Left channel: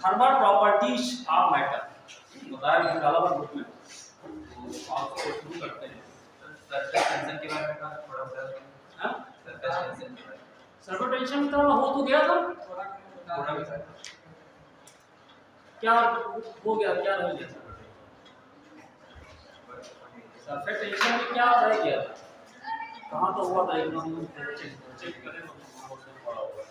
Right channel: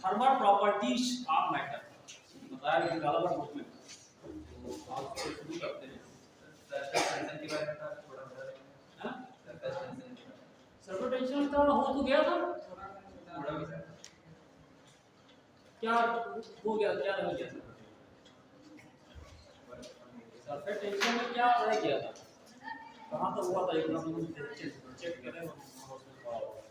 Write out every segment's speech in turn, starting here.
Thermal properties of matter बताया मैंने डाला था बुक में, तो आप उसको शुरू करते हैं। सरफेस टेंशन के बारे में कहा थोड़ा बता। हां सरफेस टेंशन के बारे में सरफेस टेंशन का हो तो गया था, थोड़ा भी सर क्या हो गया, क्या रह गया सरफेस टेंशन में क्या रह गया था, कहाँ तो हुआ था एकदम चेक करें तो उसमें पड़ा होगा।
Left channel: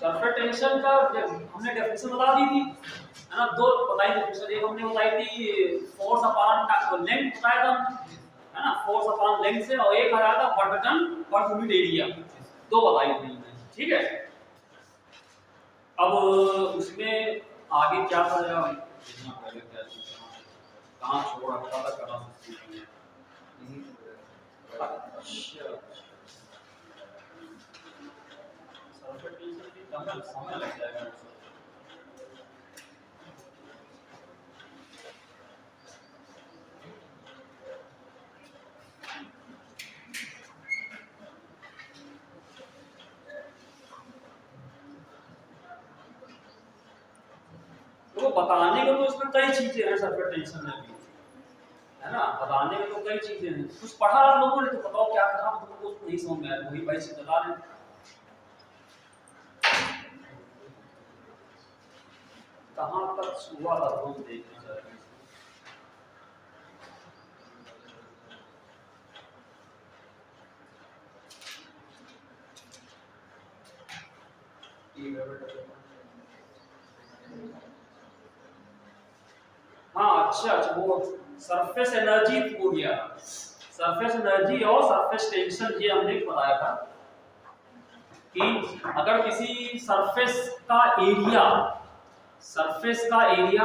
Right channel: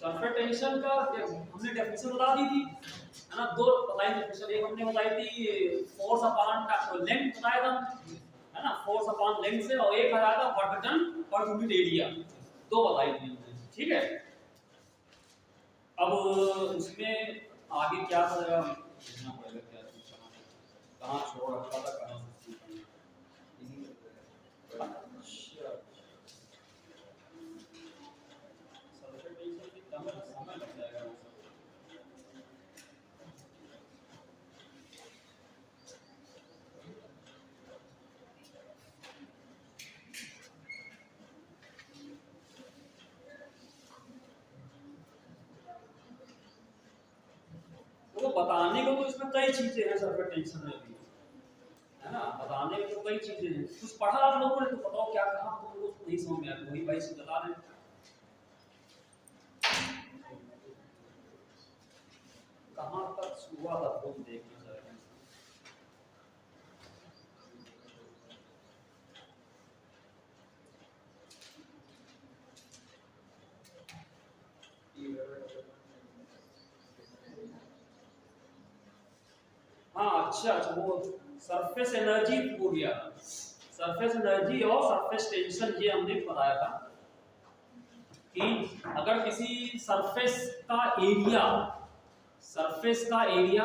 सरफेस टेंशन का हमने डेफिनेशन बता दी थी, है ना, दो बताई डेफिनेशन। एक हमने बताई थी फोर्स अपॉन लेंथ बताया था, है ना, फोर्स अपॉन लेंथ से, और एक बताया था work done per unit area, दो बताई थी हमने, ठीक है। अब उसमें आगे क्या था, पहले क्या चीज कहाँ छोड़ रखा था, कहाँ अच्छा सरफेस टेंशन की कम समय लग जाएगा। तो बताने को तो इसमें कई चीजें हैं सरफेस टेंशन में भी, है ना, बताने में तो कई चीजें हैं। कुछ पढ़ा आप लोगों ने तो बताओ क्या कहा, तुम लोगों को नहीं समझ में आया वही भाई से बता दें। कहां तक हुआ था वो देखना चाहिए। हाँ अच्छा अच्छा, वो सरफेस एनर्जी हो गया, सरफेस एनर्जी और सरफेस टेंशन ये हमने बताया था कि अगर किसी सरफेस का एरिया, सरफेस का एरिया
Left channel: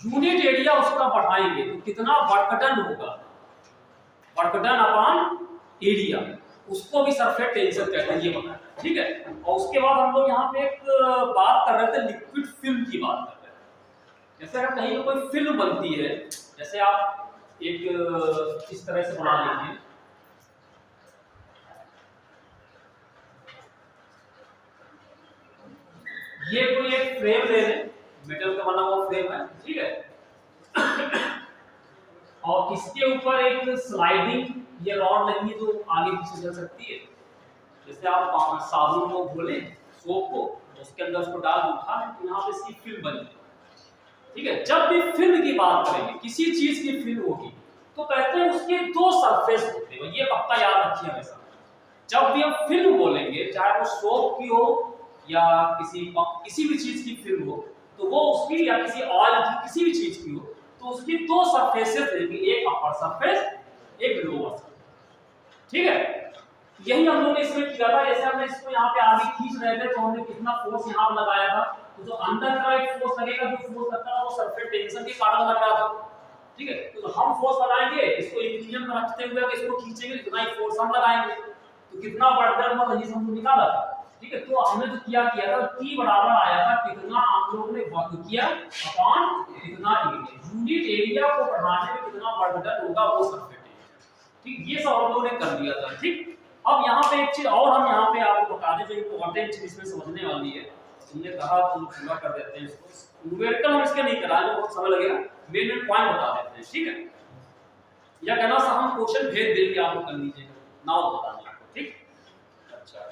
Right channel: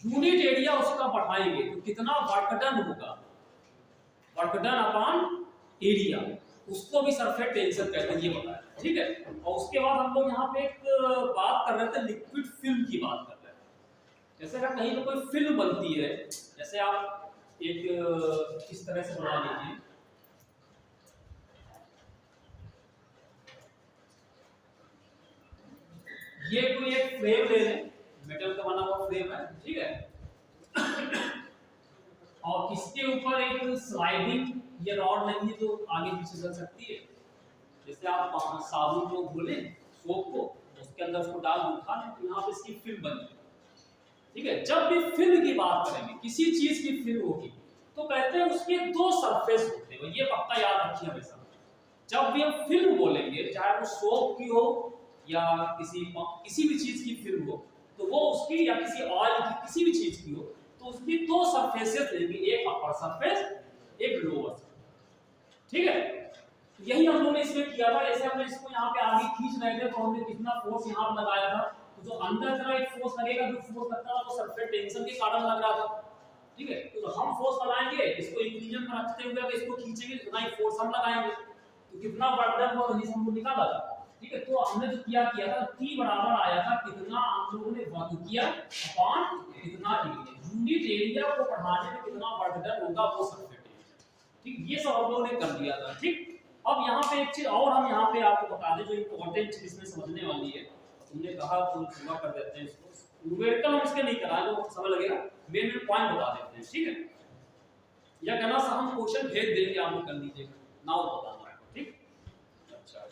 यूनिट एरिया उसका बढ़ाएंगे तो कितना वर्क डन होगा, वर्क डन अपॉन एरिया, उसको भी सरफेस टेंशन कहते हैं, ये बताया, ठीक है। और उसके बाद हम लोग यहाँ पे एक बात कर रहे थे लिक्विड फिल्म की बात कर रहे थे। जैसे अगर कहीं कोई फिल्म बनती है, जैसे आप एक इस तरह से बना लीजिए, ये कोई एक फ्रेम ले लें, मेटल का बना हुआ फ्रेम है, ठीक है, और इसके ऊपर एक स्लाइडिंग ये रॉड लगी है जो आगे पीछे चल सकती है। जैसे आप साबुन को घोलें, सोप को, उसके अंदर उसको डाल के उठा लें तो यहाँ पे इसकी फिल्म बन जाए, ठीक है। जब भी फिल्म की बात करेंगे, किसी चीज की फिल्म होगी तो कहते हैं उसके दो सरफेस होते हैं, ये पक्का याद रखिए हमेशा। जब भी हम फिल्म बोलेंगे, चाहे वो सोप की हो या किसी भी चीज की फिल्म हो, तो वो उसकी या किसी ऑयल की किसी भी चीज की हो तो उसकी दो सरफेसेस रहेंगी, एक अपर सरफेस, एक लोअर सरफेस, ठीक है। यही हम लोगों ने इसमें किया था। जैसे हमने इसको यहाँ पे आगे खींच रहे थे तो हमने कितना फोर्स यहाँ पर लगाया था, तो जो अंदर का एक फोर्स लगेगा, जो फोर्स लगता था वो सरफेस टेंशन के कारण लग रहा था, ठीक है। तो हम फोर्स लगाएंगे, इसको इक्विलिब्रियम में रखते हुए अगर इसको खींचेंगे कितना ही फोर्स हम लगाएंगे, तो कितना वर्क हुआ ये हम निकाला था, ठीक है। तो हमने जो किया था T बराबर आया था कितना आप लोगों ने वर्क किया अपॉन कितना एरिया, यूनिट एरिया को बढ़ाने में कितना वर्क डन होगा वो सरफेस टेंशन, ठीक। ये सब हम लोगों ने कर दिया था, ठीक। अब यहाँ पे एक चीज और हम यहाँ पे आपको बता दें जो इम्पोर्टेंट चीज इसमें समझने वाली है, हमने कहा तो पूरा कर देते हैं इसको, न्यूमेरिकल हम इसके नहीं करा, जो बहुत समय लगेगा, मेन पॉइंट बता देते हैं, ठीक है। या कहना सा हम क्वेश्चन भेज देंगे, आप लोग कर लीजिए, ना बताना आपको, ठीक। अच्छा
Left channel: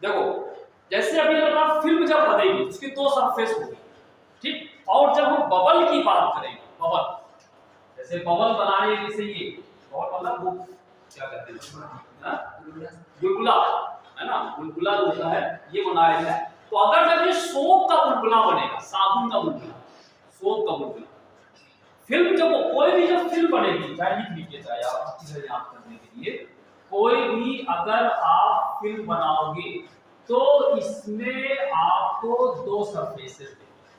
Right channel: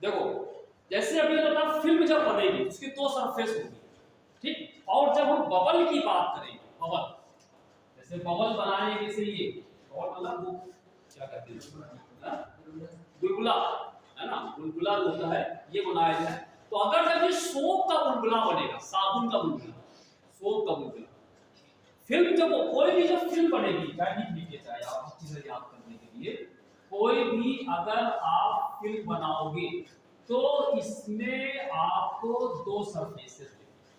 देखो, जैसे अभी लगा फिल्म जब बनेगी उसकी दो सरफेस होगी, ठीक। और जब हम बबल की बात करेंगे, बबल, जैसे बबल बनाने के लिए ये बबल मतलब वो क्या कहते हैं, बुलबुला, है ना, बुलबुला होता है, ये बनाया है। तो अगर जब ये सोप का बुलबुला बनेगा, साबुन का बुलबुला, सोप का बुलबुला, फिल्म जब कोई भी जब फिल्म बनेगी, चाहे लिख लीजिए, चाहे आप चीजें याद करने के लिए, कोई भी अगर आप फिल्म बनाओगे तो इसमें आपको दो सरफेसेस देंगे,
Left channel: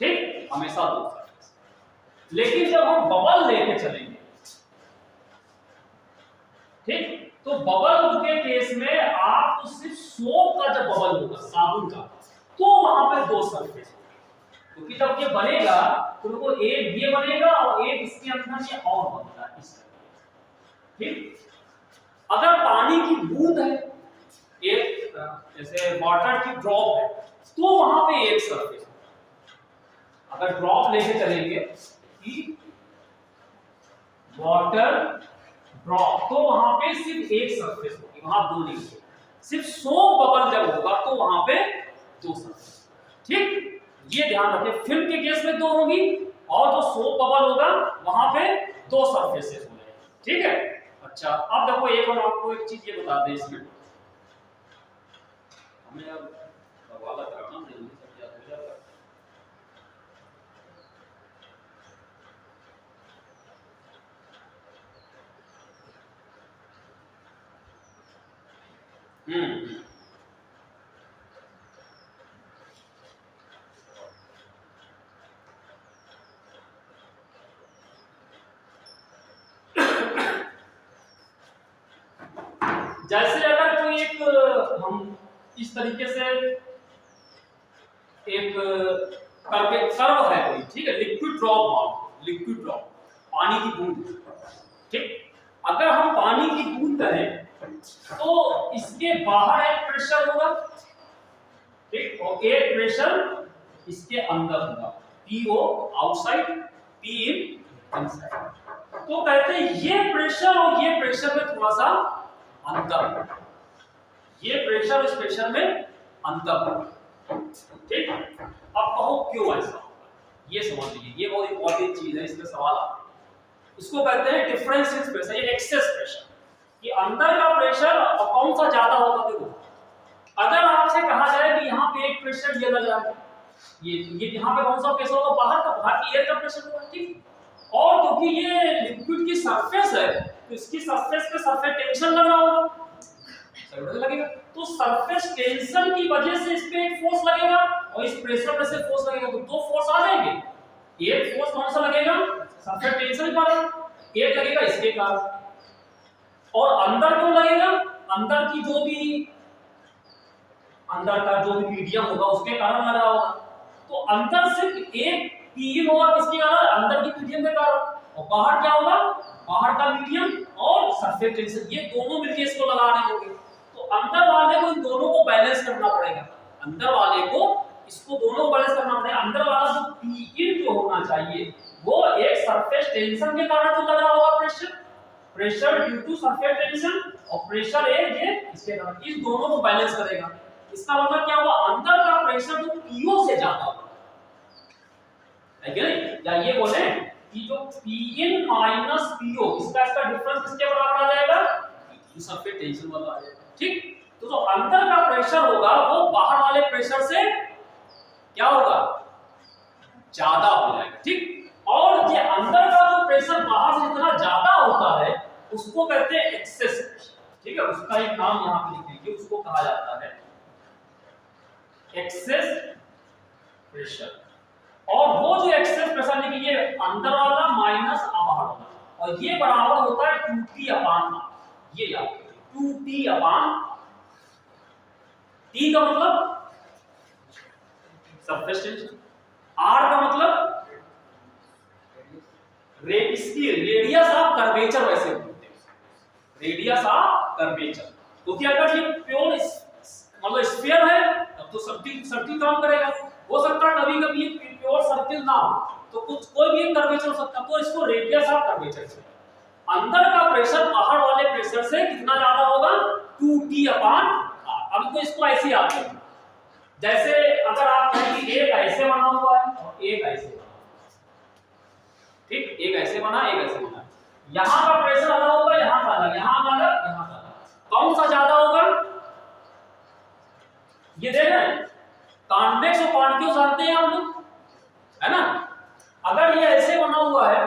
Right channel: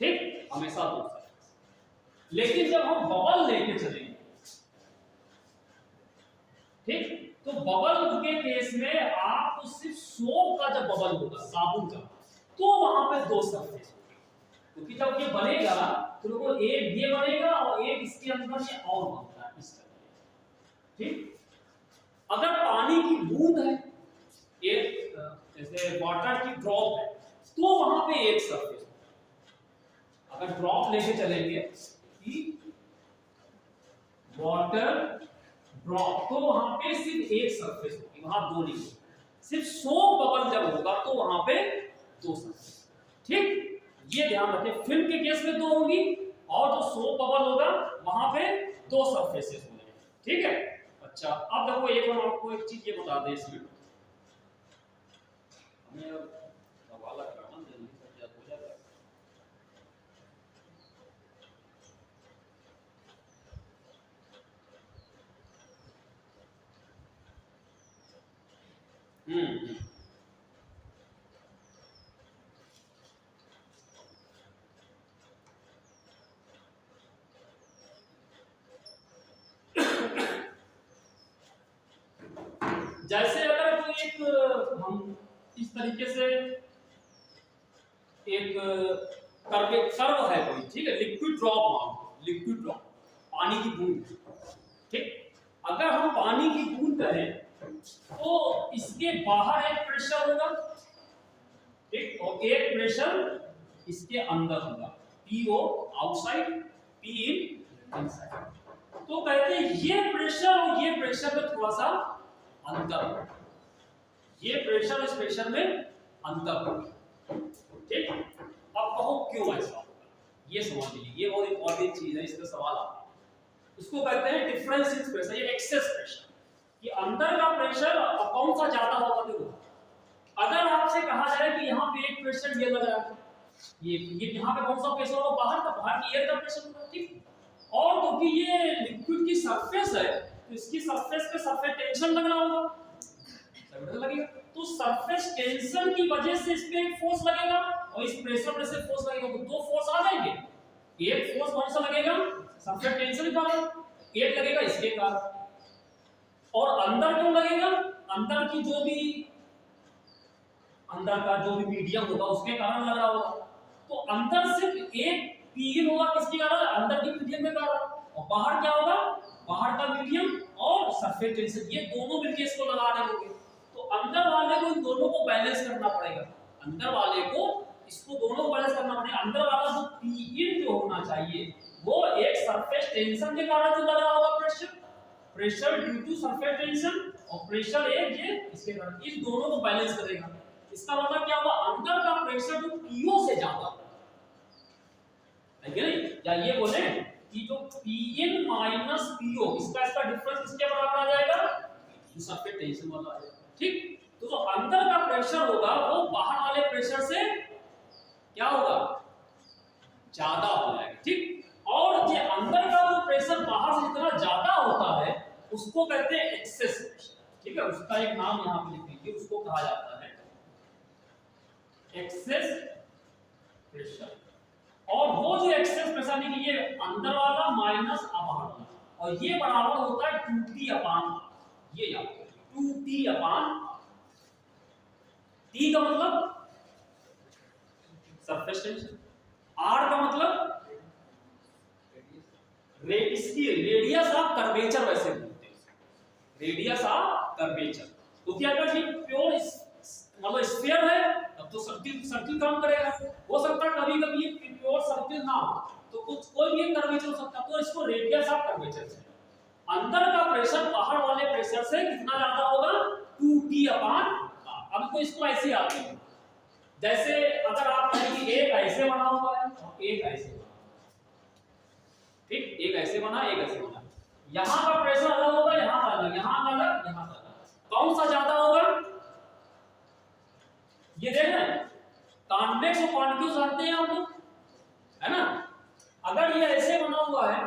ठीक, हमेशा दो सरफेस। लेकिन जब हम बबल लेके चलेंगे, बबल के केस में आपको सिर्फ सोप का जब बबल होगा साबुन का, तो वहां पे दो सरफेस होंगे, क्योंकि जब ये बनेगा तो देखो एक ये बनेगा और एक इसके अंदर ये और बनता है इस तरह। ठीक, अगर पानी की बूंद है, एक जैसे वाटर की ड्रॉप है, तो वहां पे एक सरफेस होगा। अगर ड्रॉप लेके चलेंगे कि वाटर ड्रॉप, तो वहां पे सिर्फ एक सरफेस होगी, वहां दो नहीं होगी। सिर्फ सोप बबल जब होगा तो वहां पे दो सरफेस। ठीक, ये ध्यान रखें, फिल्म के केस में दो होगी और जो सोप बबल होगा वहां पे दो सरफेसेस होंगे। ठीक है, अच्छा अब देखो एक हम आपको एक चीज ये बता दें, इसमें हमें अब हवाला कराना नहीं सब याद हो जाएगा। हम्म, जैसे अगर कोई एक हम इस तरीके से एक कर्व है कोई, ठीक है, लिक्विड ड्रॉप मान, लिक्विड ड्रॉप पानी की बूंद। ठीक, अगर हम पानी की बूंद करें तो इसके बाहर एक प्रेशर होगा, ठीक, और एक प्रेशर इसके अंदर होगा, PO outside, P in inside. तो कहते हैं ये प्रेशर और ये प्रेशर में थोड़ा सा अंतर है, ये प्रेशर इस प्रेशर में अंतर है। ठीक, अब कहो क्यों ऐसा होगा, ये समझ लीजिए, ये बहुत इंपॉर्टेंट चीज है, इसमें सवाल आता है। इसको कहते हैं डिफरेंस इन प्रेशर, ये एक्सेस प्रेशर, कि अंदर का प्रेशर कौन सा ज्यादा होगा। देखो अगर आपसे कहा जाए कि यहाँ पे एक प्रेशर ये लग रहा है, ये यहाँ पे कौन सा प्रेशर होगा, बाहर का, बाहर की एयर का प्रेशर होगा। ठीक, और क्योंकि ये लिक्विड की सरफेस है तो इसकी सरफेस पे सरफेस टेंशन लग रहा होगा, सरफेस लगेगा, तो सरफेस टेंशन की वजह से इस पे एक फोर्स लगेगा और इस प्रेशर पे से फोर्स लगेगा, तो दो फोर्स आ जाएंगे। एक फोर्स कौन सा लगेगा, सरफेस टेंशन का, एक लगेगा इसके कारण। और अंदर क्यों लगेगा, अंदर की जो भी अंदर का जो भी मीडियम होगा उसके कारण लगा होगा। तो अंदर सिर्फ एक पी होगा, किसके कारण, अंदर की मीडियम के कारण, और बाहर क्या होगा, बाहर का मीडियम और सरफेस टेंशन, ये दोनों मिलकर इसको लगा रहे होंगे। तो अंदर वाले को इन दोनों को बैलेंस करना पड़ेगा, अंदर वाले को इसको दोनों को बैलेंस करना पड़ेगा। अंदर वाला जो पी इन जो होना चाहिए वो एक सरफेस टेंशन के कारण जो लगा होगा pressure, pressure due to surface tension, और प्रेशर एक ये इसके कारण, इस दोनों को बैलेंस करेगा। इसका मतलब क्या हुआ, अंदर का प्रेशर जो पीओ से ज्यादा होगा, है कि नहीं, या ये बोले कि जो पीइन माइनस पीओ, इसका डिफरेंस किसके बराबर आ जाएगा, सरफेस टेंशन वाला आ जाएगा। ठीक, तो जो अंदर का प्रेशर होगा वो बाहर वाले प्रेशर से क्या होगा, ज्यादा हो जाएगा। ठीक, और ये अंदर का जो प्रेशर बाहर से इतना ज्यादा होता है उसको कहते हैं एक्सेस प्रेशर। ठीक है, उसका एक नाम यहां पे लिख दीजिए, उसको कहा जाता है एक्सेस प्रेशर। और वो जो एक्सेस प्रेशर है, ये अंदर वाला माइनस बाहर वाला, और ये बराबर होता है 2T अपान R। ये याद रखिए, 2T अपान, T का मतलब सरफेस टेंशन, R का मतलब इसकी रेडियस ऑफ कर्वेचर, वैसे बोलते हैं रेडियस ऑफ कर्वेचर। क्योंकि अगर ये प्योर मतलब स्फीयर है तब तो सर्किल सर्किल काम करेगा, हो सकता है कभी कभी ये प्योर सर्किल ना हो तो कुछ कोई भी कर्वेचर हो सकता है, तो इसको रेडियस ऑफ कर्वेचर से। अंदर का प्रेशर बाहर वाले प्रेशर से कितना ज्यादा होगा, 2T अपान R। अब तो इसको ऐसे याद करें, जैसे अगर आप कहेंगे एक ऐसे बना हुआ है और एक ऐसे बना, ठीक, एक ऐसे बना एक ऐसे बना, यहां का प्रेशर अलग होगा, यहां का अलग, यहां का अलग, यहां का अलग, कौन सा ज्यादा होगा, ये देख रहे हैं, कॉन्वेक्स और कॉन्केव जानते हैं हम लोग, है ना। अगर ये ऐसे बना हुआ है,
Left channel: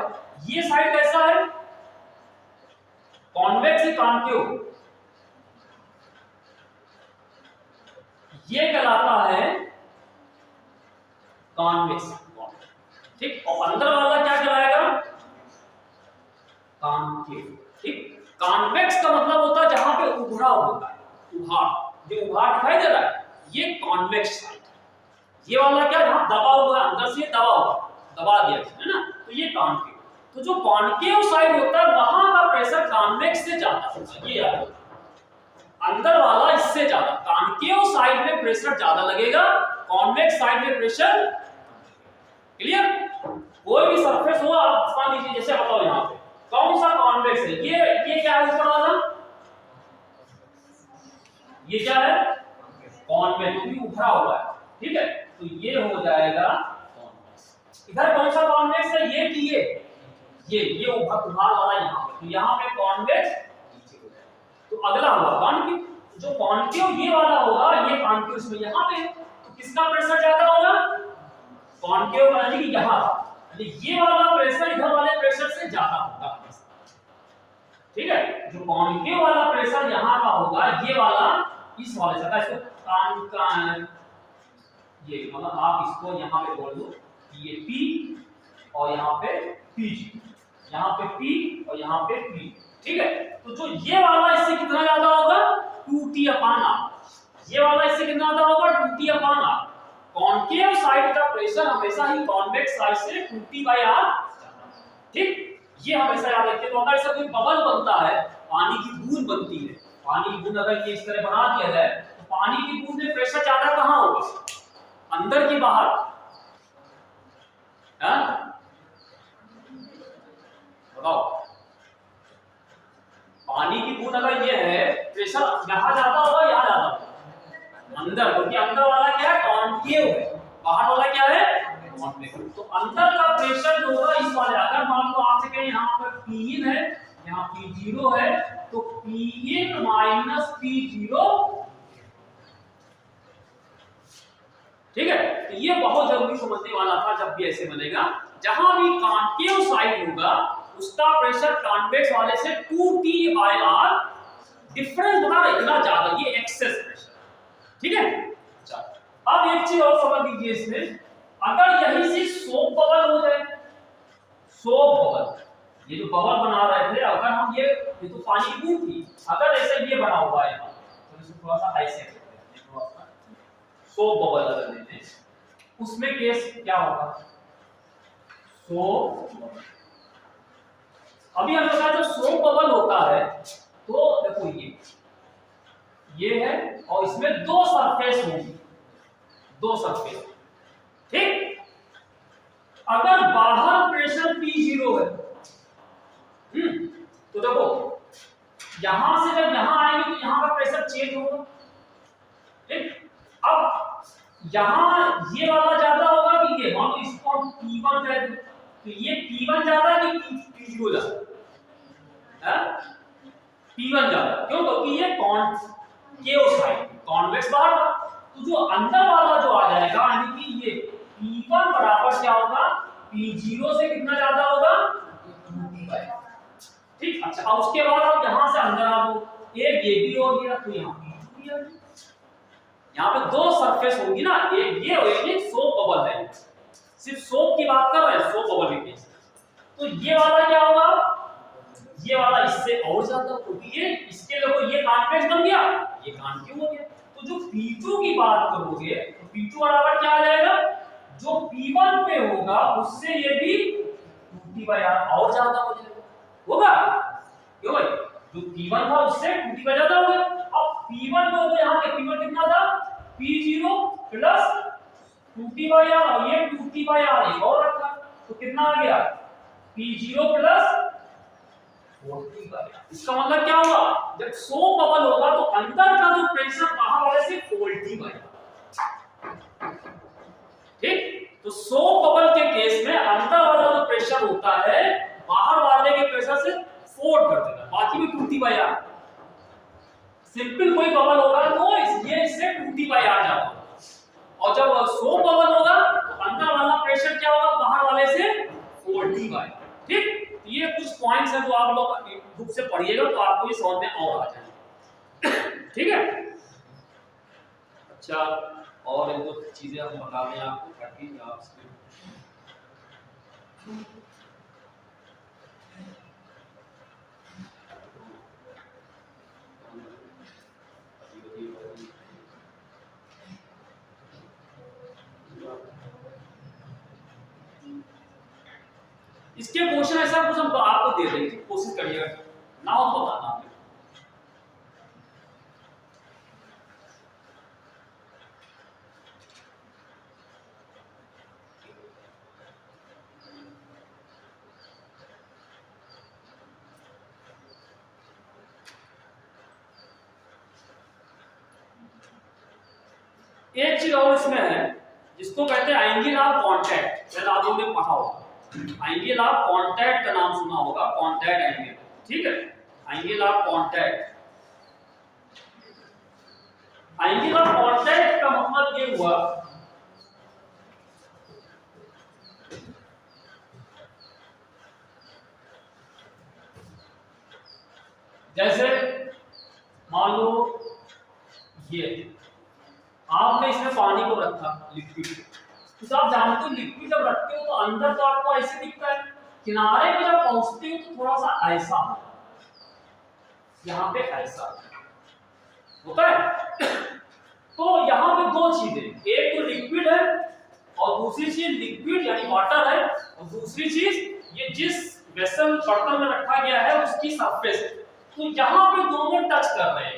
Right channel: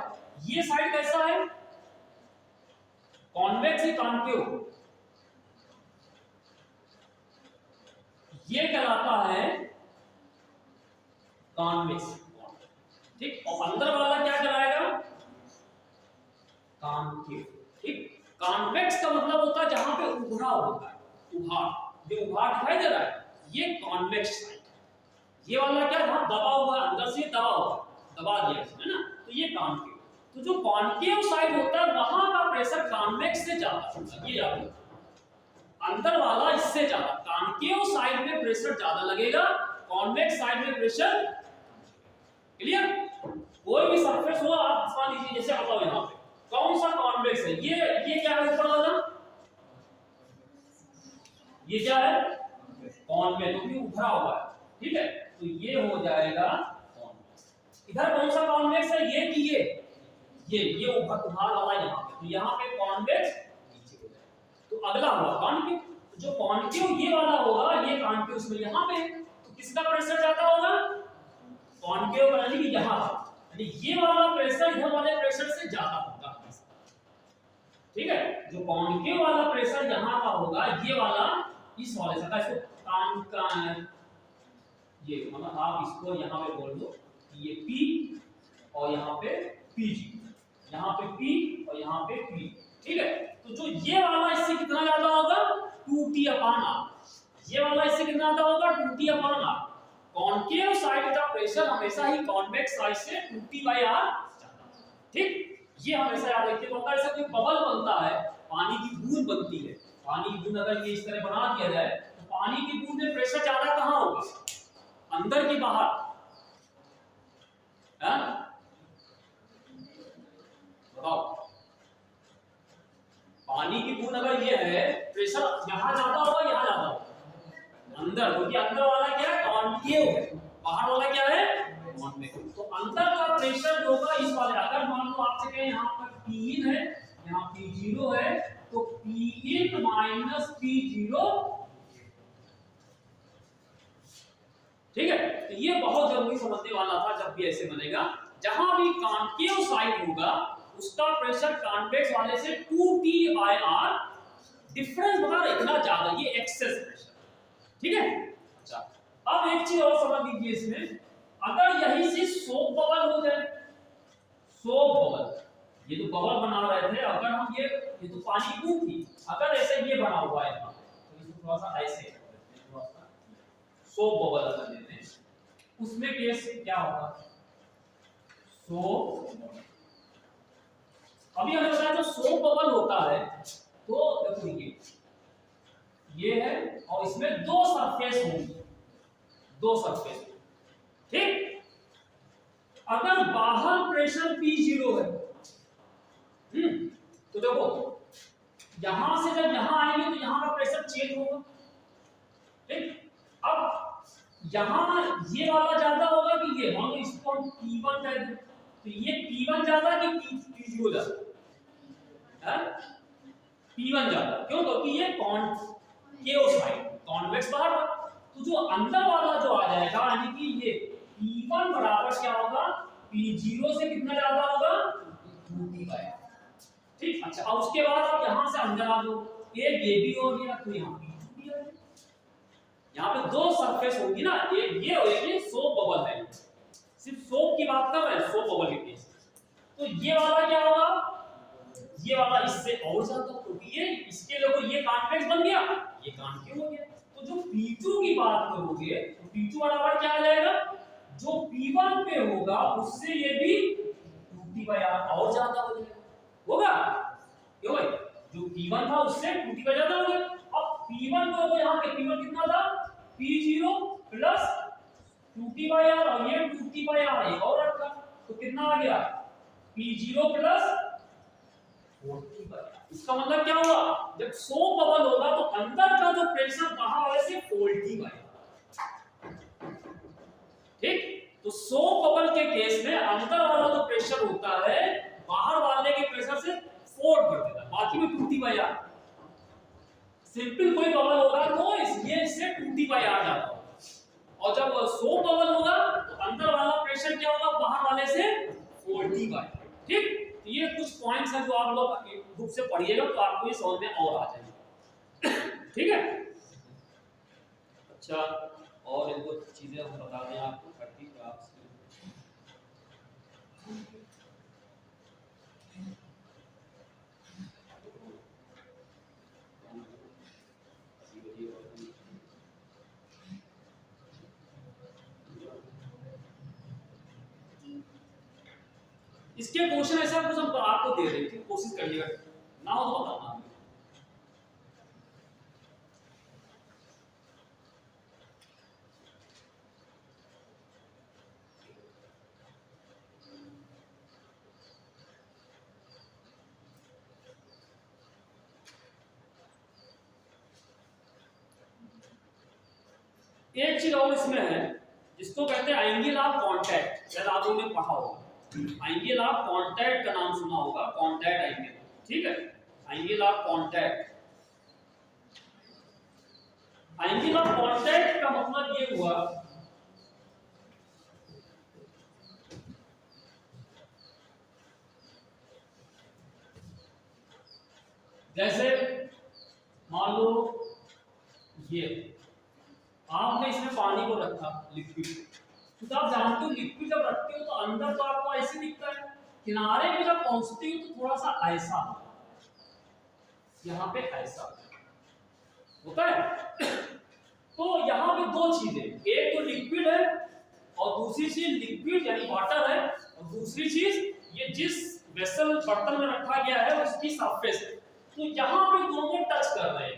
ये साइड कैसा है, कॉन्वेक्स या कॉन्केव, ये कहलाता है कॉन्वेक्स, ठीक, और अंदर वाला क्या कहलाएगा, कॉन्केव। ठीक, कॉन्वेक्स का मतलब होता है जहां पे उभरा होता है, उभार, जो उभार दिखाई दे रहा है ये कॉन्वेक्स साइड। ये वाला क्या जहां दबा हुआ है, अंदर से दबा हुआ, दबा दिया है ना, तो ये कॉन्केव। तो जो कॉन्केव साइड होता है वहां का प्रेशर कॉन्वेक्स से ज्यादा होता है, ये याद रखना। अंदर वाला इससे ज्यादा, कॉन्केव साइड में प्रेशर ज्यादा लगेगा, कॉन्वेक्स साइड में प्रेशर। क्लियर? कोई भी सरफेस हो आप मान लीजिए, जैसे बताओ यहाँ पे कौन सा कॉन्वेक्स है, ये क्या है ऊपर वाला, ये क्या है कॉन्वेक्स, क्योंकि उभरा हुआ है, ठीक है, तो ये हो जाएगा कॉन्वेक्स। इधर कौन सा कॉन्वेक्स है, ये कि ये उभार वाला यहाँ पे, तो यहाँ पे कॉन्वेक्स नीचे हो जाएगा। तो अगला होगा कॉन्केव, जो कॉन्केव ये वाला होगा, ये कॉन्केव इसमें यहाँ पे, तो किसका प्रेशर ज्यादा होगा, कॉन्केव यानी कि यहाँ का, ये वाला प्रेशर इधर वाले प्रेशर से ज्यादा होगा, ठीक है। जो कॉन्केव वाला प्रेशर यहाँ का होगा, ये वाला इस वाले से, इसको ये मतलब आप इसको यहाँ पे बोल दो ये P और यहाँ पे PG, यहाँ पे P और यहाँ पे P, ठीक है। तो जो ये वाला इससे कितना ज्यादा होगा 2T/R, ये वाला इससे कितना ज्यादा होगा 2T/R। कॉन्केव साइड का प्रेशर हमेशा ही कॉन्वेक्स साइड से 2T/R, ठीक, ये हमेशा याद रखिए। तो अगर ऐसा कोई बबल बनता है, पानी की बूंद बनती है, पानी की बूंद अगर ये इस तरह बना दिया जाए, तो पानी की बूंद में प्रेशर ज्यादा कहां होगा, अंदर की बाहर, बताओ। पानी की बूंद अगर ये है, प्रेशर यहां ज्यादा होगा यहां ज्यादा होगा, अंदर, क्योंकि अंदर वाला क्या है कॉन्केव है, बाहर वाला क्या है कॉन्वेक्स। तो अंदर का प्रेशर जो होगा इस वाले, अगर मान लो आपसे कहें यहाँ पर Pin है, यहाँ P0 है, तो Pin माइनस P0, ठीक है। तो ये बहुत जरूरी समझने वाला था, जब भी ऐसे बनेगा, जहां भी कॉन्केव साइड होगा उसका प्रेशर कॉन्वेक्स वाले से 2T/R, डिफरेंस बता रहा इतना ज्यादा, ये एक्सेस प्रेशर, ठीक है। अच्छा अब एक चीज और समझ लीजिए इसमें, अगर यही से सोप बबल हो जाए, सोप बबल, ये जो बबल बना रहे थे, अगर हम ये तो पानी की बूंद थी, अगर ऐसे ये बना हुआ है यहाँ, तो इसे थोड़ा सा ऐसे करते हैं, थोड़ा सा सोप बबल अगर लेते हैं, उसमें केस क्या होगा, सोप बबल। अभी हम लोग जो सोप बबल होता है, तो देखो ये है और इसमें दो सरफेस होंगी, दो सरफेस, ठीक। अगर बाहर प्रेशर P0 है, तो देखो यहां से जब यहां आएंगे तो यहां का प्रेशर चेंज होगा, ठीक। अब यहां ये वाला ज्यादा होगा कि ये, हम इसको P1 कह दें, तो ये P1 ज्यादा कि P0 ज्यादा है, P1 ज्यादा, क्यों, क्योंकि ये कॉन्केव साइड, कॉन्वेक्स बाहर का, तो जो अंदर वाला जो आ जाएगा, यानी कि ये P1 बराबर क्या होगा P0 से कितना ज्यादा होगा 2T/R, ठीक। अच्छा अब उसके बाद आप यहां से अंदर आ दो, एक ये भी हो गया, तो यहां P2 भी आ गया, यहां पे दो सरफेस होगी ना, एक ये और एक सोप बबल है, सिर्फ सोप की बात कर रहे हैं, सोप बबल की केस। तो ये वाला क्या होगा, ये वाला इससे और ज्यादा, क्योंकि ये इसके लिए ये कॉन्वेक्स बन गया, ये कॉन्केव हो गया। तो जो P2 की बात करोगे, तो P2 बराबर क्या आ जाएगा, जो P1 पे होगा उससे ये भी 2T/R और ज्यादा हो जाएगा, होगा क्यों भाई, जो P1 था उससे 2T/R ज्यादा हो गया। अब P1 को तो यहां पे P1 कितना था P0 प्लस 2T/R, और ये 2T/R एक और रखा, तो कितना आ गया P0 प्लस 4T/R। इसका मतलब क्या होगा, जब सोप बबल होगा तो अंदर का जो प्रेशर बाहर वाले से 4T/R, ठीक। तो सोप बबल के केस में अंदर वाला जो प्रेशर होता है बाहर वाले के प्रेशर से 4 कर देगा, बाकी में 2T/R। सिंपल कोई बबल हो रहा है तो ये इससे 2T/R जाता है, और जब सोप बबल होगा तो अंदर वाला प्रेशर क्या होगा बाहर वाले से 4T/R, ठीक। तो ये कुछ पॉइंट्स हैं जो आप लोग बुक से पढ़िएगा तो आपको ये समझ में और आ जाएंगे, ठीक है। अच्छा और एक दो चीजें हम बता दें आपको ताकि आप इसके क्वेश्चन ऐसा कुछ हम आपको दे देंगे, कोशिश करिएगा, ना हो तो बताना हमें। एक चीज और इसमें है जिसको कहते हैं एंगल ऑफ कांटेक्ट, शायद आप लोगों ने पढ़ा होगा। एंगल ऑफ कांटेक्ट का नाम सुना होगा, कांटेक्ट एंगल, ठीक है, angle of contact. Angle of contact का मतलब ये हुआ जैसे मान लो ये आपने इसमें पानी को रखा, लिक्विड, तो आप जानते हो लिक्विड जब रखते हो तो अंदर तो आपको ऐसे दिखता है, किनारे पे जब पहुंचते हो तो थोड़ा सा ऐसा होता है, यहाँ पे ऐसा होता है। तो यहाँ पे दो चीजें, एक तो लिक्विड है और दूसरी चीज लिक्विड यानी वाटर है, और दूसरी चीज ये जिस वेसल बर्तन में रखा गया है उसकी सरफेस। तो यहाँ पे दोनों टच कर रहे हैं,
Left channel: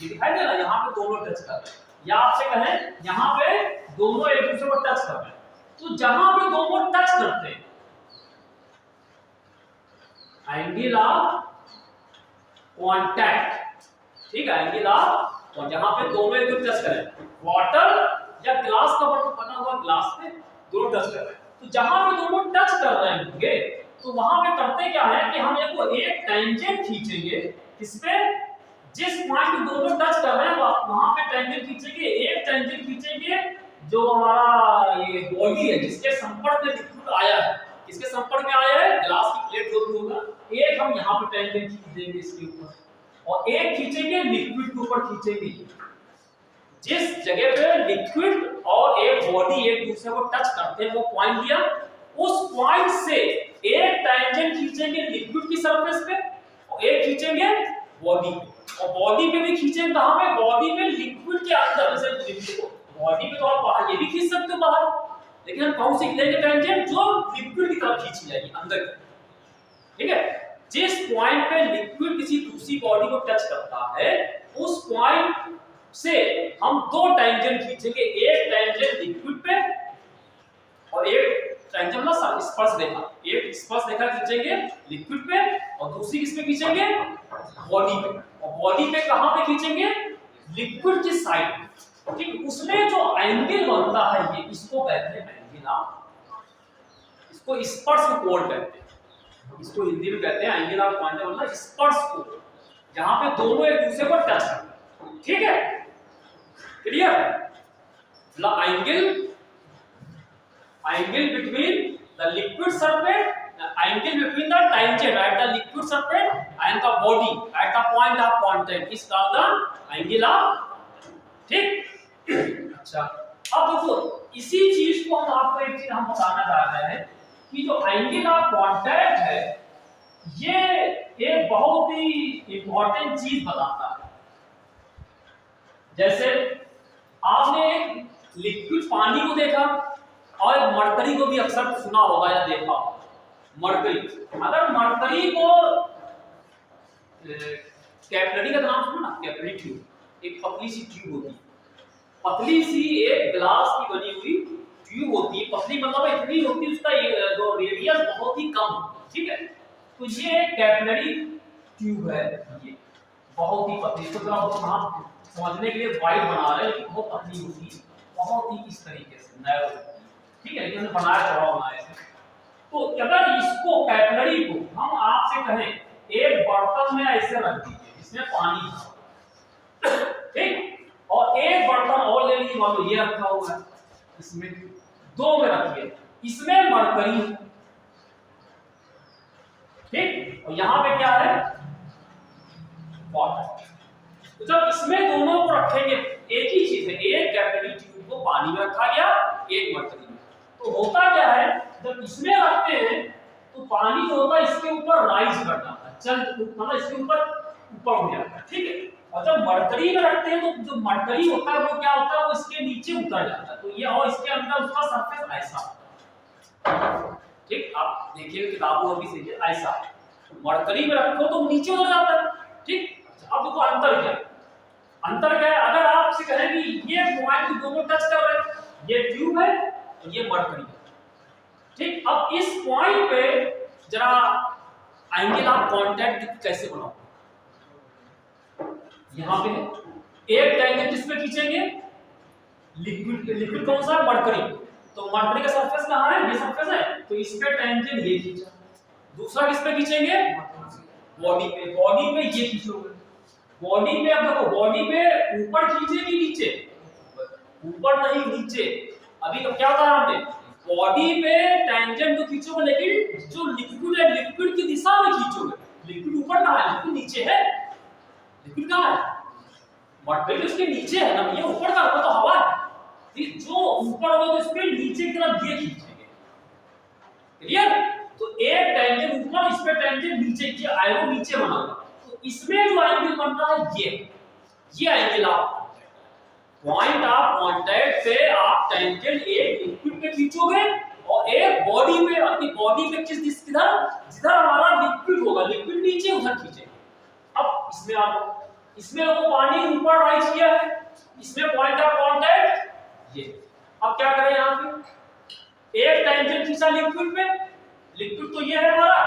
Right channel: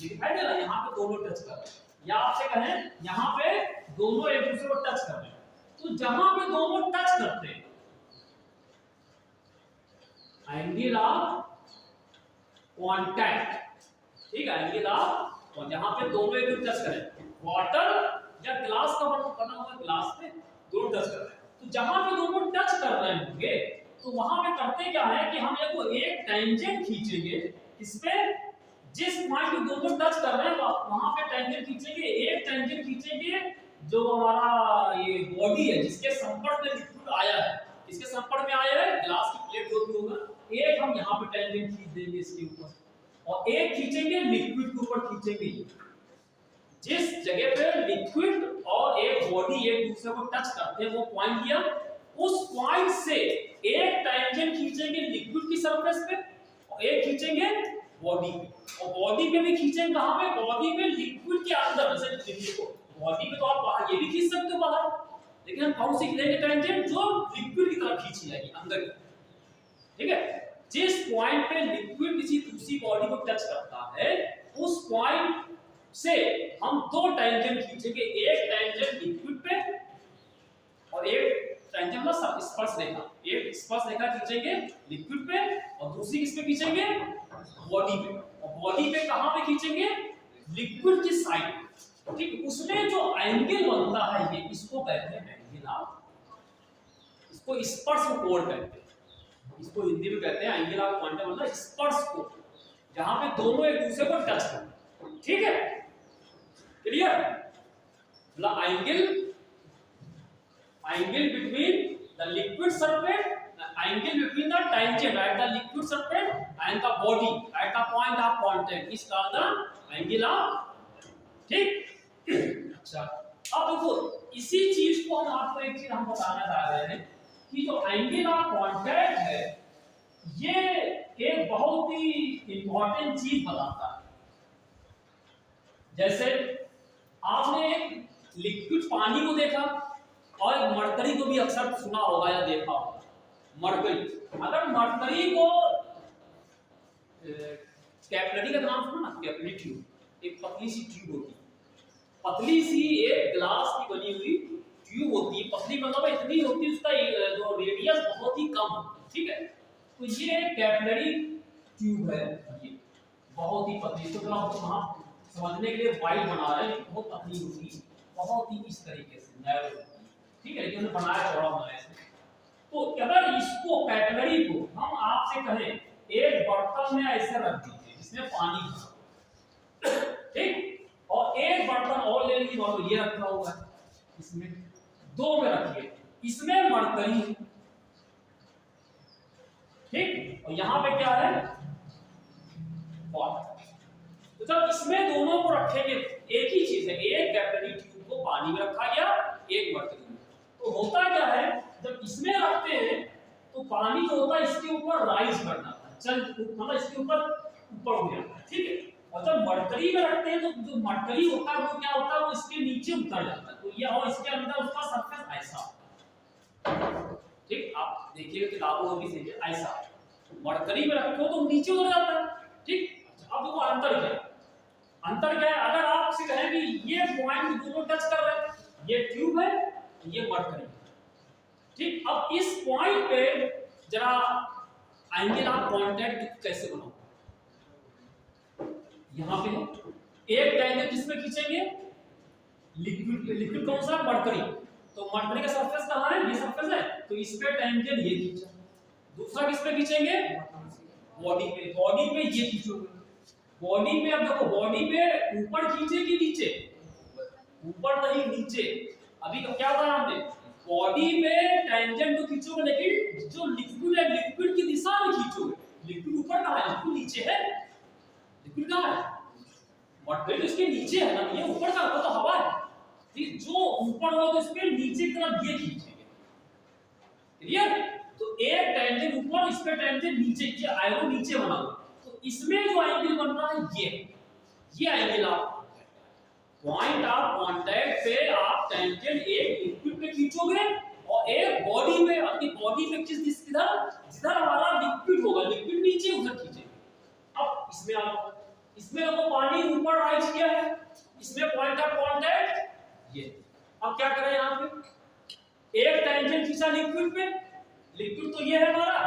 ये दिखाई दे रहा है, यहाँ पे दोनों टच कर रहे हैं, या आपसे कहें यहाँ पे दोनों एक दूसरे को टच कर रहे हैं। तो जहां पे दोनों टच करते हैं एंगल ऑफ कांटेक्ट, ठीक है, एंगल ऑफ, और जहां पे दोनों एक दूसरे टच करें, वाटर या ग्लास का बना हुआ ग्लास में दोनों टच कर रहे हैं, तो जहां पे दोनों टच कर रहे होंगे तो वहां पे करते क्या है कि हम एक टेंजेंट खींचेंगे, इस पे जिस पॉइंट पे दोनों टच कर रहे हैं वहां पे टेंजेंट खींचेंगे, एक टेंजेंट खींचेंगे जो हमारा ये बॉडी है जिसके संपर्क में लिक्विड आया है, किसके संपर्क में आया है, ग्लास की प्लेट जो भी होगा, एक हम यहाँ पे टेंजेंट खींच देंगे इसके ऊपर, और एक खींचेंगे लिक्विड के ऊपर खींचेंगे। जिस जगह पे लिक्विड और एक बॉडी एक दूसरे को टच करते हैं वो पॉइंट लिया, उस पॉइंट से एक टेंजेंट खींचेंगे लिक्विड की सरफेस पे और एक खींचेंगे बॉडी पे, और बॉडी पे भी खींचेंगे कहां पे, बॉडी में लिक्विड के अंदर, जैसे लिक्विड को बॉडी पे तो आप बाहर ये भी खींच सकते हो बाहर, लेकिन हम कौन सी लेंगे टेंजेंट जो लिक्विड की तरफ खींची जाएगी अंदर, ठीक है। जिस पॉइंट पे लिक्विड किसी दूसरी बॉडी को टच करता है उस पॉइंट से हम दो टेंजेंट खींचेंगे, एक टेंजेंट लिक्विड पे और एक टेंजेंट मतलब स्पर्श रेखा, एक स्पर्श रेखा खींचेंगे लिक्विड पे और दूसरी किस पे खींचेंगे, बॉडी पे, और बॉडी पे कहां पे खींचेंगे, लिक्विड की साइड, ठीक। उसमें जो एंगल बनता है ये इसको कहते हैं एंगल ऑफ, इसको स्पर्श कोण कहते हैं, इसको हिंदी में कहते हैं एंगल ऑफ कांटेक्ट, मतलब स्पर्श कोण, जहां पे दोनों एक दूसरे को टच करते हैं, ठीक है, क्लियर। मतलब angle between the liquid surface, angle between the tangent at the liquid surface and the body at the point of contact is called the angle of, ठीक। अच्छा, अब देखो इसी चीज को हम आपको एक चीज हम बताना चाह रहे हैं कि जो एंगल ऑफ कांटेक्ट है ये एक बहुत ही इंपॉर्टेंट चीज बताता है। जैसे आपने एक लिक्विड पानी को देखा और मरकरी को भी अक्सर सुना होगा या देखा होगा, मरकरी, अगर मरकरी को कैपिलरी का नाम सुना ना, कैपिलरी ट्यूब, एक पतली सी ट्यूब होती है, पतली सी एक ग्लास की बनी हुई ट्यूब होती है, पतली मतलब इतनी होती है उसका जो रेडियस बहुत ही कम, ठीक है। तो ये कैपिलरी ट्यूब है, ये बहुत ही पतली, तो जरा आप समझने के लिए वाइड बना रहे हैं लेकिन बहुत पतली होती है, बहुत ही इस तरीके से नैरो, ठीक है, लेकिन बनाया थोड़ा बनाया है। तो अगर इसको कैपिलरी को हम आपसे कहें एक बर्तन में ऐसे रख दीजिए जिसमें पानी है, ठीक, और एक बर्तन और ले लीजिए, मान लो ये रखा हुआ है, इसमें दो में रखिए, इसमें मरकरी, ठीक, और यहां पे क्या है, वाटर। तो जब इसमें दोनों को रखेंगे, एक ही चीज है, एक कैपिलरी ट्यूब को पानी में रखा गया, एक मरकरी में, तो होता क्या है जब इसमें रखते हैं तो पानी जो होता है इसके ऊपर राइज कर जाता है, चल मतलब इसके ऊपर हो जाता है, ठीक है। और जब मरकरी में रखते हैं तो जो मरकरी होता है वो क्या होता है, वो इसके नीचे उतर जाता है, तो ये और इसके अंदर उसका सरफेस ऐसा, ठीक, आप देखिए किताबों में भी सही है ऐसा है, मरकरी में रखो तो नीचे हो जाता है। ठीक, अब देखो अंतर क्या है, अंतर क्या है, अगर आपसे कहें कि ये पॉइंट दोनों टच कर रहे हैं, ये ट्यूब है और ये मरकरी है। ठीक, अब इस पॉइंट पे जरा एंगल आप कांटेक्ट कैसे बनाओ, यहां पे है एक एंगल किस पे खींचेंगे, लिक्विड, लिक्विड कौन सा है, मरकरी, तो मरकरी का सरफेस कहां है, ये सरफेस है, तो इस पे टेंजेंट ये खींचा, दूसरा किस पे खींचेंगे, बॉडी पे, बॉडी पे ये खींचोगे, बॉडी पे, अब देखो बॉडी पे ऊपर खींचे कि नीचे, ऊपर नहीं नीचे, अभी तो क्या कहा हमने, बॉडी पे टेंजेंट तो खींचोगे लेकिन जो लिक्विड है लिक्विड की दिशा में खींचोगे, लिक्विड ऊपर कहां है, लिक्विड नीचे है, लिक्विड कहां है, मटेरियल इसके नीचे है ना, ये ऊपर का तो हवा है, ठीक, जो ऊपर होगा तो इस पे नीचे की तरफ ये खींचेंगे, क्लियर, तो एक टेंजेंट ऊपर, इस पे टेंजेंट नीचे की, एरो नीचे बनाना, तो इसमें जो एंगल बन रहा है ये एंगल आप पॉइंट ऑफ कांटेक्ट पे आप टेंजेंट एक लिक्विड पे खींचोगे और एक बॉडी में, अपनी बॉडी पे किस किधर, जिधर हमारा लिक्विड होगा, लिक्विड नीचे उधर खींचेंगे। अब इसमें आप, इसमें वो पानी ऊपर राइट किया है, इसमें पॉइंट ऑफ कांटेक्ट ये, अब क्या करें यहां पे, एक टेंजेंट खींचा लिक्विड पे, लिक्विड तो ये है हमारा,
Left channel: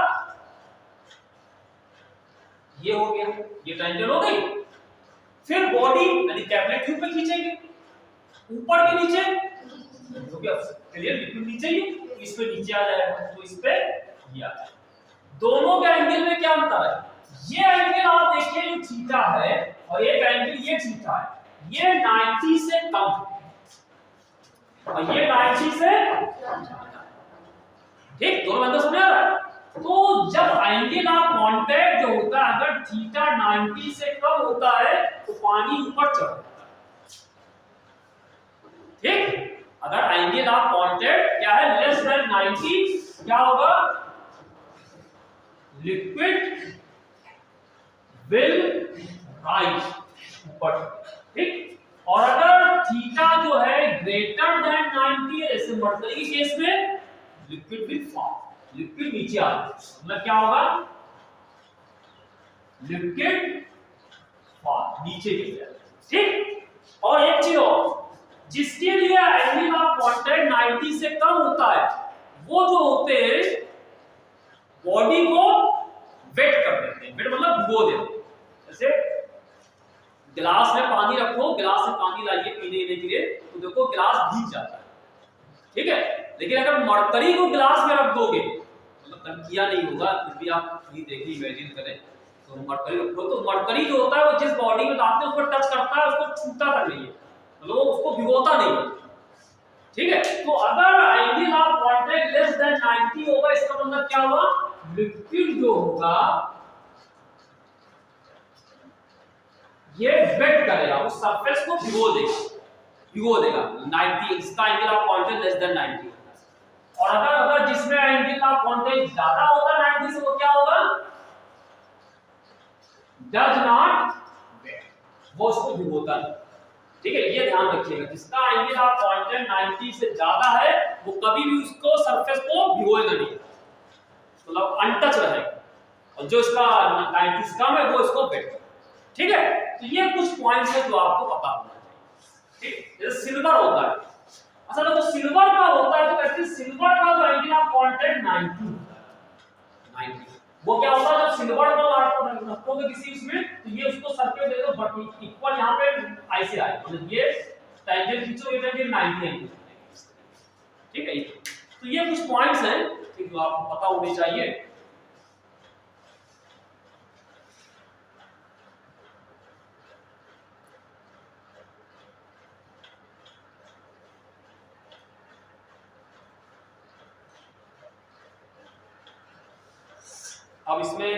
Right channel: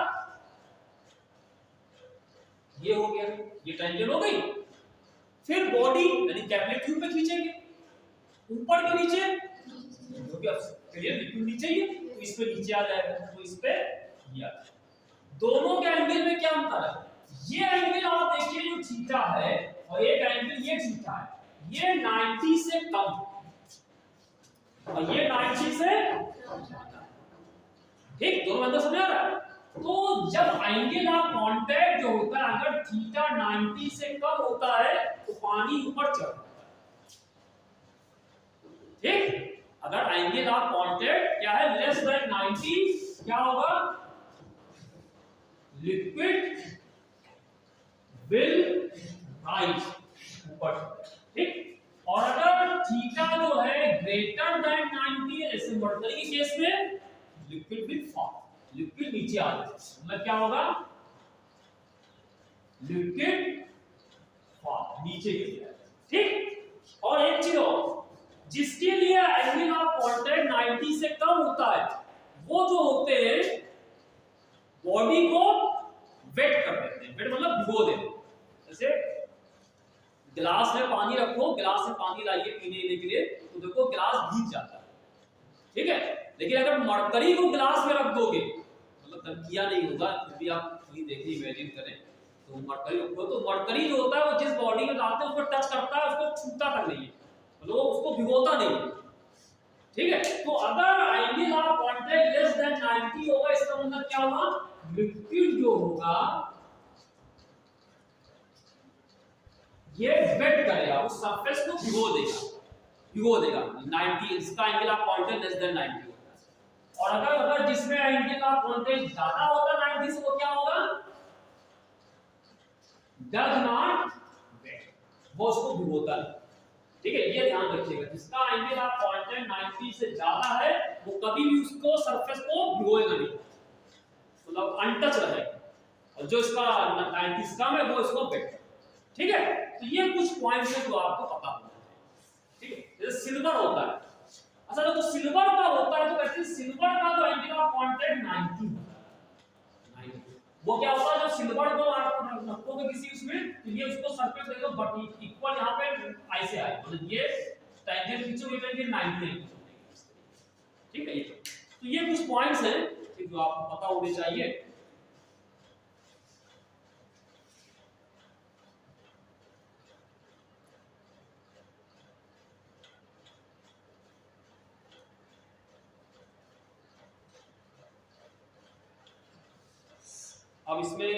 ये हो गया, ये टेंजेंट हो गई, फिर बॉडी यानी कैपिलरी ट्यूब पे खींचेंगे ऊपर के नीचे, क्योंकि अब क्लियर लिक्विड नीचे ही है तो इस पे नीचे आ जाएगा, तो इस पे ये आ जाएगा। दोनों के एंगल में क्या अंतर है, ये एंगल आप देखिए जो थीटा है और एक एंगल ये थीटा है, ये 90 से कम और ये 90 से, ठीक, दोनों एंगल समझ आ रहा है, तो जब एंगल ऑफ कांटेक्ट जो होता है, अगर थीटा 90 से कम होता है तो पानी ऊपर चढ़ता है, ठीक, अगर एंगल ऑफ कांटेक्ट क्या है, लेस देन 90, क्या होगा, लिक्विड विल राइज ऊपर, ठीक, और अगर थीटा जो है ग्रेटर देन 90, ऐसे मरकरी के केस में लिक्विड विल फॉल, लिक्विड नीचे आ जाएगा, मतलब क्या होगा, लिक्विड फॉल नीचे गिर जाएगा, ठीक, और एक चीज और, जिसके लिए एंगल ऑफ कांटेक्ट 90 से कम होता है, वो जो होते हैं बॉडी को वेट कर देते हैं, वेट मतलब भिगो देते हैं, जैसे गिलास में पानी रखो, गिलास में पानी लाइए पीने के लिए, तो देखो गिलास भीग जाता है, ठीक है, लेकिन अगर मरकरी को गिलास में रख दोगे, मतलब किया नहीं होगा, फिर भी आप ये देखिए इमेजिन करें, तो मरकरी रखो, तो मरकरी जो होता है वो जिस बॉडी में लाते हैं उस पर टच करता है, उसको छूता तक नहीं है, मतलब उसको भिगोता नहीं है, ठीक है, तो अगर angle of contact less than 90 होगा, इसका मतलब क्या हुआ, लिक्विड जो होगा ये वेट करेगा, उस सरफेस को भिगो देगा 90, इसका angle of contact less than 90, और अगर जिसमें एंगल ऑफ कांटेक्ट ज्यादा होगा 90 से, वो क्या होगा, डज नॉट वेट, वो उसको भिगोता नहीं, ठीक है, ये ध्यान रखिएगा, जिसका एंगल ऑफ कांटेक्ट 90 से ज्यादा है वो कभी भी उसको सरफेस को भिगोएगा नहीं, मतलब अनटच रहेगा, और जो इसका 90 से कम है वो इसको वेट, ठीक है, तो ये कुछ पॉइंट्स है जो आपको पता होना चाहिए, ठीक, जैसे सिल्वर होता है, अच्छा तो सिल्वर का होता है, तो कहते हैं सिल्वर का जो एंगल ऑफ कांटेक्ट 90 होता है, 90, वो क्या होता है, जब सिल्वर को आपको रखोगे किसी उसमें, तो ये उसको सरफेस दे दो बट इक्वल यहाँ पे ऐसे आए, मतलब ये टेंजेंट खींचोगे तो ये 90 एंगल, ठीक है, तो ये कुछ पॉइंट्स हैं जो आपको पता होने चाहिए। अब इसमें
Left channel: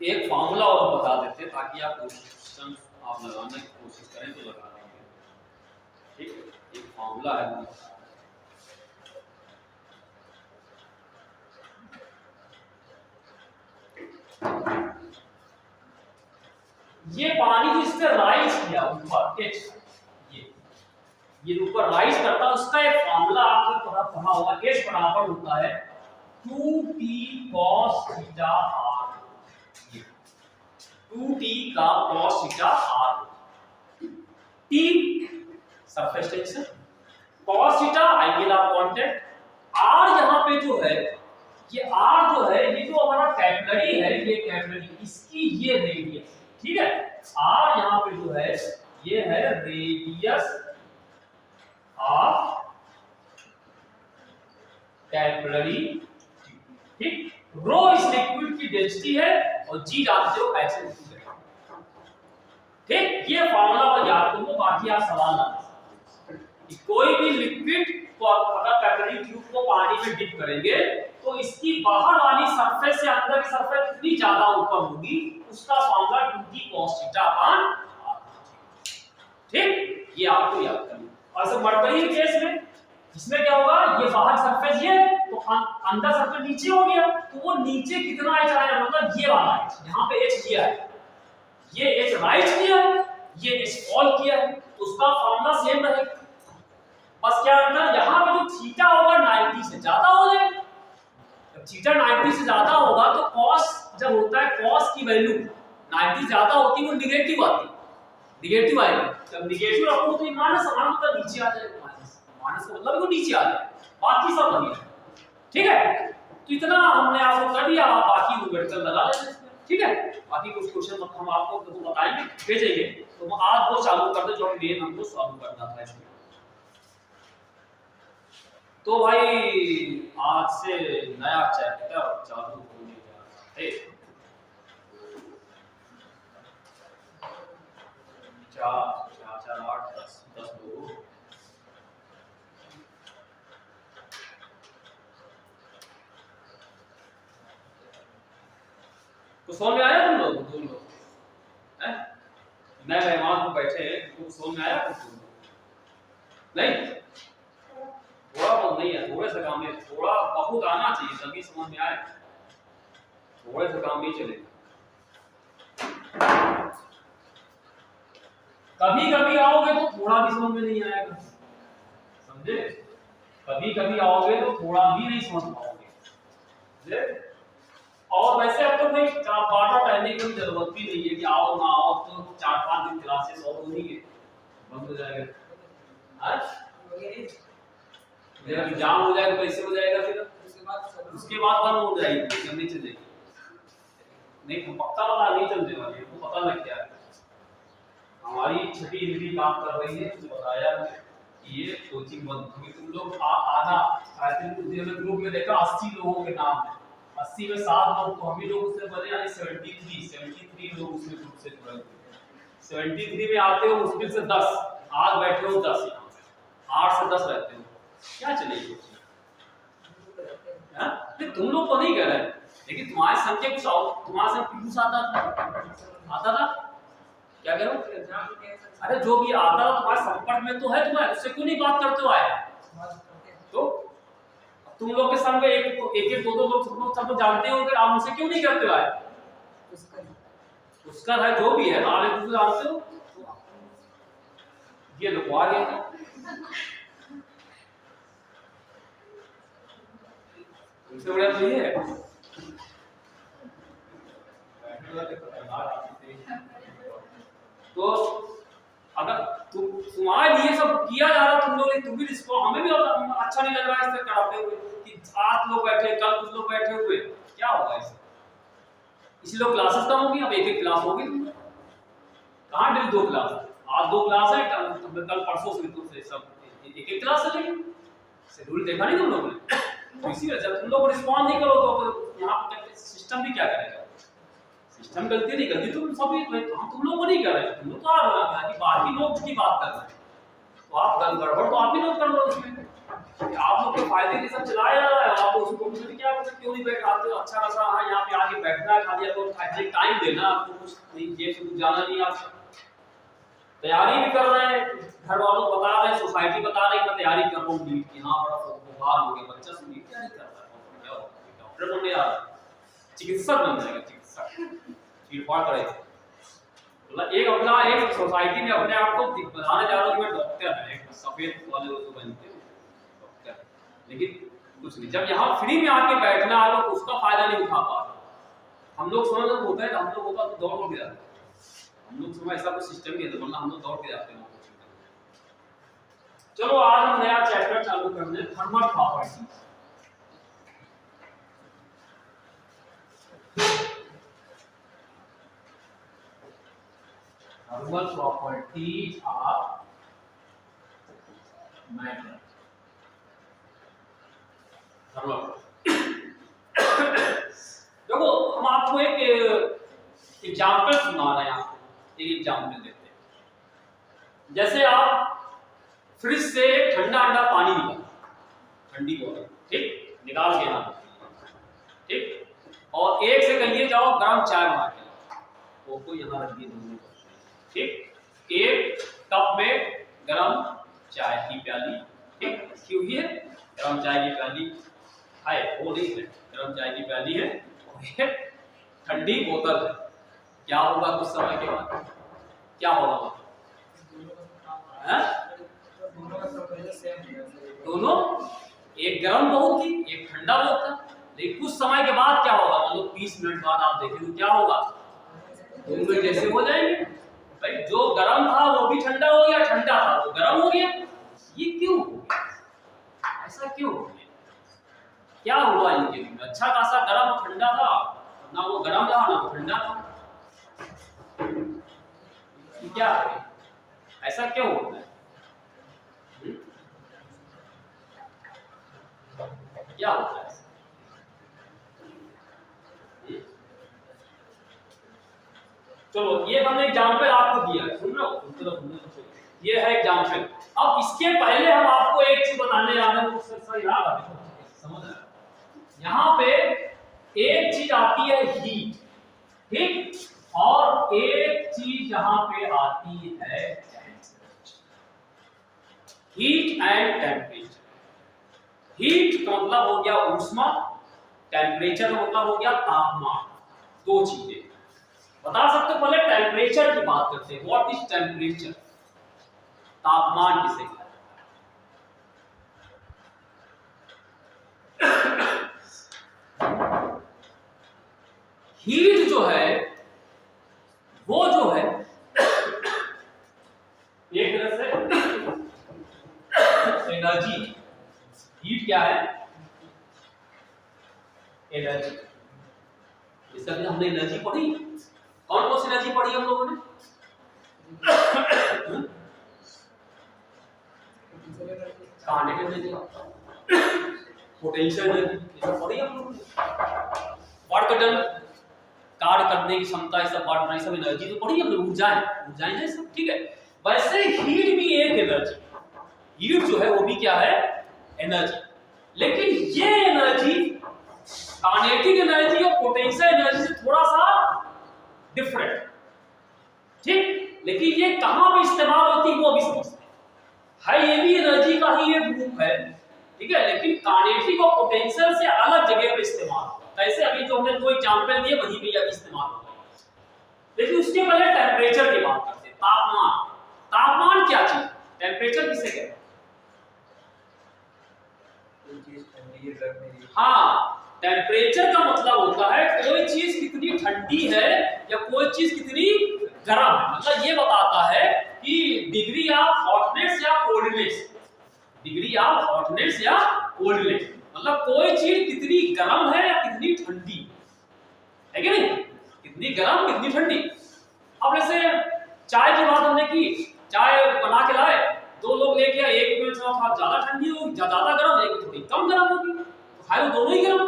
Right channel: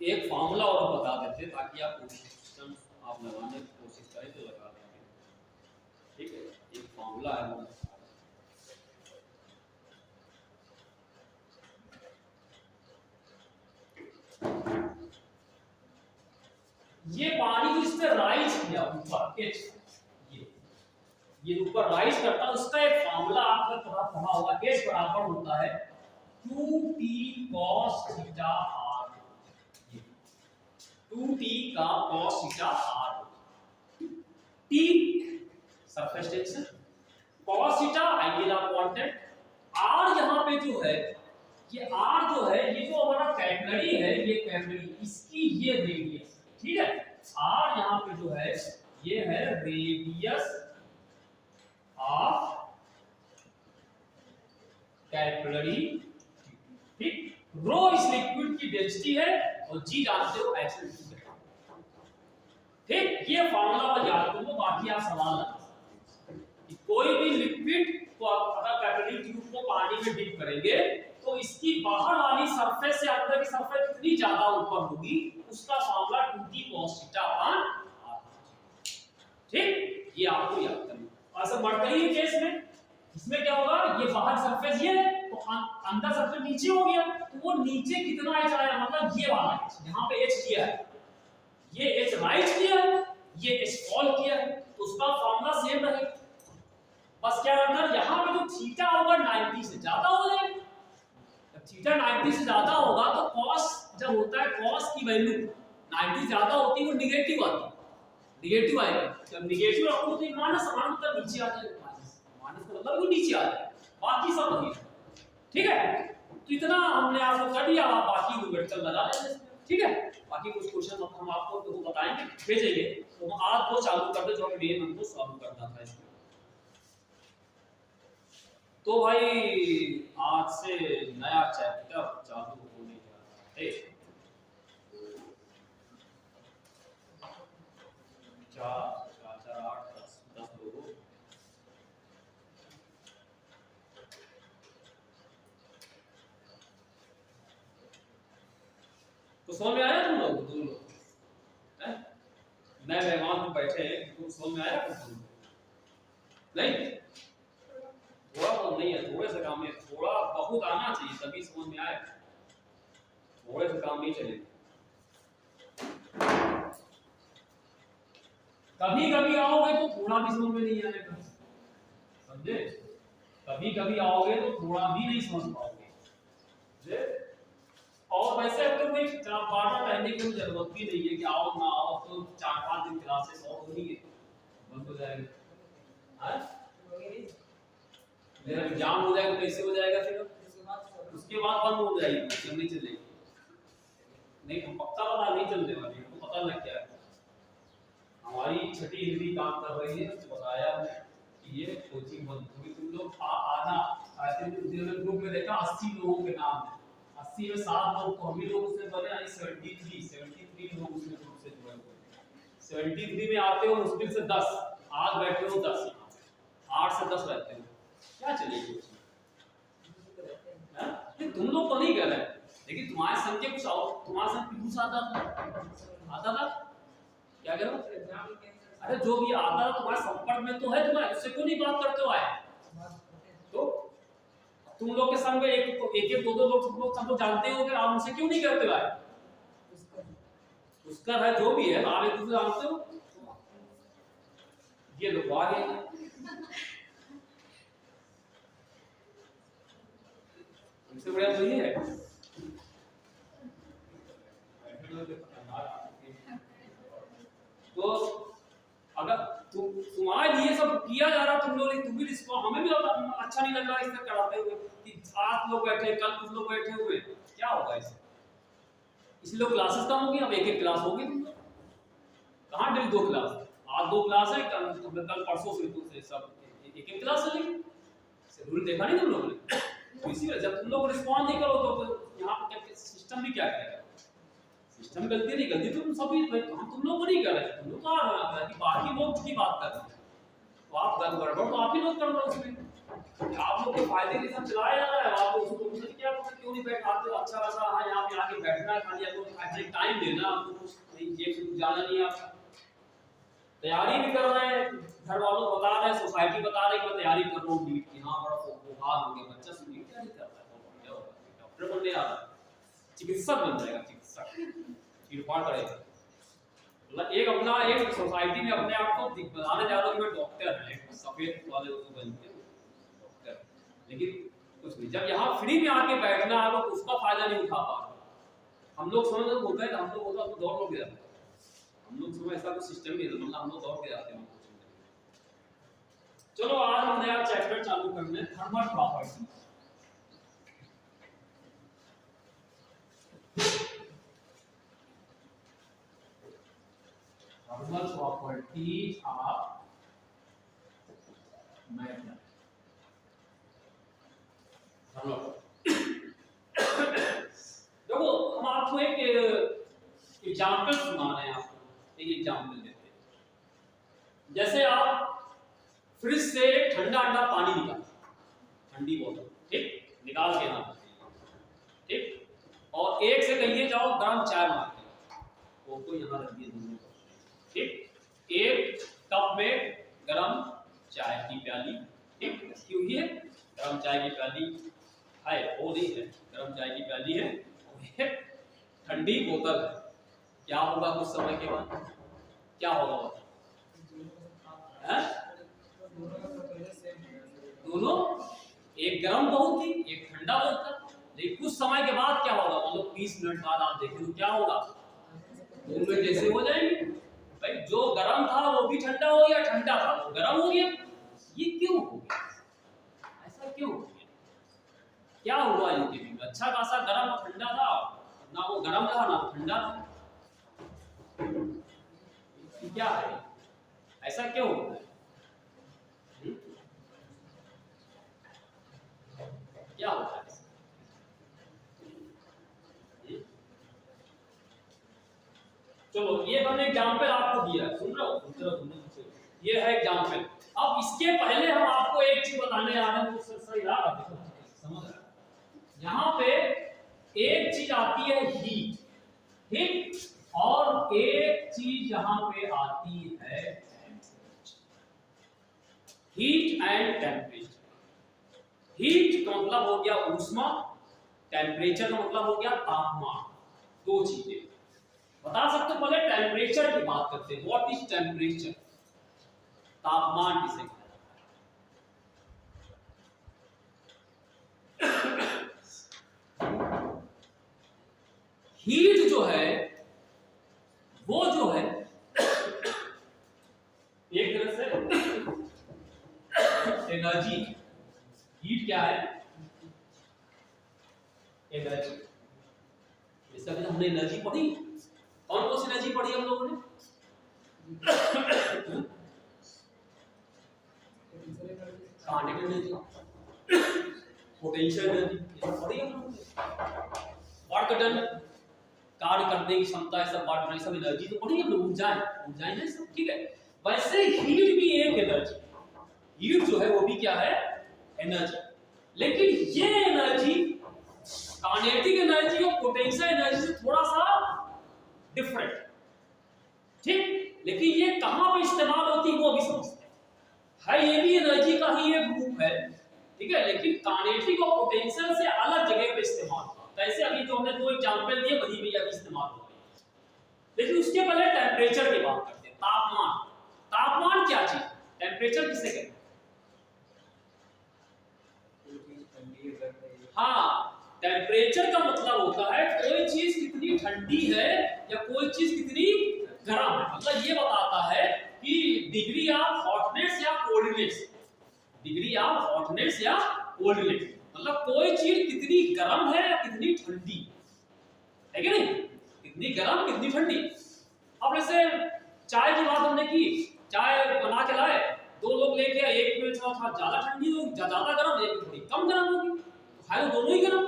एक फार्मूला और बता देते हैं ताकि आप क्वेश्चन आप लगाने की कोशिश करें तो लगा लेंगे, ठीक है, एक फार्मूला है, ये पानी को इस पे राइज किया ऊपर, ये ऊपर राइज करता है, उसका एक फॉर्मूला आपको पढ़ा होगा, h बराबर होता है 2t cos theta r, 2t का cos theta r, t surface tension, cos theta angular contact, r यहाँ पे जो है ये r जो है ये जो हमारा कैपिलरी है, ये कैपिलरी इसकी ये रेडियस, ठीक है, r यहाँ पे जो है ये है रेडियस ऑफ कैपिलरी, ठीक, रो इस लिक्विड की डेंसिटी है और जी जानते हो कैसे लिखते हैं, ठीक, ये फार्मूला पर याद करो, बाकी आप सवाल ना कि कोई भी लिक्विड को अगर कैपिलरी ट्यूब को पानी में डिप करेंगे तो इसकी बाहर वाली सरफेस से अंदर की सरफेस कितनी ज्यादा ऊपर होगी, उसका formula 2t cos theta upon r, ठीक, ये आपको याद करना। और सब मरकरी केस में इसमें क्या होगा, ये बाहर सरफेस ये तो अंदर सरफेस नीचे हो गया, तो वो नीचे कितना h आया, मतलब ये वाला h, यहाँ पे h किया है, ये h राइज किया है, ये h फॉल किया है, तो उसका फार्मूला सेम रहेगा, बस क्या अंदर यहाँ पे जो थीटा होगा 90 से ज्यादा हो जाएगा, जब थीटा 90 से ज्यादा होगा तो cos जब होता है cos की वैल्यू 90 ज्यादा होती है वो निगेटिव आती है, निगेटिव आएगी, जब निगेटिव रखो तो ये माइनस मतलब नीचे आ जाएगा, माइनस का मतलब वो नीचे आ जाएगा, बाकी सब वही है, ठीक है, तो इतना हमने आपको कर दिया, आप बाकी रूबेटकर लगा लेते हैं, ठीक है, बाकी कुछ क्वेश्चन हम आपको तो बताएंगे भेजेंगे, तो आज वो चालू कर दे जो मेन हमको सॉल्व करना था इसमें। तो भाई आज से नया चैप्टर चालू होने जा रहा है, 4 4 4 8 10 10 लोग, तो समझ में आया तुम लोग, तुम लोग हैं, नए मेहमान को बैठे हैं, तुम समझ में आया तुम नहीं, थोड़ा बहुत नहीं है, थोड़े से काम में थोड़ा बहुत आना चाहिए तभी समझ में आए, थोड़े से काम नहीं चलेगा, कभी कभी आओगे तो थोड़ा भी समझ में नहीं आएगा, समझे, कभी कभी आओगे तो थोड़ा भी नहीं समझ पाओगे, समझे, और वैसे अब तो कोई बाटा पहनने की जरूरत भी नहीं है कि आओ ना आओ, तो 4-5 दिन क्लासेस और होंगी, बंद हो जाएगा, आज मेरा एग्जाम हो जाएगा, कैसे हो जाएगा, फिर उसके बाद बंद हो जाएगी, नहीं चलेगी, नहीं हम पक्का वाला नहीं चलने वाले, हमको पता लग गया है, हमारी छठी हिंदी काम कर रही है, तो बताया कि ये कोचिंग बंद होगी, तुम लोग आना, आई थिंक उस दिन ग्रुप में देखा 80 लोगों के नाम है, 80 में 7 लोग तो हम ही लोग उससे बने, यानी 73 लोग उसमें ग्रुप से जुड़े, 73 में आते हो मुश्किल से 10, आज बैठे हो 10, 8 से 10 रहते हो, क्या चलेगी, हां, तुम लोग तो नहीं कह रहे, लेकिन तुम्हारे संग के कुछ और, तुम्हारे संग पीयूष आता था, क्या कह रहे हो एग्जाम, अरे जो भी आता था तुम्हारे संपर्क में तो है, तुम्हारे उससे क्यों नहीं बात करते हो आए, तो तुम लोग के संग में एक दो लोग तुम लोग सब तो जानते हो कि आप उनसे क्यों नहीं करते हो आए, उसका है जो भी है, आप एक दूसरे जानते हो, ये लुकवा गए, इससे बड़ा तो ये है, तो अगर तुम्हारे लिए सब किया जा रहा, तुम लोग तुम भी रिस्पॉन्स, हमें भी अच्छा नहीं लग रहा है इससे कराते हुए कि 8 लोग बैठे, कल कुछ लोग बैठे हुए, क्या होगा इससे, इसलिए लोग क्लासेस कम होगी, अब एक क्लास होगी, तुम कहाँ डेली 2 क्लास, आज 2 क्लास है, कल परसों से तुमसे सब एक क्लास चलेगी, शेड्यूल देखा नहीं तुम लोगों ने, तो इसी वजह से तुम लोग रिस्पॉन्स नहीं करो तो यहाँ पर सिस्टम भी क्या करेगा, सिस्टम गलती नहीं करती, तुम सभी तुम लोग को नहीं कर रहे, तुम लोग तो आ रहा है कि बाकी लोग की बात कर रहे हैं, तो आप गड़बड़ तो आप ही लोग कर रहे हो उसमें, आप लोग के फायदे के सब चलाया जा रहा है, आप उसको क्या क्यों नहीं बैठाते, अच्छा खासा हाँ यहाँ पे आके बैठना है, खाली आपको खाली टाइम देना, आपको कुछ नहीं जेब से कुछ जाना नहीं, आप तैयारी भी कर रहे हैं, घर वालों को बता रहे हैं, सोसाइटी बता रही है मैं तैयारी कर रहा हूँ नीट की, हाँ बड़ा बुखार हो गया बच्चा, से नीट तैयारी कर रहा है, क्या होगा डॉक्टर बनने आ रहा है, चिकित्सक बन जाएगा, चिकित्सक चीड़फाड़ करेगा, मतलब एक अपना एक सोसाइटी में अपने आप को बताने जा रहा हूँ कि मैं डॉक्टर है, एक सफेद वाले लोग बनते हैं डॉक्टर, लेकिन कुछ नहीं। जब यहाँ फ्री में आके बैठना है तो उसका फायदा नहीं उठा पा रहा। हम लोग समझ होता है, हम लोग होता तो दौड़ के जाते हैं, हम लोग समय ऐसा कोई सिस्टम नहीं है, तो मतलब हम लोग दौड़ के जाते हैं। चलो आज हम नया चैप्टर चालू करते हैं, thermal properties. Thermal properties of matter. देखो हम आपको एक एग्जांपल सुना रहे हैं, आपको एक एग्जांपल देते हैं। जैसे आप फ्रिज से ठंडा ठंडा पानी निकाल, ठंडी बोतल, ठीक, निकाल के ना, ठीक, और एक से कहिए जाओ गर्म चाय बना के, वो को यहाँ रख दिए दोनों, ठीक, एक कप में गरम चाय की प्याली, ठीक, क्यों है गरम चाय की प्याली है, वो नहीं है, गरम चाय की प्याली है, और एक ठंडी बोतल है। क्या होगा कुछ समय के बाद, क्या होगा? दोनों, एक गरम बहुत थी, एक ठंडा बहुत था, लेकिन कुछ समय के बाद क्या होगा, मतलब 20 मिनट बाद आप देखें तो क्या होगा, दोनों जैसे हो जाएंगे। भाई जो गरम था वो भी ठंडा हो गया, ठंडा था वो गरम हो गया। ये क्यों हो गया? ऐसा क्यों हो गया? क्या हुआ इनके बीच में? अच्छा खासा गरम और ठंडा था, ना वो गरम रहा ना वो ठंडा था, क्या है? ऐसा क्यों होता है? क्या होता है? चलो ये हमने एग्जांपल आपको दिया, सुन रहे हो? ये है एग्जांपल। अब इसके पहले हम आपको एक चीज बताने जा रहे हैं, उससे सही याद आ, समझ रहे हो? यहाँ पे एक चीज आती है हीट, ठीक, और एक चीज यहाँ पे आती है हीट एंड टेम्परेचर। हीट का मतलब हो गया ऊष्मा, टेम्परेचर का मतलब हो गया तापमान। दो चीजें बता सकते हो। पहले टेम्परेचर की बात करते हैं। What is temperature? तापमान किसे कहते हैं? हीट जो है वो जो है एक तरह से एनर्जी। हीट क्या है? एनर्जी। इसका भी हमने एनर्जी पढ़ी। कौन कौन सी एनर्जी पढ़ी हम लोगों ने? पोटेंशियल एनर्जी पढ़ी हम लोगों ने। वर्क डन, कार्य करने की क्षमता, ये सब वर्क, ये सब एनर्जी तो पढ़ी हमने। ऊर्जाएं, ऊर्जाएं है सब, ठीक है। वैसे हीट भी एक एनर्जी। हीट जो है वो भी क्या है? एनर्जी। लेकिन ये एनर्जी काइनेटिक एनर्जी और पोटेंशियल एनर्जी से थोड़ा सा डिफरेंट, ठीक। लेकिन ये कहां पे इस्तेमाल होती है वो भी समझते हैं। ये भी एनर्जी का ही एक रूप है, ठीक है, लेकिन काइनेटिक और पोटेंशियल से अलग जगह पे इस्तेमाल होता है। ऐसे अभी जो हमने दो एग्जांपल दिए वही भी अभी इस्तेमाल होता है। लेकिन उसके पहले टेम्परेचर की बात करते हैं। तापमान। तापमान क्या चीज? टेम्परेचर किसे कहते हैं? हाँ, टेम्परेचर का मतलब होता है कोई चीज कितनी ठंडी है या कोई चीज कितनी गर्म है। मतलब ये बताता है कि डिग्री ऑफ हॉटनेस या कोल्डनेस। डिग्री ऑफ हॉटनेस या कोल्डनेस मतलब कोई चीज कितनी गर्म है या कितनी ठंडी है, कि नहीं? कितनी गर्म कितनी ठंडी। अब जैसे चाय की बात हमने की, चाय बना के लाए, दो लोग लेके आए, एक में थोड़ा ज्यादा ठंडी होगी, ज्यादा गर्म, एक में थोड़ी कम गर्म होगी, तो है दोनों ही गर्म।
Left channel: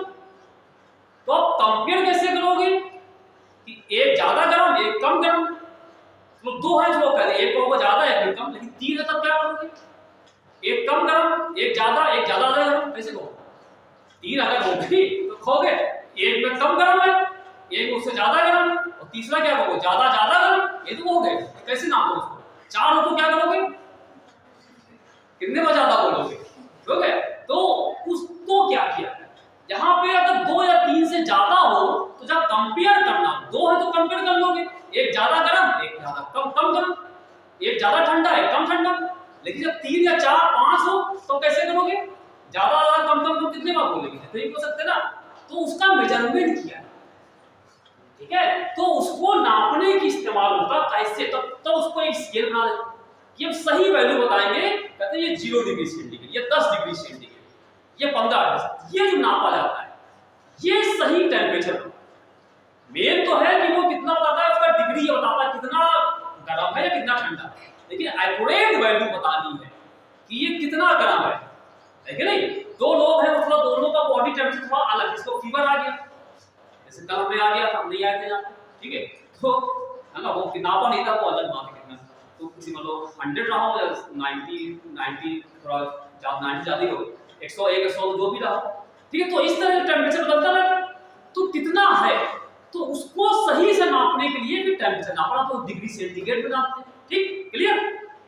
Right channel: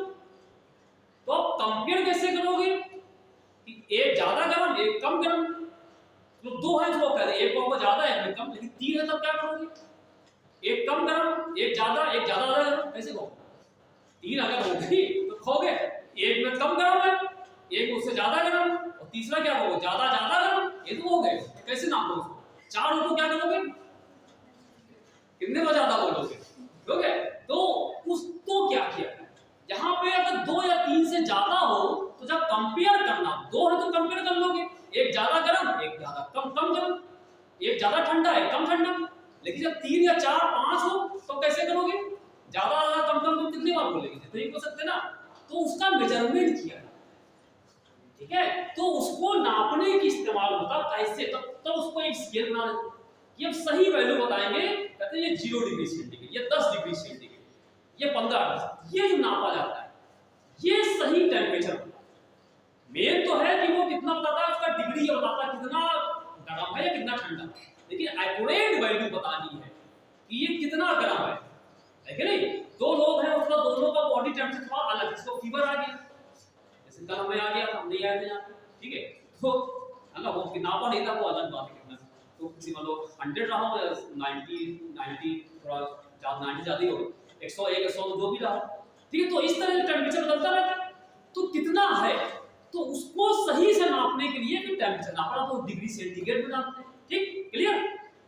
तो आप कंपेयर कैसे करोगे कि एक ज्यादा गर्म एक कम गर्म? तो दो है जो करें, एक होगा ज्यादा एक कम, लेकिन तीन है तब क्या करोगे? एक कम गर्म एक ज्यादा गर्म, कैसे कहोगे? तीन अगर होगी तो खोगे, एक में कम गर्म है, एक उससे ज्यादा गर्म, और तीसरा क्या कहोगे? ज्यादा गर्म, ये तो हो गए। कैसे नापोगे उसको? चार हो तो क्या करोगे? कितने में ज्यादा बोलोगे? ठीक है, तो उस तो क्या किया यहाँ पे? अगर दो या तीन से ज्यादा हो तो जब कंपेयर करना, दो है तो कंपेयर कर लोगे, एक ज्यादा गर्म एक ज्यादा एक ज्यादा ठंडा है, कम ठंडा। लेकिन जब 3 या 4 5 हो तो कैसे करोगे? ज्यादा ज्यादा कम कम कम कितने बार बोलेंगे? तो नहीं बोल सकते ना। तो उसका मेजरमेंट किया, ठीक है। तो उसको नापने की इस्तेमाल होता कैसे? तो उसको एक स्केल बना देते कि हम सही वैल्यू बताएंगे। कहते हैं ये 0 डिग्री सेंटीग्रेड, ये 10 डिग्री सेंटीग्रेड, ये 15 डिग्री, ये जो नापा जाता है ये सही टेम्परेचर। मेन तो है कि वो कितना बताता है, उसका डिग्री ये बताता है कितना गर्म है या कितना ठंडा है। लेकिन एक्यूरेट वैल्यू बतानी है कि ये कितना गर्म है कि नहीं। दो लोग हैं, मतलब दोनों का बॉडी टेम्परेचर थोड़ा अलग है। इसको फीवर आ गया, जैसे कल हमें आ गया था, हम नहीं आए थे यहाँ, ठीक है। तो है ना, वो किताबा नहीं था, वो अलग बात है कितना। तो किसी मतलब 100 रहा हो या 90 थोड़ा ज्यादा, 90 ज्यादा हो, 101 102 भी रहा, ठीक है। तो इस तरह टेम्परेचर बदलता रहता है। तो कितना है, तो उसको सही से नापने के लिए भी टेम्परेचर नापना, तो डिग्री सेंटीग्रेड में नापते हैं, ठीक, क्लियर।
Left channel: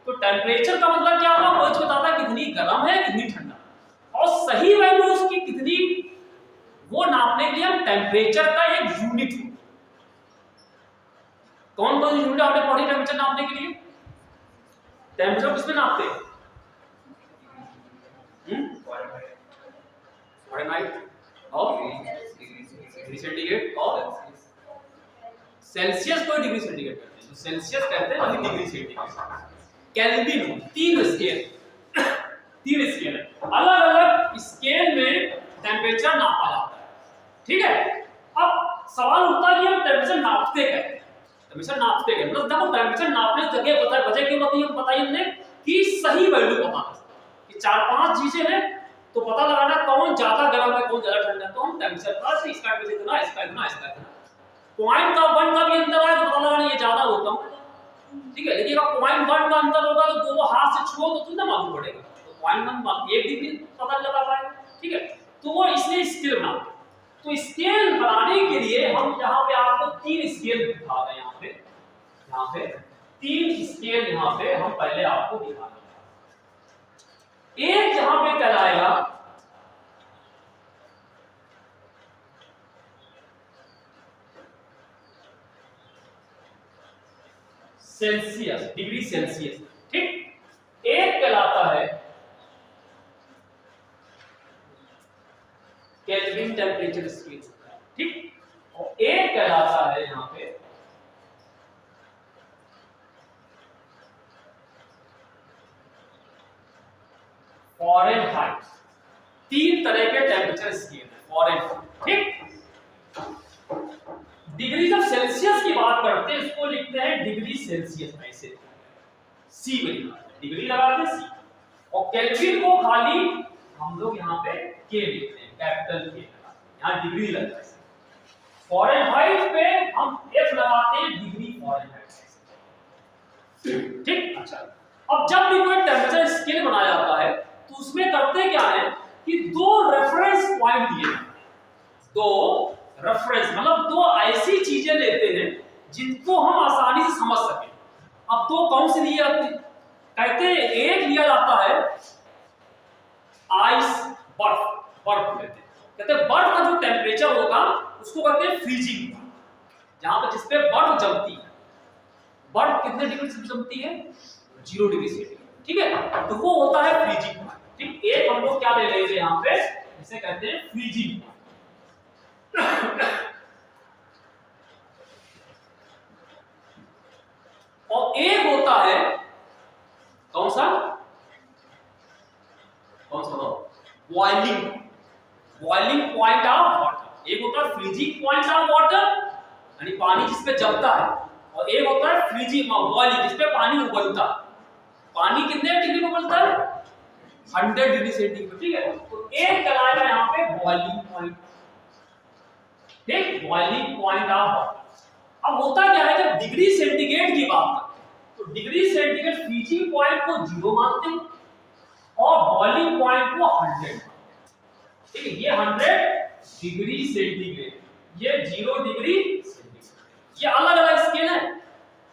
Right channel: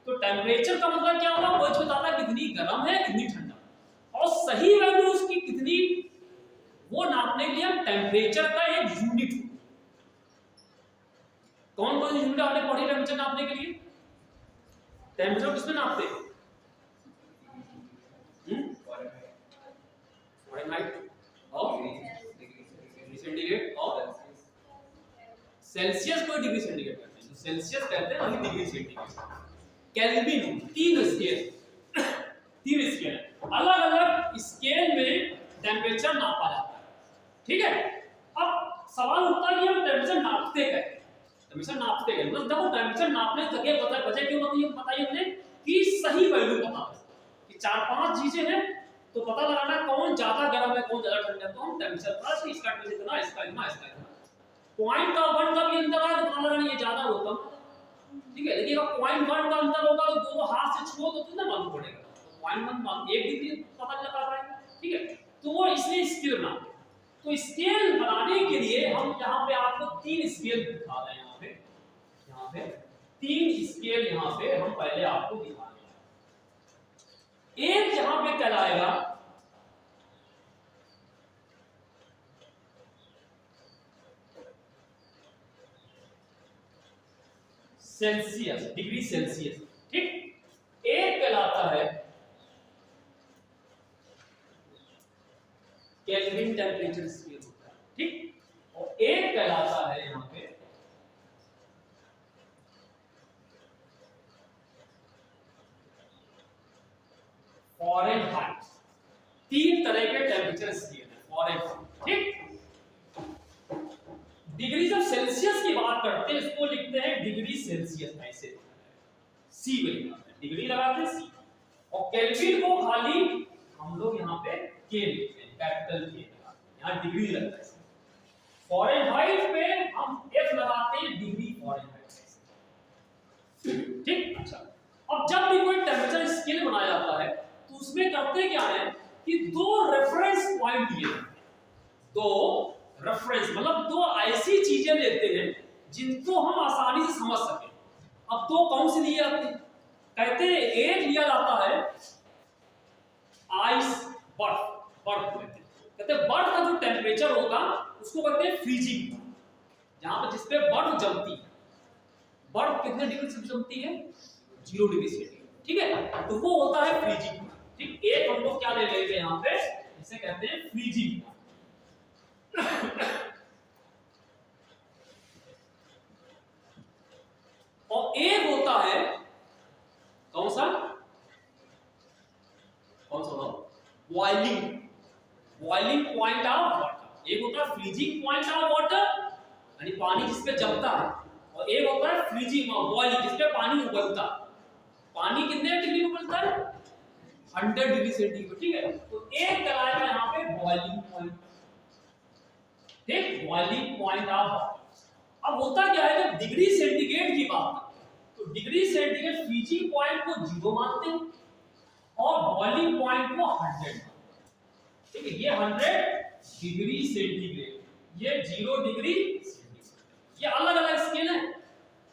तो टेम्परेचर का मतलब क्या होगा? वो बताता है कितनी गर्म है कितनी ठंडा, और सही वैल्यू उसकी कितनी, वो नापने के लिए हम टेम्परेचर का एक यूनिट, कौन कौन सी यूनिट आपने पढ़ी टेम्परेचर नापने के लिए? टेम्परेचर किसमें नापते हैं? फ़ारेनहाइट और डिग्री सेंटीग्रेड और सेल्सियस को डिग्री सेंटीग्रेड कहते हैं। तो सेल्सियस कहते हैं वही डिग्री सेंटीग्रेड। केल्विन, तीन स्केल है, अलग अलग स्केल में टेम्परेचर नापा जाता है, ठीक है। अब सवाल उठता है कि हम टेम्परेचर नापते कैसे? टेम्परेचर नापते कैसे, मतलब देखो टेम्परेचर नापने की जगह वजह क्यों बताई हमने कि सही वैल्यू पता कि 4-5 चीजें हैं, तो पता लगाना कौन ज्यादा गर्म है कौन ज्यादा ठंडा है। तो हम टेम्परेचर प्लस इसका टेम्परेचर इतना, इसका इतना, इसका इतना, पॉइंट का 1 का भी अंतर है तो पता लगाना ये ज्यादा होता हूं, ठीक है। लेकिन अगर पॉइंट 1 का अंतर होगा तो दोनों हाथ से छुओ तो कितना मालूम पड़ेगा? तो पॉइंट 1 डिग्री पता लगा पाएगा, ठीक है। तो वो इसलिए स्केल बनाते हैं। तो स्केल बनाने के लिए हम यहाँ पे आपको 3 स्केल दिखा रहे हैं। यहाँ पे 3 स्केल यहाँ पे हम पहले आपको दिखा रहे हैं। एक यहाँ पे कहलाएगा सेल्सियस, डिग्री सेल्सियस, ठीक। एक कहलाता है केल्विन टेम्परेचर स्केल, ठीक। और एक कहलाता है यहाँ पे फ़ारेनहाइट। 3 तरह के टेम्परेचर स्केल है फ़ारेनहाइट, ठीक। डिग्री जब सेल्सियस की बात करते हैं इसको लिखते हैं डिग्री सेल्सियस, ऐसे सी में लिखते हैं, डिग्री लगाते हैं सी। और केल्विन को खाली हम लोग यहाँ पे के लिखते हैं, कैपिटल के, यहाँ डिग्री लगता है। फ़ारेनहाइट पे हम एफ लगाते हैं, डिग्री फ़ारेनहाइट, ठीक। अच्छा, अब जब भी कोई टेम्परेचर स्केल बनाया जाता है तो उसमें करते क्या है कि 2 रेफरेंस पॉइंट दिए, 2 रेफरेंस मतलब 2 ऐसी चीजें लेते हैं जिनको हम आसानी से समझ सकें। अब 2 कौन से लिए जाते हैं? कहते हैं एक लिया जाता है आइस, बर्फ लेते हैं। कहते हैं बर्फ का जो टेम्परेचर होगा उसको कहते हैं फ्रीजिंग, जहां पर जिसपे बर्फ जमती है। बर्फ कितने डिग्री से जमती है? 0 डिग्री सेंटीग्रेड, ठीक है। तो वो होता है फ्रीजिंग, ठीक। एक हम लोग क्या ले लेंगे यहाँ पे, इसे कहते हैं फ्रीजिंग। और एक होता है कौन सा बॉइलिंग पॉइंट ऑफ वाटर। एक होता है फ्रीजिंग पॉइंट ऑफ वाटर, यानी पानी जिसपे जमता है, और एक होता है फ्रीजिंग बॉइलिंग जिसपे पानी उबलता है। पानी कितने डिग्री में उबलता है? 100 डिग्री सेंटीग्रेड, ठीक है। तो एक कहलाएगा यहाँ पे बॉइलिंग पॉइंट, ठीक, बॉइलिंग पॉइंट ऑफ वाटर। अब होता क्या है जब डिग्री सेंटीग्रेड की बात करते हैं तो डिग्री सेंटीग्रेड फ्रीजिंग पॉइंट को 0 मानते हैं और बॉइलिंग पॉइंट को 100 मानते हैं, ठीक है। ये 100 डिग्री सेंटीग्रेड, ये 0 डिग्री सेंटीग्रेड, ये अलग अलग स्केल है।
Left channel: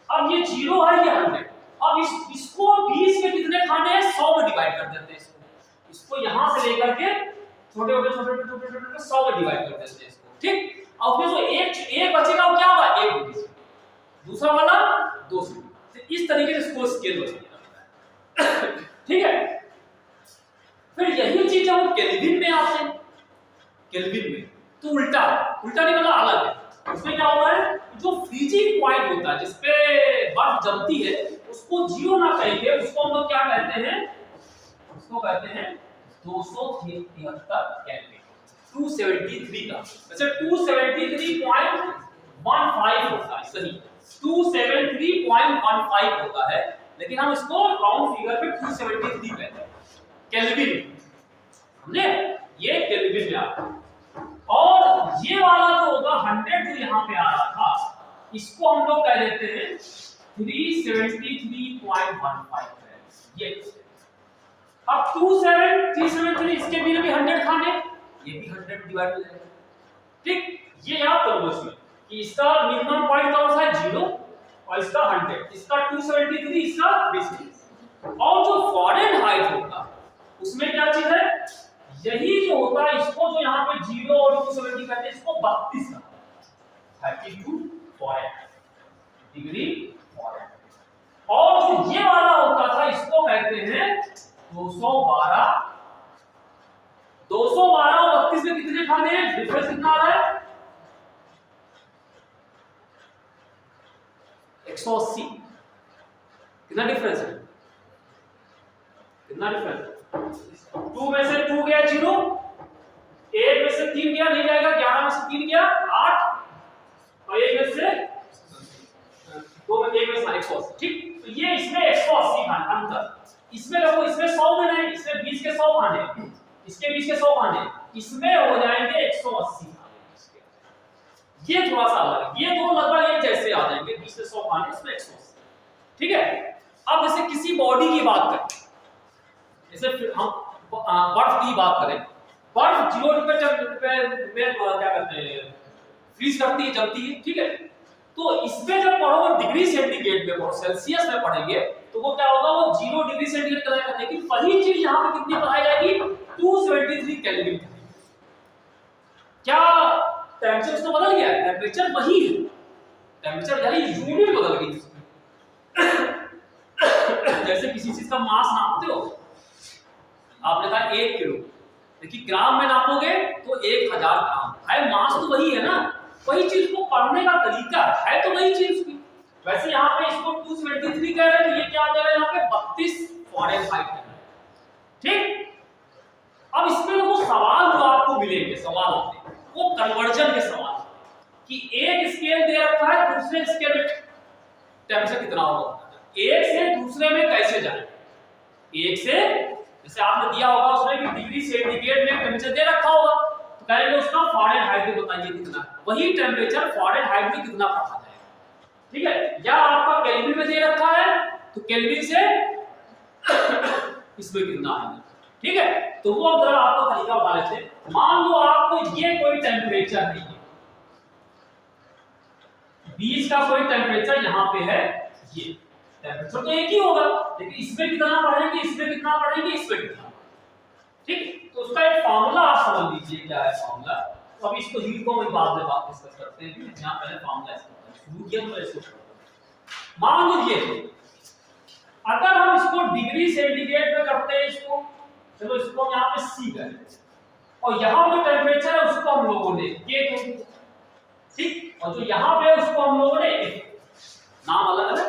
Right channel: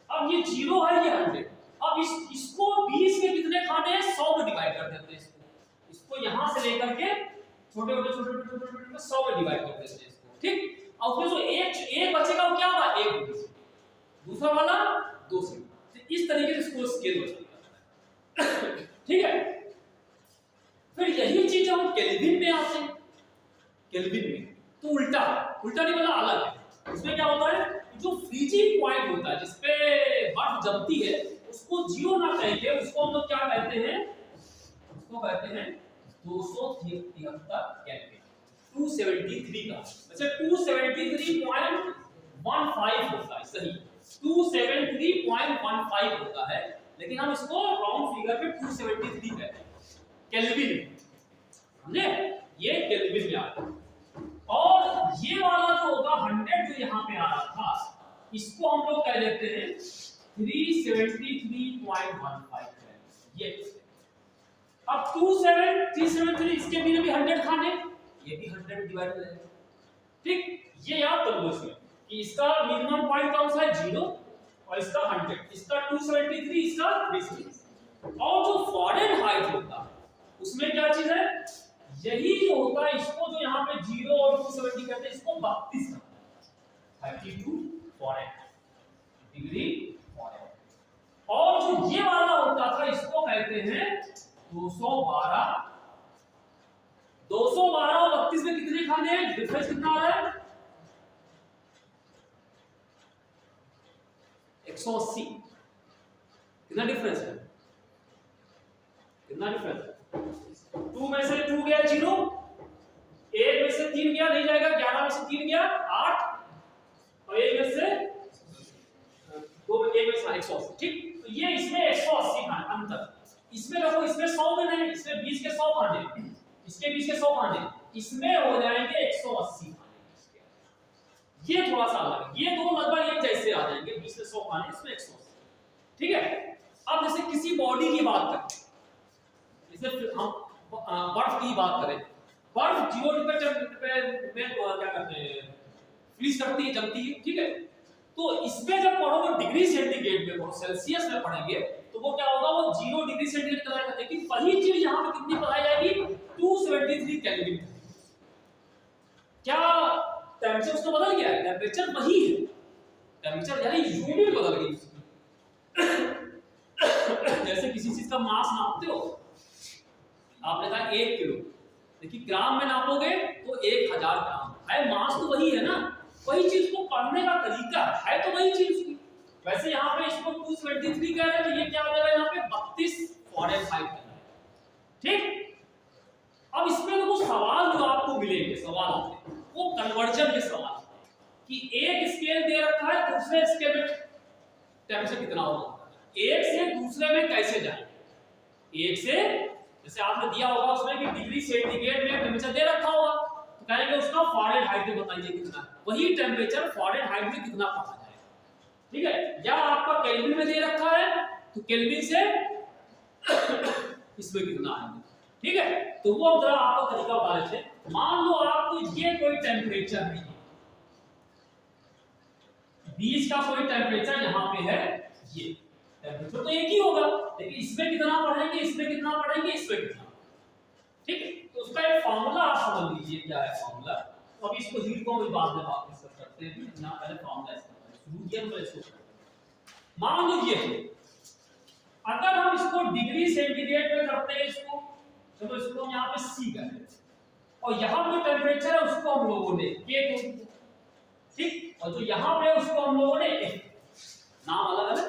अब ये 0 है, ये 100। अब इसको 20 में कितने खाने हैं? 100 में डिवाइड कर देते हैं इसको यहां से लेकर के छोटे 100 में डिवाइड कर देते हैं इसको, ठीक। और फिर जो एक बचेगा वो क्या होगा? 1 डिग्री, दूसरा वाला 2 डिग्री। इस इस तरीके से इसको स्केल होता है। ठीक है, फिर यही चीज हम केल्विन में आते हैं। केल्विन में तो उल्टा उल्टा नहीं मतलब अलग है। उसमें क्या होता है, जो फ्रीजिंग पॉइंट होता है जिसपे बर्फ जमती है उसको जीरो ना कहेंगे, उसको हम लोग क्या कहते हैं, उसको कहते हैं 273 केल्विन, 273 का। वैसे 273.15 होता है, सही 273.15 होता है, लेकिन हम इसको राउंड फिगर पे 273 कहते हैं केल्विन। समझे, ये केल्विन में आता है। और ये वाला जो होगा 100 जो यहाँ पे आ रहा था, इसको हम लोग कह देते हैं 373.15 है ये। अब 273 इसके भी 100 खाने, ये भी 100 डिवाइड हो जाएगा। ठीक, ये याद कर लो इसमें कि इसका मिनिमम पॉइंट कौन सा है 0 और इसका 100, इसका 273, इसका 373। और जो फॉरेन हाइट होता उसमें क्या चीज है, यही जो होता है इसको जो यहाँ पे 0 और 270 कहते हैं, इसको 32 का 32 फॉरेन डिग्री फॉरेन। और जो ये वाला होता था इसको कहते हैं 212। 212 और 32 में कितने खाने हैं, डिफरेंस कितना आ रहा है 180। कितना डिफरेंस है, कितना डिफरेंस है, 2 में से 2 गया 0, 1 में से 3 गया नहीं जाएगा, 11 में से 3 गया 8 और 1 में से 2 में 1 में से 180। ठीक, तो ये इसमें 180 खाने अंतर। इसमें देखो, इसमें 100 में नहीं, इसमें 20 के 100 खाने, इसके 20 के 100 खाने, इसमें हो जाएंगे 180 खाने। ये थोड़ा सा अलग है, ये दो लगभग एक जैसे आ जाएंगे, 20 से 100 खाने, इसमें 180। ठीक है, अब जैसे किसी बॉडी की बात करें, जैसे हम बर्फ की बात करें, बर्फ 0 पे क्या करते हैं, फ्रीज करती है, जमती है। ठीक है, तो इसमें जब पढ़ोगे डिग्री सेंटीग्रेड में और सेल्सियस में पढ़ेंगे तो वो क्या होगा, वो 0 डिग्री सेंटीग्रेड कहलाएगा। लेकिन वही चीज यहाँ पे कितनी पढ़ाई जाएगी, 273 केल्विन। क्या टेंपरेचर तो बदल गया, टेंपरेचर वही है, टेंपरेचर यानी यूनिट बदल गई। जैसे किसी चीज का मास नापते हो, आपने कहा 1 किलो, देखिए ग्राम में नापोगे तो 1000 ग्राम है, मास तो वही है ना, वही चीज को पढ़ने का तरीका है तो वही चीज की। वैसे यहाँ पे इसको 273 कह रहे हैं, तो ये क्या आ जाएगा यहाँ पे 32 फॉरेनहाइट कह रहे हैं। ठीक, अब इसमें लोगों सवाल जो आपको मिलेंगे, सवाल होते हैं वो कन्वर्जन के सवाल कि एक स्केल दे रखा है, दूसरे स्केल में टेंपरेचर कितना होगा, एक से दूसरे में कैसे जाए। एक से जैसे आपने दिया होगा उसमें कि डिग्री सेंटीग्रेड में टेंपरेचर दे रखा होगा, तो कहेंगे उसका फॉरेनहाइट में बताइए कितना, वही टेंपरेचर फॉरेनहाइट में कितना पढ़ा जाएगा। ठीक है, या आपका केल्विन में दे रखा है तो केल्विन से इसमें कितना आएगा। ठीक है, तो वो जरा आपको तरीका बता लेते हैं। मान लो आपको ये कोई टेंपरेचर नहीं है, 20 का कोई टेंपरेचर यहाँ पे है, ये टेंपरेचर तो एक ही होगा, लेकिन इसमें कितना पढ़ेंगे, इसमें कितना पढ़ेंगे, इसमें कितना। ठीक, तो उसका एक फार्मूला आप समझ लीजिए क्या है फार्मूला। तो अभी इसको हीट को हम बाद में बात डिस्कस करते हैं, यहाँ पहले फार्मूला शुरू किया तो इसको मान लीजिए अगर हम इसको डिग्री सेंटीग्रेड में करते हैं, इसको चलो इसको हम यहाँ पे सी करें और यहाँ जो टेंपरेचर है उसको हम लोगों ने के को, ठीक, और जो यहाँ पे है उसको हम लोगों ने नाम अलग अलग,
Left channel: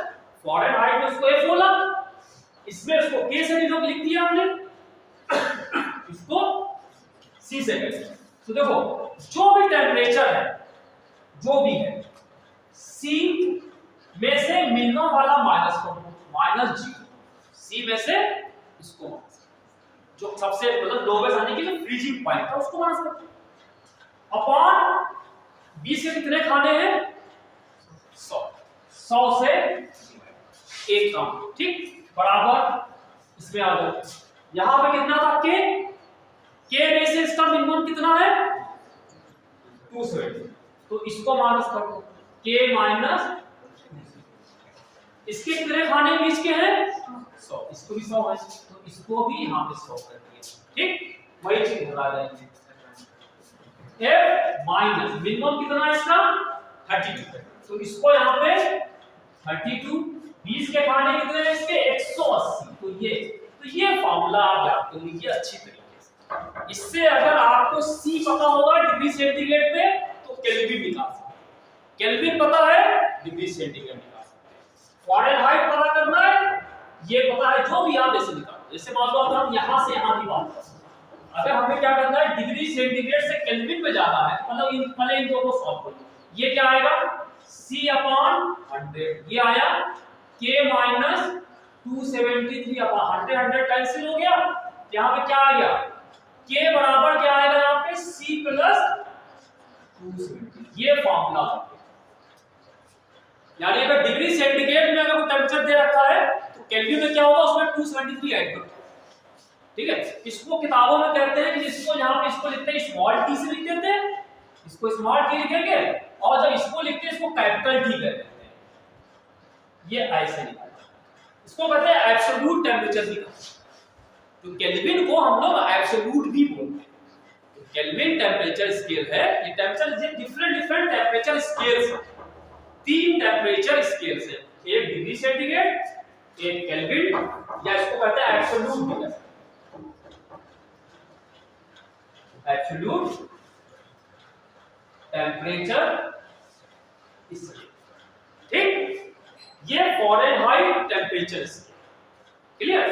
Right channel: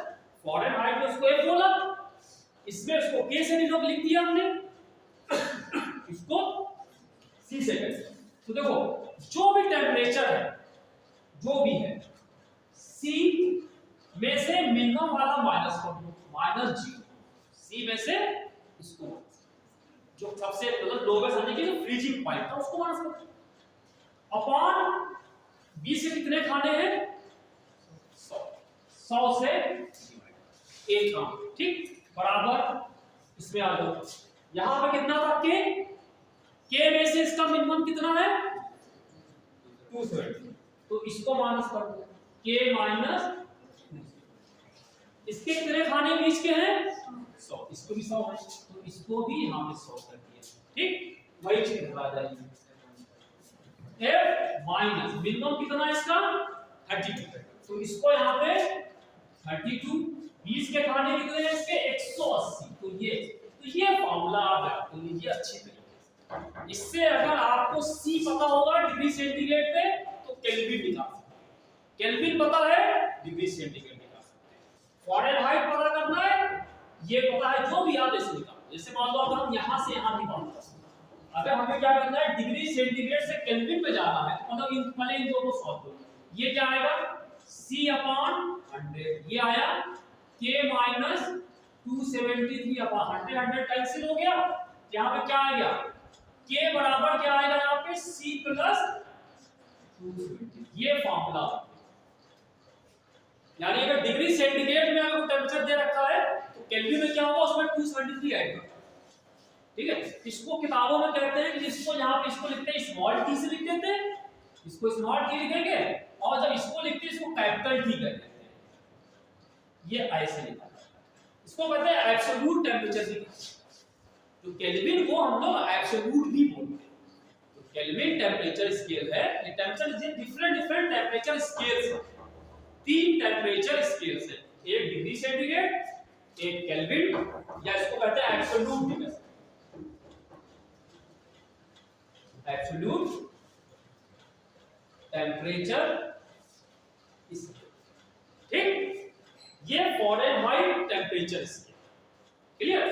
फॉरेनहाइट में उसको एफ बोला, इसमें उसको के से भी लिख दिया हमने, इसको सी से कहते हैं। तो देखो जो भी टेंपरेचर है, जो भी है, सी में से मिनिमम वाला माइनस करो, -0, सी में से इसको माइनस, जो सबसे मतलब लोवेस्ट आने की जो फ्रीजिंग पॉइंट था उसको माइनस करो, अपॉन 20 के कितने खाने हैं 100, 100 से एक कम। ठीक, बराबर इसमें आ गया, यहां पे कितना था के में से इसका मिनिमम कितना है 270, तो इसको माइनस कर दो, के माइनस इसके कितने खाने 20 के हैं 100, इसको भी 100 है तो इसको भी यहाँ पे 100 कर दिए। ठीक, वही चीज हटा देंगे, f मिनिमम कितना है इसका 32, तो इसको यहाँ पे 32 20 के खाने कितने हैं इसके 180। तो ये फार्मूला आप याद कर लीजिए अच्छी तरीके से। इससे अगर आपको C पता होगा डिग्री सेंटीग्रेड पे तो केल्विन निकाल सकते हैं। केल्विन पता है डिग्री सेंटीग्रेड निकाल सकते हैं। फ़ारेनहाइट पता करना है ये पता है, जो भी आप ऐसे निकालो। जैसे मान लो अगर हम यहां से यहां की बात करें, अगर हमें क्या करना है डिग्री सेंटीग्रेड से केल्विन पे जाना है, मतलब इन पहले इन दो को सॉल्व करो। ये क्या आएगा C/100, ये आया K माइनस 273 अपॉन 100, 100 कैंसिल हो गया। यहाँ पे क्या आ गया K बराबर क्या आएगा यहाँ पे C प्लस 270। ये फॉर्मूला हो गया। यानी अगर डिग्री सेंटीग्रेड में अगर टेंपरेचर दे रखा है तो केल्विन में क्या होगा उसमें 273 ऐड करो। ठीक है, इसको किताबों में कहते हैं कि इसको यहाँ पे इसको लिखते हैं स्मॉल टी से लिख देते हैं, इसको स्मॉल टी लिखेंगे, और जब इसको लिखते हैं इसको कैपिटल टी कहते हैं। ये ऐसे लिखा है, इसको कहते हैं एब्सोल्यूट टेंपरेचर भी कहते हैं। तो केल्विन को हम लोग एब्सोल्यूट भी बोलते हैं। तो केल्विन टेंपरेचर स्केल है, ये टेंपरेचर डिफरेंट टेंपरेचर स्केल्स हैं। 3 टेंपरेचर स्केल्स हैं, एक डिग्री सेंटीग्रेड, एक केल्विन, या इसको कहते हैं एब्सोल्यूट भी कहते हैं। एब्सोल्यूट टेंपरेचर स्केल, ठीक। ये फ़ारेनहाइट टेंपरेचर स्केल, क्लियर।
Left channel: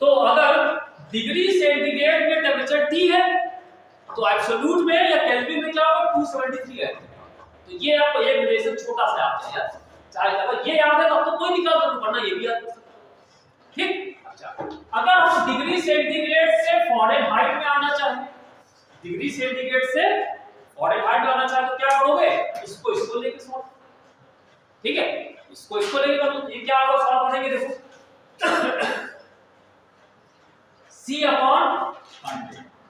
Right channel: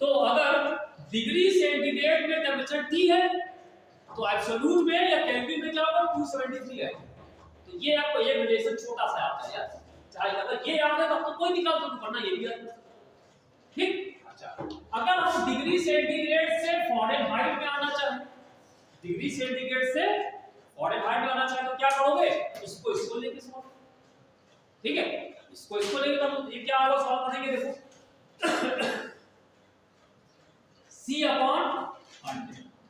तो अगर डिग्री सेंटीग्रेड में टेंपरेचर T है तो एब्सोल्यूट में या केल्विन में क्या होगा 273 है। तो ये आपको एक रिलेशन छोटा सा आता है यार, चाहे अगर ये याद है तो आपको कोई निकाल कर पढ़ना ये भी याद कर सकते हो, ठीक। अच्छा, अगर हम डिग्री सेंटीग्रेड से फ़ारेनहाइट में आना चाहें, डिग्री सेंटीग्रेड से फ़ारेनहाइट में आना चाहें तो क्या करोगे, इसको लेके सॉल्व, ठीक है, इसको लेके कर लो। ये क्या होगा सॉल्व करेंगे, देखो C/100,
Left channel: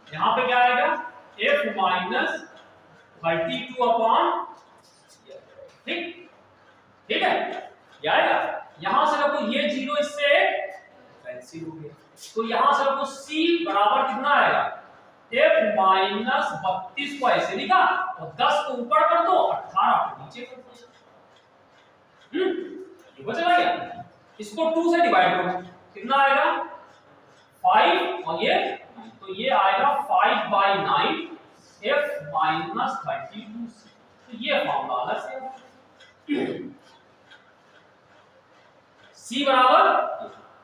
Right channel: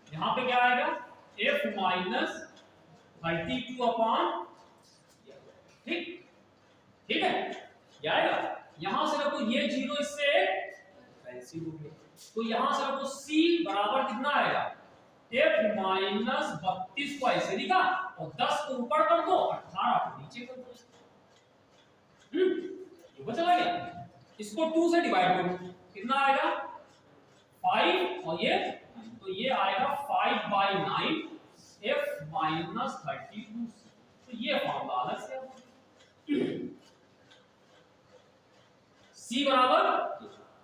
यहाँ पे क्या आएगा F माइनस 32 अपॉन, ठीक है, ये आएगा। यहां से देखो ये 0 इससे कैंसिल हो गया, तो यहां से देखो C बराबर कितना आएगा F माइनस 32 को ऐसे लिखा और 10 को ऊपर कर दो, 18 को नीचे कर दो। ये बचेगा क्या, इसको 2 से डिवाइड करो, कितना आएगा 5 और ये 9, तो ये आएगा 5/9 F माइनस 32C। तो ये फॉर्मूला अलग से C बराबर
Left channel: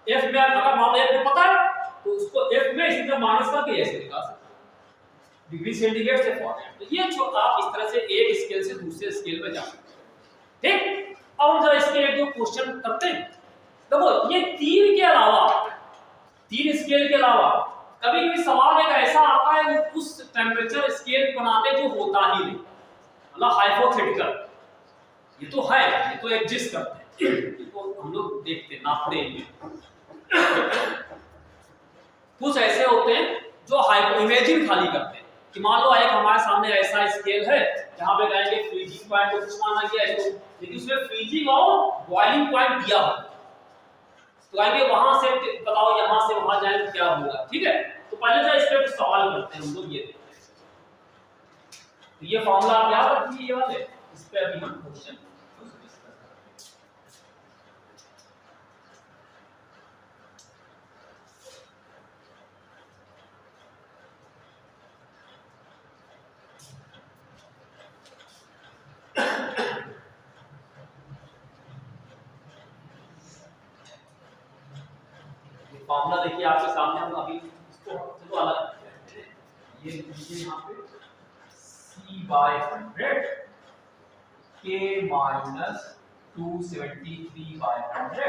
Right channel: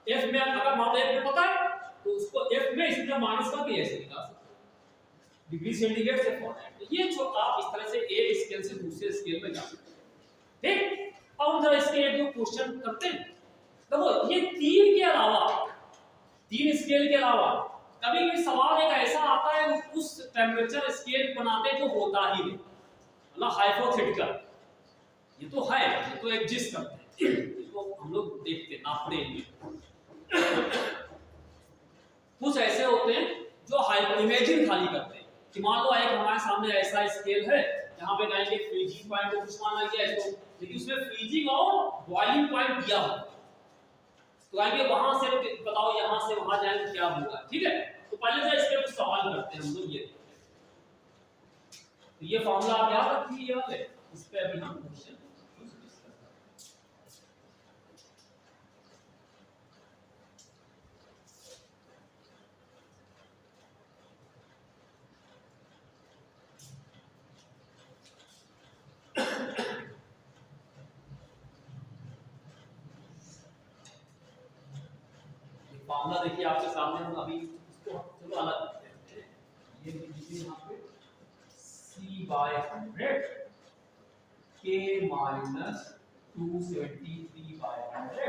F में अगर मान लो F में पता है तो उसको F में इसी तरह माइनस करके ऐसे निकाल सकते हैं डिग्री सेंटीग्रेड से फ़ारेनहाइट। तो ये जो आप इस तरह से एक स्केल से दूसरे स्केल में जा सकते हैं, ठीक। अब हम जरा इसके एक दो क्वेश्चन करते हैं। देखो ये 3 के अलावा, 3 स्केल के अलावा कभी कभी सवाल एक ऐसा आता है वो उस टेंपरेचर स्केल बनाते जो होता ही नहीं, मतलब हाइपोथेटिकल, ये तो है, ये तो एग्जिस्ट करते हैं, ये तो हम लोग देखते हैं नापते हैं। कुछ ऐसे होते हैं जो हाइपो इमेजिन खाली करते हैं कि मान लो एक हमारे सामने ऐसा स्केल है जहां पे कहेंगे फ्रीजिंग पॉइंट को कुछ माना गया है, तो लेकिन उसमें फ्रीजिंग और बॉइलिंग पॉइंट दिया हो, तो आगे वहां से बताओ यहां से वहां जाए तो क्या होगा, ठीक है। तो पहले जो इस पे सवाल करते हैं हम लोग, ये देखते हैं। तो ये फॉर्मूला आप याद रखिए, ये वाले, इस पे अभी हम क्वेश्चन फॉर्मूला देखिए आपके सामने, हम अभी इसको चलो अलग करते हैं। ये लीजिए यहाँ पे C/100 K माइनस 273/100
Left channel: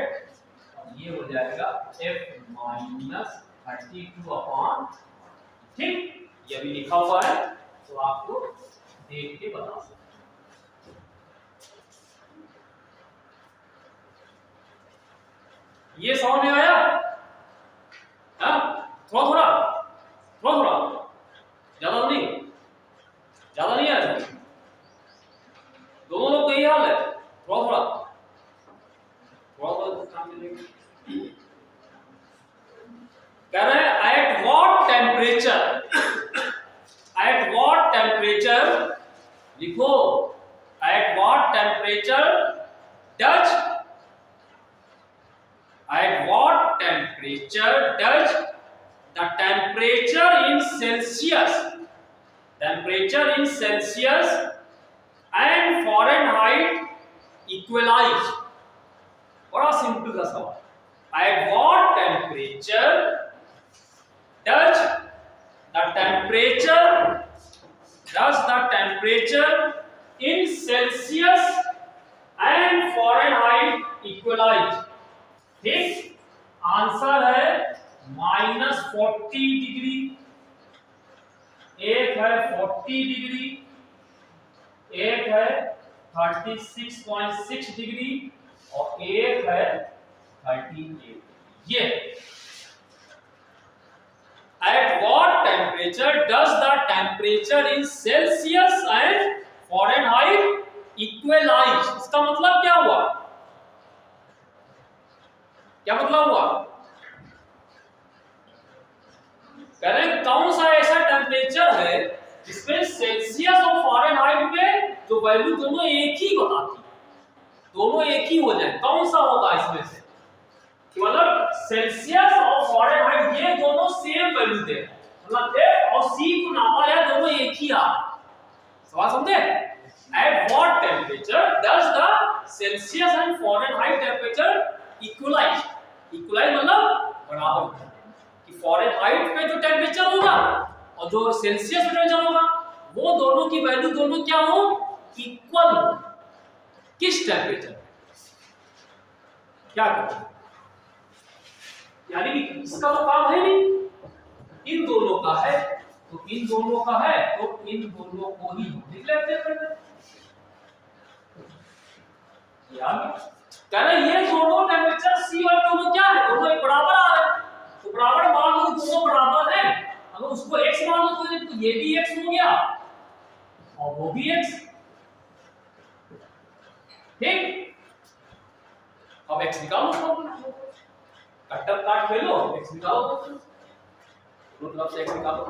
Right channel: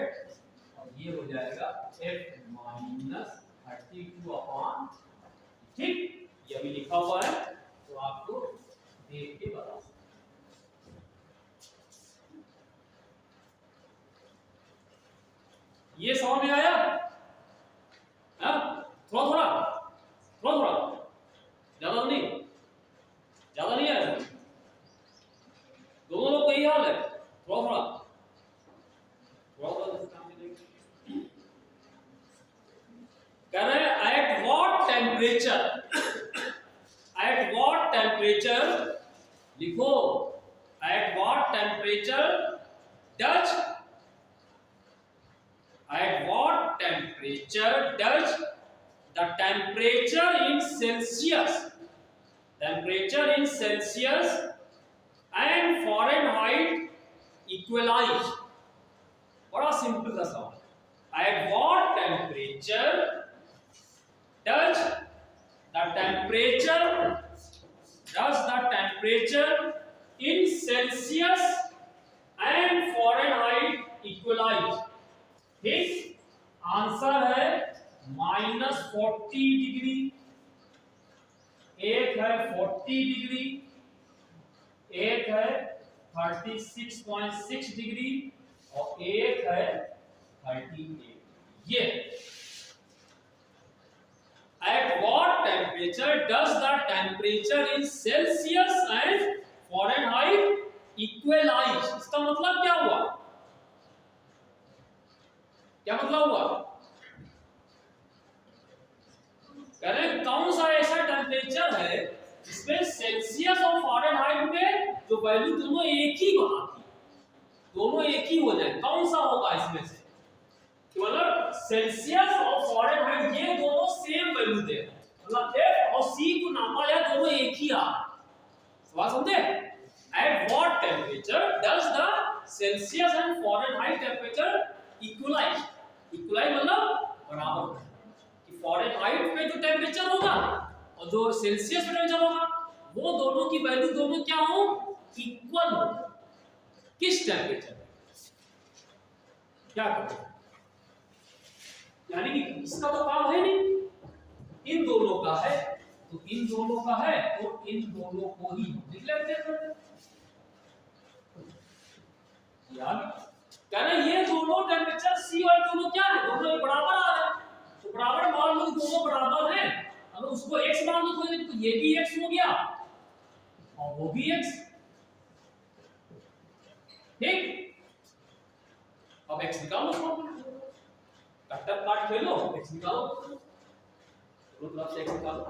और ये हो जाएगा F माइनस 32 अपॉन, ठीक। ये अभी लिखा हुआ है तो आपको देख के बता सकते हैं। ये समझ में आया, थोड़ा ज्यादा नहीं आया, दोनों लोग को यही हाल है, थोड़ा काम मिलेगा। कह रहे हैं एट व्हाट टेम्परेचर लिखो, at what temperature does at what temperature does the temperature in Celsius and Fahrenheit equalize? बड़ा सिंपल सा सवाल। at what temperature does the temperature in Celsius and Fahrenheit equalize? ठीक, आंसर है -40 degree, एक है 40 degree, एक है 36.6 डिग्री और एक है 38। ये at what temperature does the temperature in Celsius and Fahrenheit equalize? इसका मतलब क्या हुआ? क्या मतलब हुआ? कह रहे हैं कौन सा ऐसा टेम्परेचर है जिसमें सेल्सियस और फारेनहाइट में जो वैल्यू दोनों एक ही बताती है, दोनों एक ही हो जाए, कौन सा होगा इसमें से? मतलब सेल्सियस और फारेनहाइट ये दोनों सेम वैल्यू दे रहे हैं, मतलब F और C को नापा जाए दोनों एक ही आ रहा है। सवाल समझे? At what temperature does the Celsius and Fahrenheit temperature equalize? Equalize मतलब बराबर होगा कि फारेनहाइट पे जो टेम्परेचर होगा और जो सेल्सियस पे टेम्परेचर होगा वो दोनों की वैल्यू दोनों क्या हो? इक्वल हो। किस टेम्परेचर? क्या करें? यानी कि इसका तो काम है नहीं, इन दोनों का है, तो इन दोनों का है तो इन दोनों को ही लिख लेते हैं। कह रहे ये दोनों टेम्परेचर C और दोनों क्या है? दोनों एक बराबर आ रहे हैं, तो बराबर मान लो दोनों बराबर हैं, अगर उसको x मान लो तो ये भी x हो गया और वो भी x। ठीक, अब x निकालो, कट्टर काट खेलो, x निकालो, दोनों तरफ से x निकालो।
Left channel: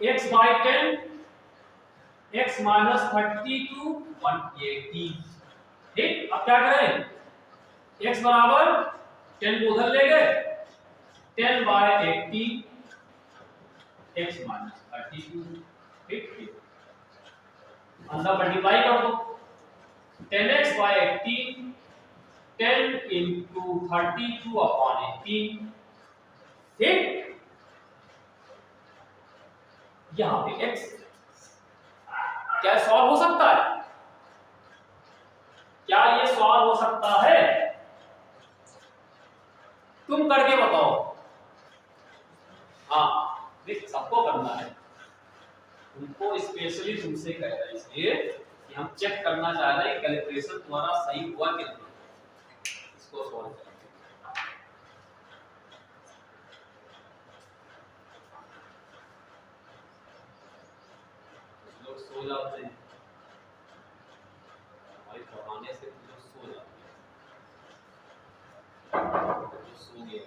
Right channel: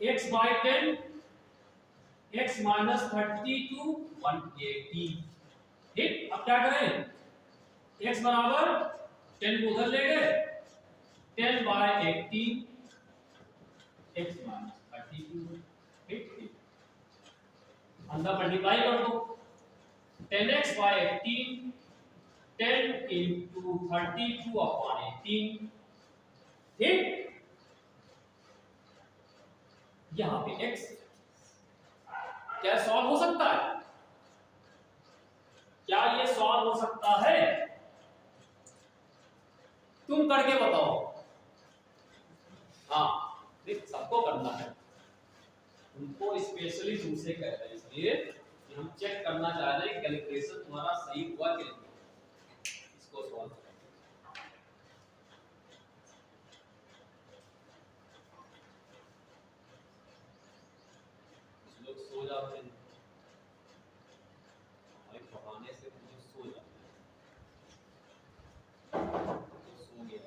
ये x by 10 x minus 32 180। ठीक, अब क्या करें? x बराबर 10 को उधर ले गए, 10 by 80 x minus 32। ठीक, अंदर मल्टीप्लाई कर दो, 10x by 80 10 into 32 upon 18। ठीक, यहां पे x क्या सॉल्व हो सकता है? क्या ये सॉल्व हो सकता है? तुम करके बताओ। हाँ, देख सबको करना है, तुमको स्पेशली तुमसे कह रहे हैं इसलिए कि हम चेक करना चाह रहे हैं कैलकुलेशन तुम्हारा सही हुआ कि नहीं। इसको सॉल्व करें। कुछ लोग सो जाते हैं, हमारे पढ़ाने से कुछ लोग सो जाते हैं, तो सो गए।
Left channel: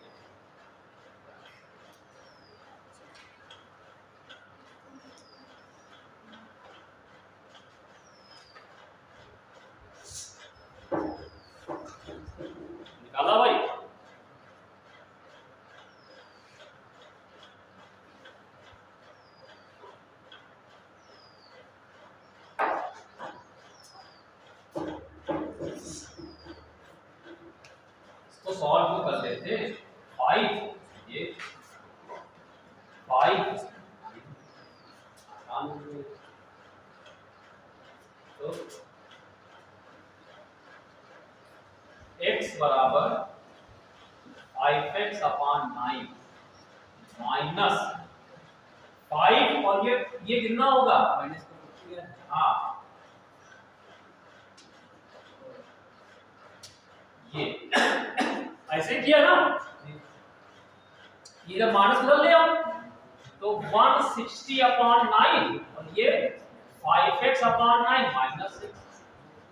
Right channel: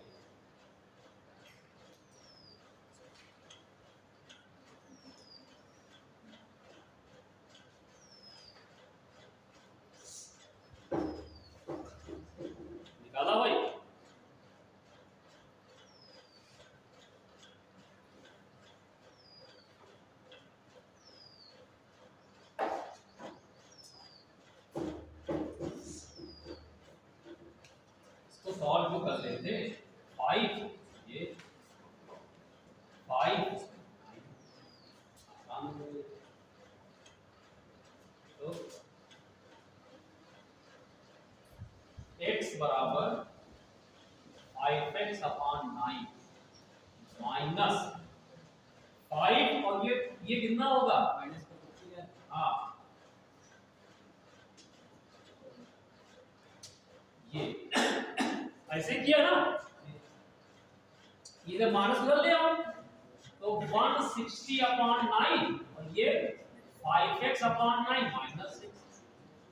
निकाला भाई? इसको सॉल्व तो कर लेते। 5 ये 5 तो x बराबर 5x अपॉन 9 माइनस 5 और ये कितना होगा? माइनस को हाँ, ये ऐसे किया ना, ये जब माइनस उधर ले आओ तो 160 अपॉन 9 और ये 5x अपॉन 9 माइनस 6।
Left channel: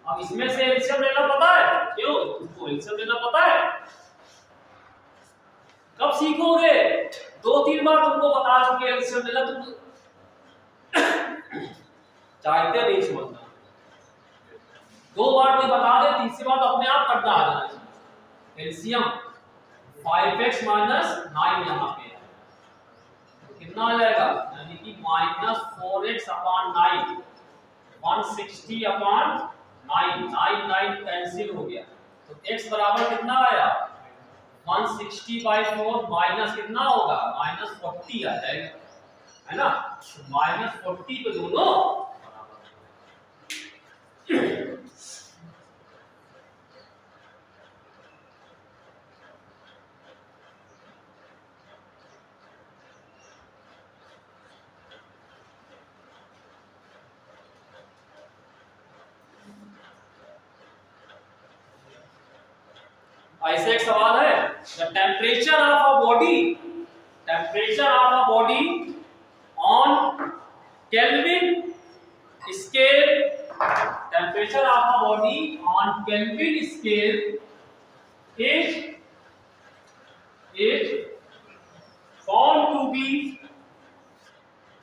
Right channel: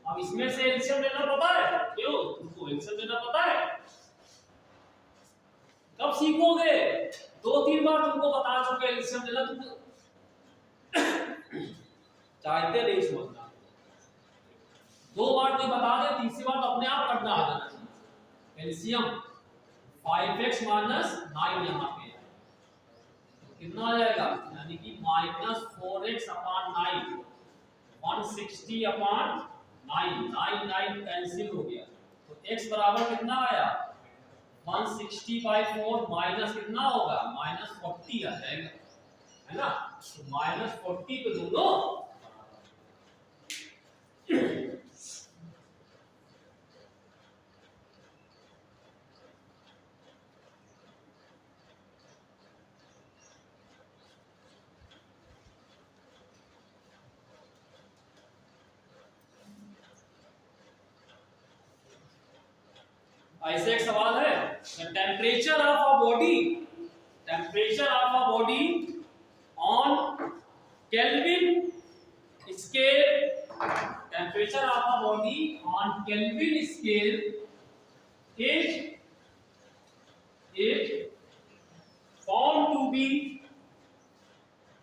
अब इसमें से एलसीएम लेना पता है? क्यों तुमको एलसीएम लेना पता है? कब सीखोगे? 2-3 बार तुमको बता चुके एलसीएम लेना। तुम चाहते नहीं समझना, दो बार कोई बता दे तीसरी बार तो अपने आप करना आ जाना चाहिए। एलसीएम 5x माइनस 9 यहाँ पे है तो कितना आ जाएगा, यानी कि minus 4x upon 9, 160 upon 9, 9 9 cancel हो गया तो x बराबर कितना आया 160 बाई 4 माइनस कितना होगा माइनस 40 आ जाएगा, है ना, माइनस 40 पे दोनों ऐसे एक सवाल है, the temperature of a body, temperature of a body on kelvin scale, temperature of a body on kelvin scale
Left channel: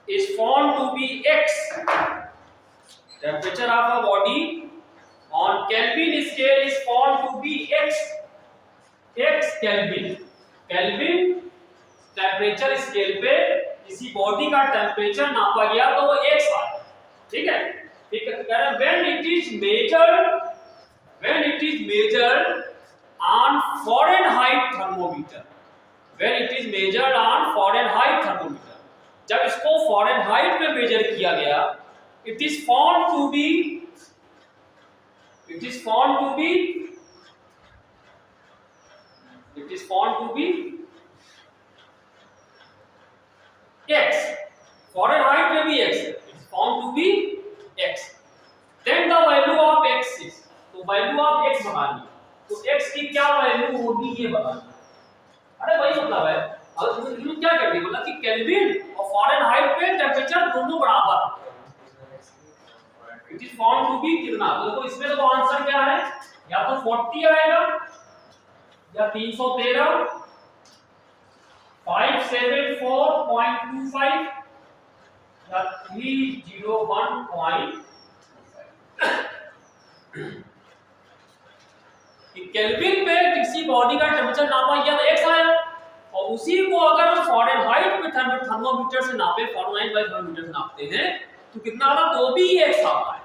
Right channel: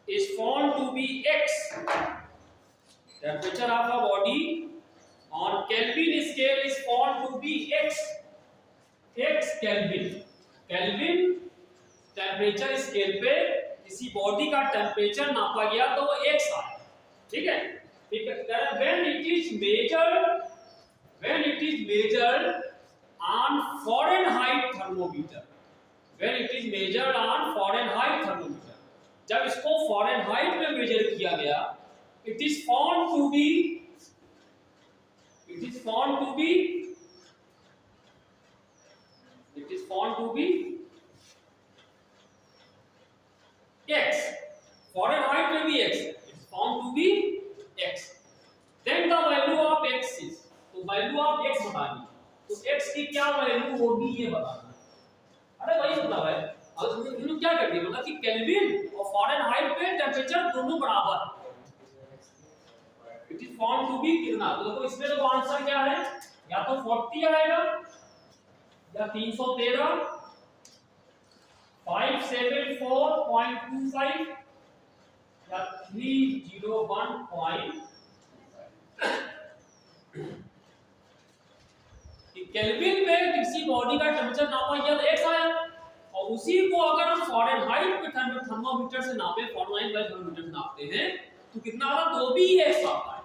is found to be x, temperature of a body on Kelvin scale is found to be x Kelvin, Kelvin temperature scale पे किसी body का temperature नापा गया तो वो x आया, ठीक है, ठीक है, कह रहे when it is measured on Fahrenheit thermometer, when it is measured on Fahrenheit thermometer, जब इसको Fahrenheit में मेजर किया गया it is found to be x, Fahrenheit में भी x, it is found to be x, then the value of x is, तो value of x बतानी, तो x की क्या वैल्यू होगी ये बताना, अरे वही मतलब है, अब तुम क्या करते हो मतलब कि केल्विन और फारेनहाइट पे टेम्परेचर दोनों बराबर, it is found to be कितना, तो देखो इसमें तो आंसर क्या है, या तो 40 आएगा या 313, 574.25 या 301. केल्विन पे किसी बॉडी का टेम्परेचर नापा गया तो x आया, और उसी को अगर हम फारेनहाइट पे थर्मोमीटर से नापे, फारेनहाइट बाय थर्मोमीटर से नापते हैं तो कितना आता तो भी x आता है,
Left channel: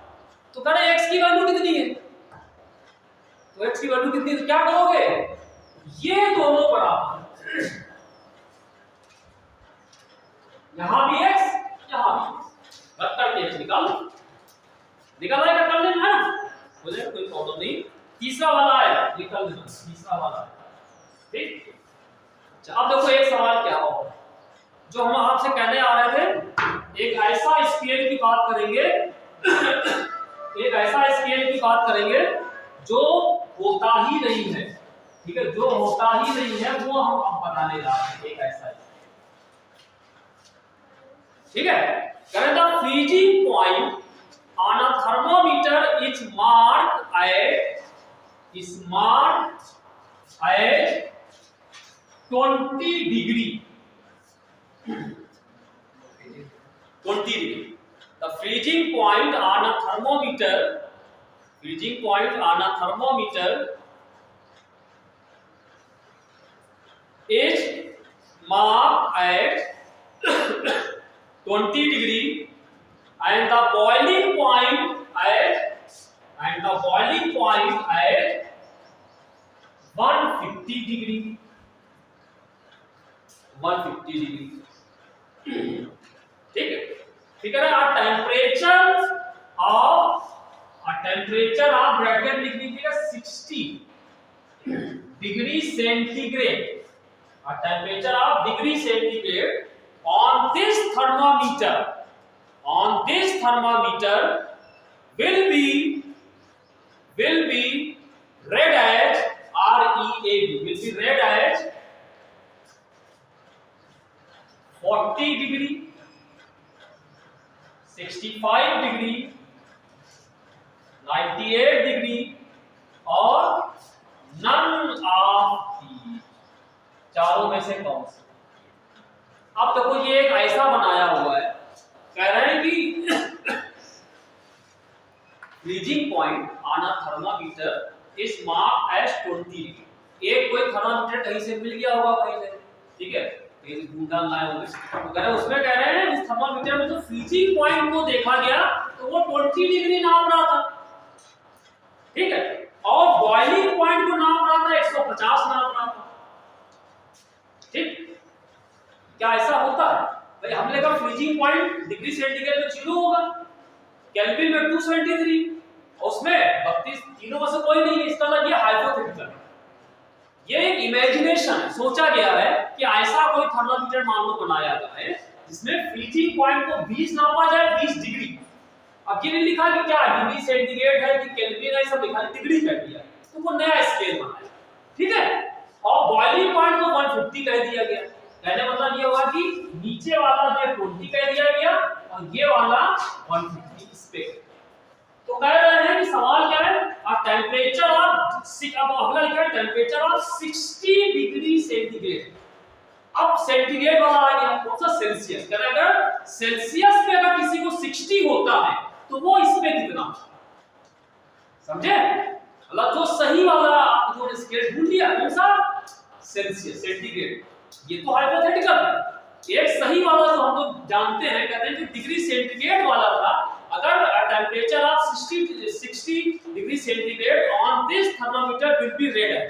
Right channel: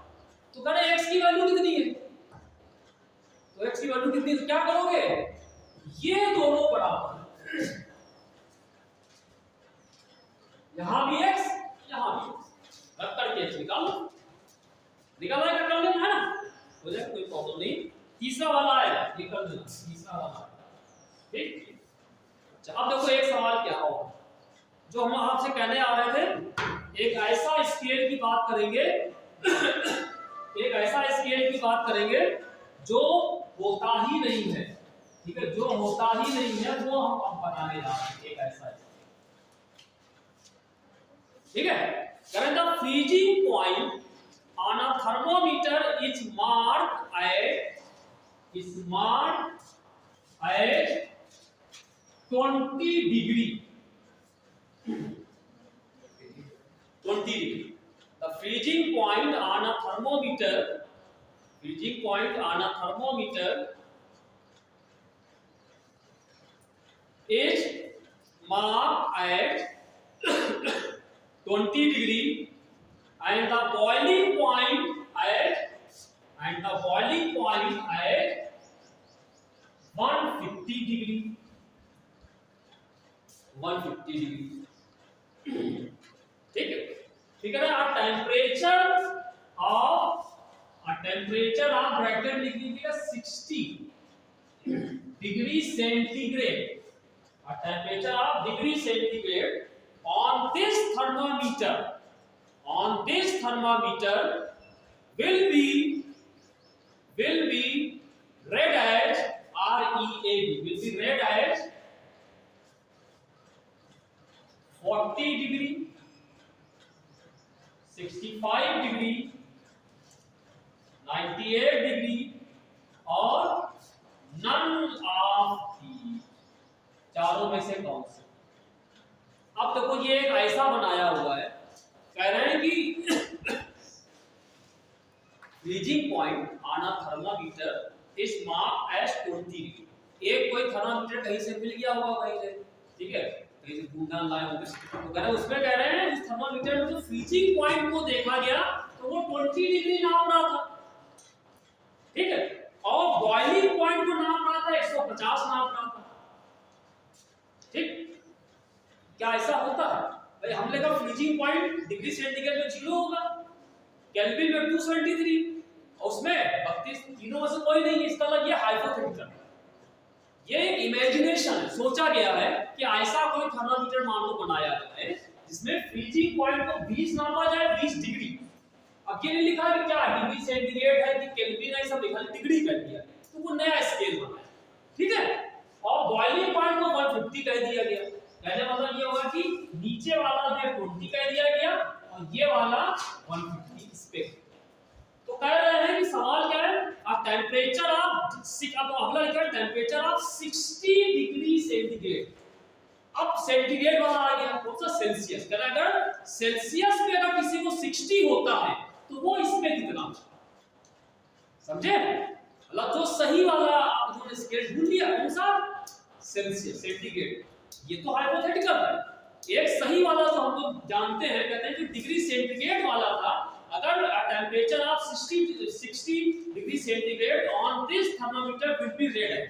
तो कह रहे x की वैल्यू कितनी है, तो x की वैल्यू कितनी, तो क्या करोगे ये दोनों बराबर, यहां भी x यहां भी x, रख करके x निकाल आएगा, कर लेना है ना, बोले कोई प्रॉब्लम नहीं, तीसरा वाला है निकाल लेना, तीसरा वाला ठीक। अब देखो एक सवाल क्या हो जो हम आपसे कहने आ रहे थे, एक ऐसा स्केल की बात करेंगे एक ऐसा स्केल की बात करेंगे जो होता ही नहीं है, ठीक है, जो होता ही नहीं है वो हम अब बताने जा रहे हैं, एक ऐसा, ठीक है, करें the freezing point on a thermometer is marked at 20 degree, 20 degree. The freezing point on a thermometer is marked at 20 degree and the boiling point at 150 degree, 150 degree, ठीक है, ठीक है ना, टेम्परेचर ऑफ ब्रैकेट लिख लीजिएगा 60 degree centigrade, temperature of degree centigrade on this thermometer will be read as READ, will be read as 40 degree, 65 degree, 98 degree और none of these, चारों में से कौन से। अब देखो ये एक ऐसा बनाया हुआ है, कह रहे हैं कि freezing point on a thermometer is marked as 20 degree. एक कोई थर्मामीटर कहीं से मिल गया होगा कहीं से, ठीक है, कहीं से ढूंढ लाए होंगे, तो कह रहे हैं उसमें कह रहे हैं उस थर्मामीटर में जो फ्रीजिंग पॉइंट को देखा गया तो वो 20 डिग्री नाप रहा था, ठीक है, और बॉइलिंग पॉइंट को नाप रहा था 150 नाप रहा था, ठीक। क्या ऐसा होता है भाई? हमने कहा फ्रीजिंग पॉइंट डिग्री सेंटीग्रेड में 0 होगा, केल्विन में 273, और उसमें 32 तीनों में से कोई नहीं है, इसका मतलब ये हाइपोथेटिकल है, ये एक इमेजिनेशन है, सोचा गया है कि ऐसा कोई थर्मामीटर मान लो बनाया जाए जिसमें फ्रीजिंग पॉइंट को 20 नापा जाए, 20 डिग्री। अब ये नहीं लिखा कि क्या डिग्री सेंटीग्रेड है कि केल्विन है, सब लिखा डिग्री कर दिया, तो वो नया स्केल बनाया, ठीक है, और बॉइलिंग पॉइंट को 150 कह दिया गया। कहने मतलब ये होगा कि नीचे वाला जो 20 कह दिया गया और ये वाला 150 इस पे। तो कह रहे हैं कि सवाल क्या है, अ टेंपरेचर ऑफ अब अगला लिखा है टेंपरेचर ऑफ 60 डिग्री सेंटीग्रेड। अब सेंटीग्रेड वाला आ गया, कौन सा? सेल्सियस। कह रहे हैं अगर सेल्सियस पे अगर किसी को 60 होता है तो वो इसमें कितना, समझे? मतलब जो सही वाला आप जो स्केल ढूंढ लिया, कौन सा? Celsius, centigrade. ये तो हाइपोथेटिकल है। एक सही वाला जो हम लोग जानते हैं, कहते हैं कि डिग्री सेंटीग्रेड वाला था, अगर temperature of 60 degree centigrade on this thermometer will be red है,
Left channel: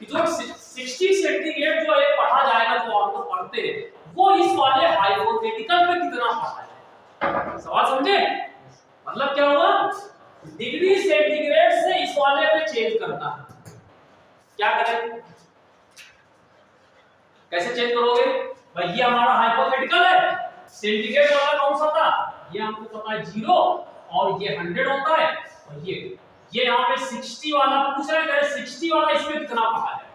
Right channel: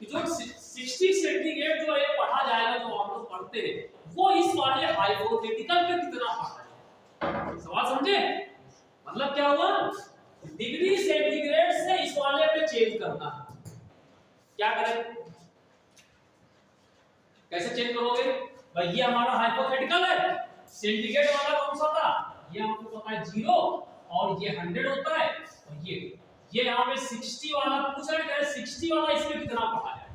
कि जो 60 सेंटीग्रेड जो है पढ़ा जाएगा, जो हम लोग पढ़ते हैं, वो इस वाले हाइपोथेटिकल पे कितना पढ़ा है। सवाल समझे? मतलब क्या हुआ, डिग्री सेंटीग्रेड से इस वाले पे चेंज करना है। क्या करें, कैसे चेंज करोगे भाई? ये हमारा हाइपोथेटिकल है, सेंटीग्रेड वाला कौन सा था, ये हमको पता है 0, और ये 100 होता है, और ये यहाँ पे 60 वाला पूछ रहा है, 60 वाला इस पे कितना पढ़ा जाएगा,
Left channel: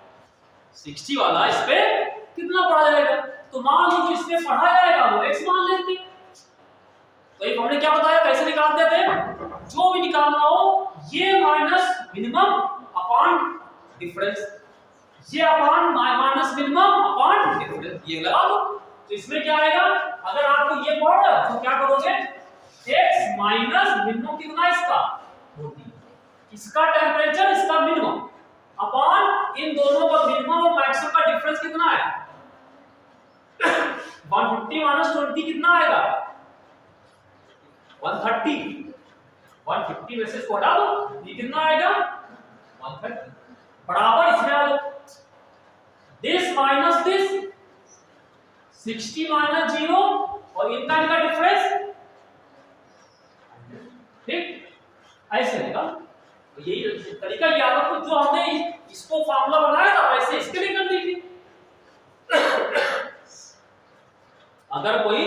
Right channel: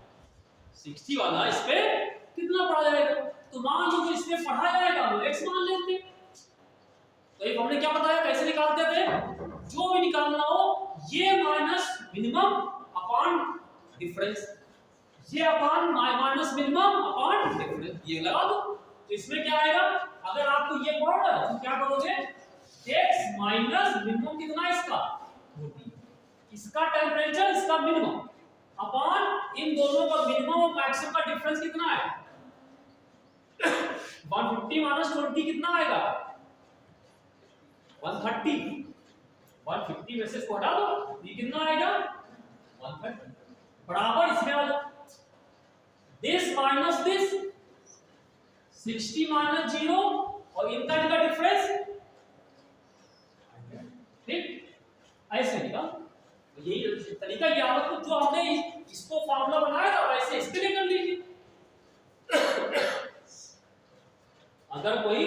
60 वाला इस पे कितना पढ़ा जाएगा। तो मान लीजिए इस पे पढ़ा जाएगा वो x मान लेते हैं। तो ये हमने क्या बताया, कैसे निकालते थे, जो भी निकालना हो ये माइनस मिनिमम अपॉन डिफरेंस, ये upon minus minimum upon difference, ये लगा दो। तो इसमें क्या आएगा, अगर आपको ये पढ़ रहा है तो क्या करोगे, x माइनस मिनिमम कितना इसका 40, इसका टेंपरेचर इसका मिनिमम अपॉन इन दोनों का मिनिमम और मैक्सिमम का डिफरेंस कितना है 150 माइनस 20 कितना आएगा 130, 150 में से इसको हटा दो, ये कितना आएगा 130, बराबर इसमें आ जाओ, दिस माइनस दिस 60 माइनस 0 और इनका डिफरेंस, ठीक, ऐसे होगा। तो यही तरीका याद रखो, जो हमने इसको फार्मूला बनाया था वैसे इसके लिए कर लीजिए। अगर कोई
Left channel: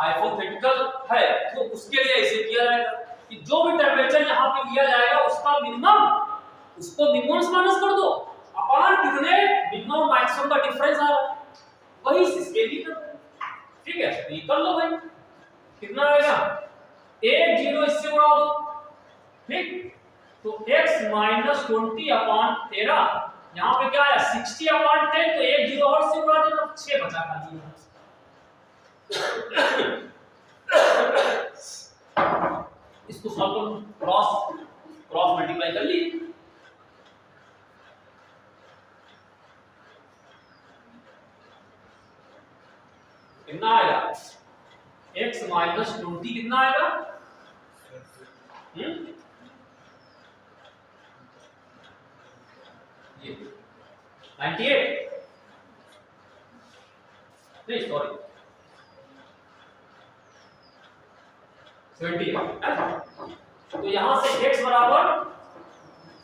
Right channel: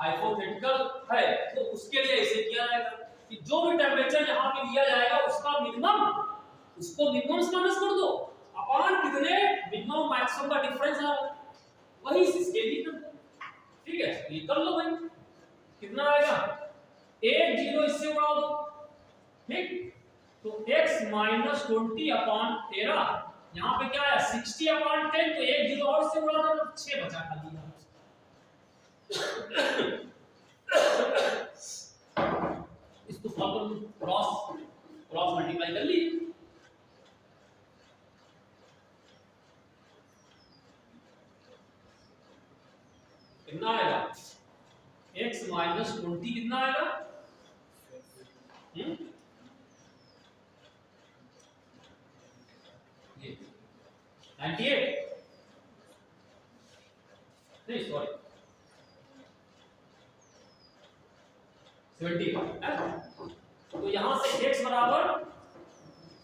हाइपोथेटिकल है तो उसके लिए ऐसे किया जाएगा कि जो भी टेंपरेचर यहाँ पे लिया जाएगा उसका मिनिमम, उसको मिनिमम से माइनस कर दो, अपॉन कितने मिनिमम मैक्सिमम का डिफरेंस आ रहा है, वही इसके लिए कर दो, ठीक है। तो ये कर लो भाई, कितना आएगा 1 0 इससे उड़ा दो, ठीक। तो x माइनस 20 अपॉन 13, यहाँ पे क्या है 60 अपॉन 10, तो 1 0 और से उड़ा देना, 6 बचा खाली। इसको सॉल्व करो, क्रॉस मल्टीप्लाई कर ली, कितना आएगा x माइनस 20 कितना आएगा ये 98, नहीं सॉरी 78, तो यहां से x बराबर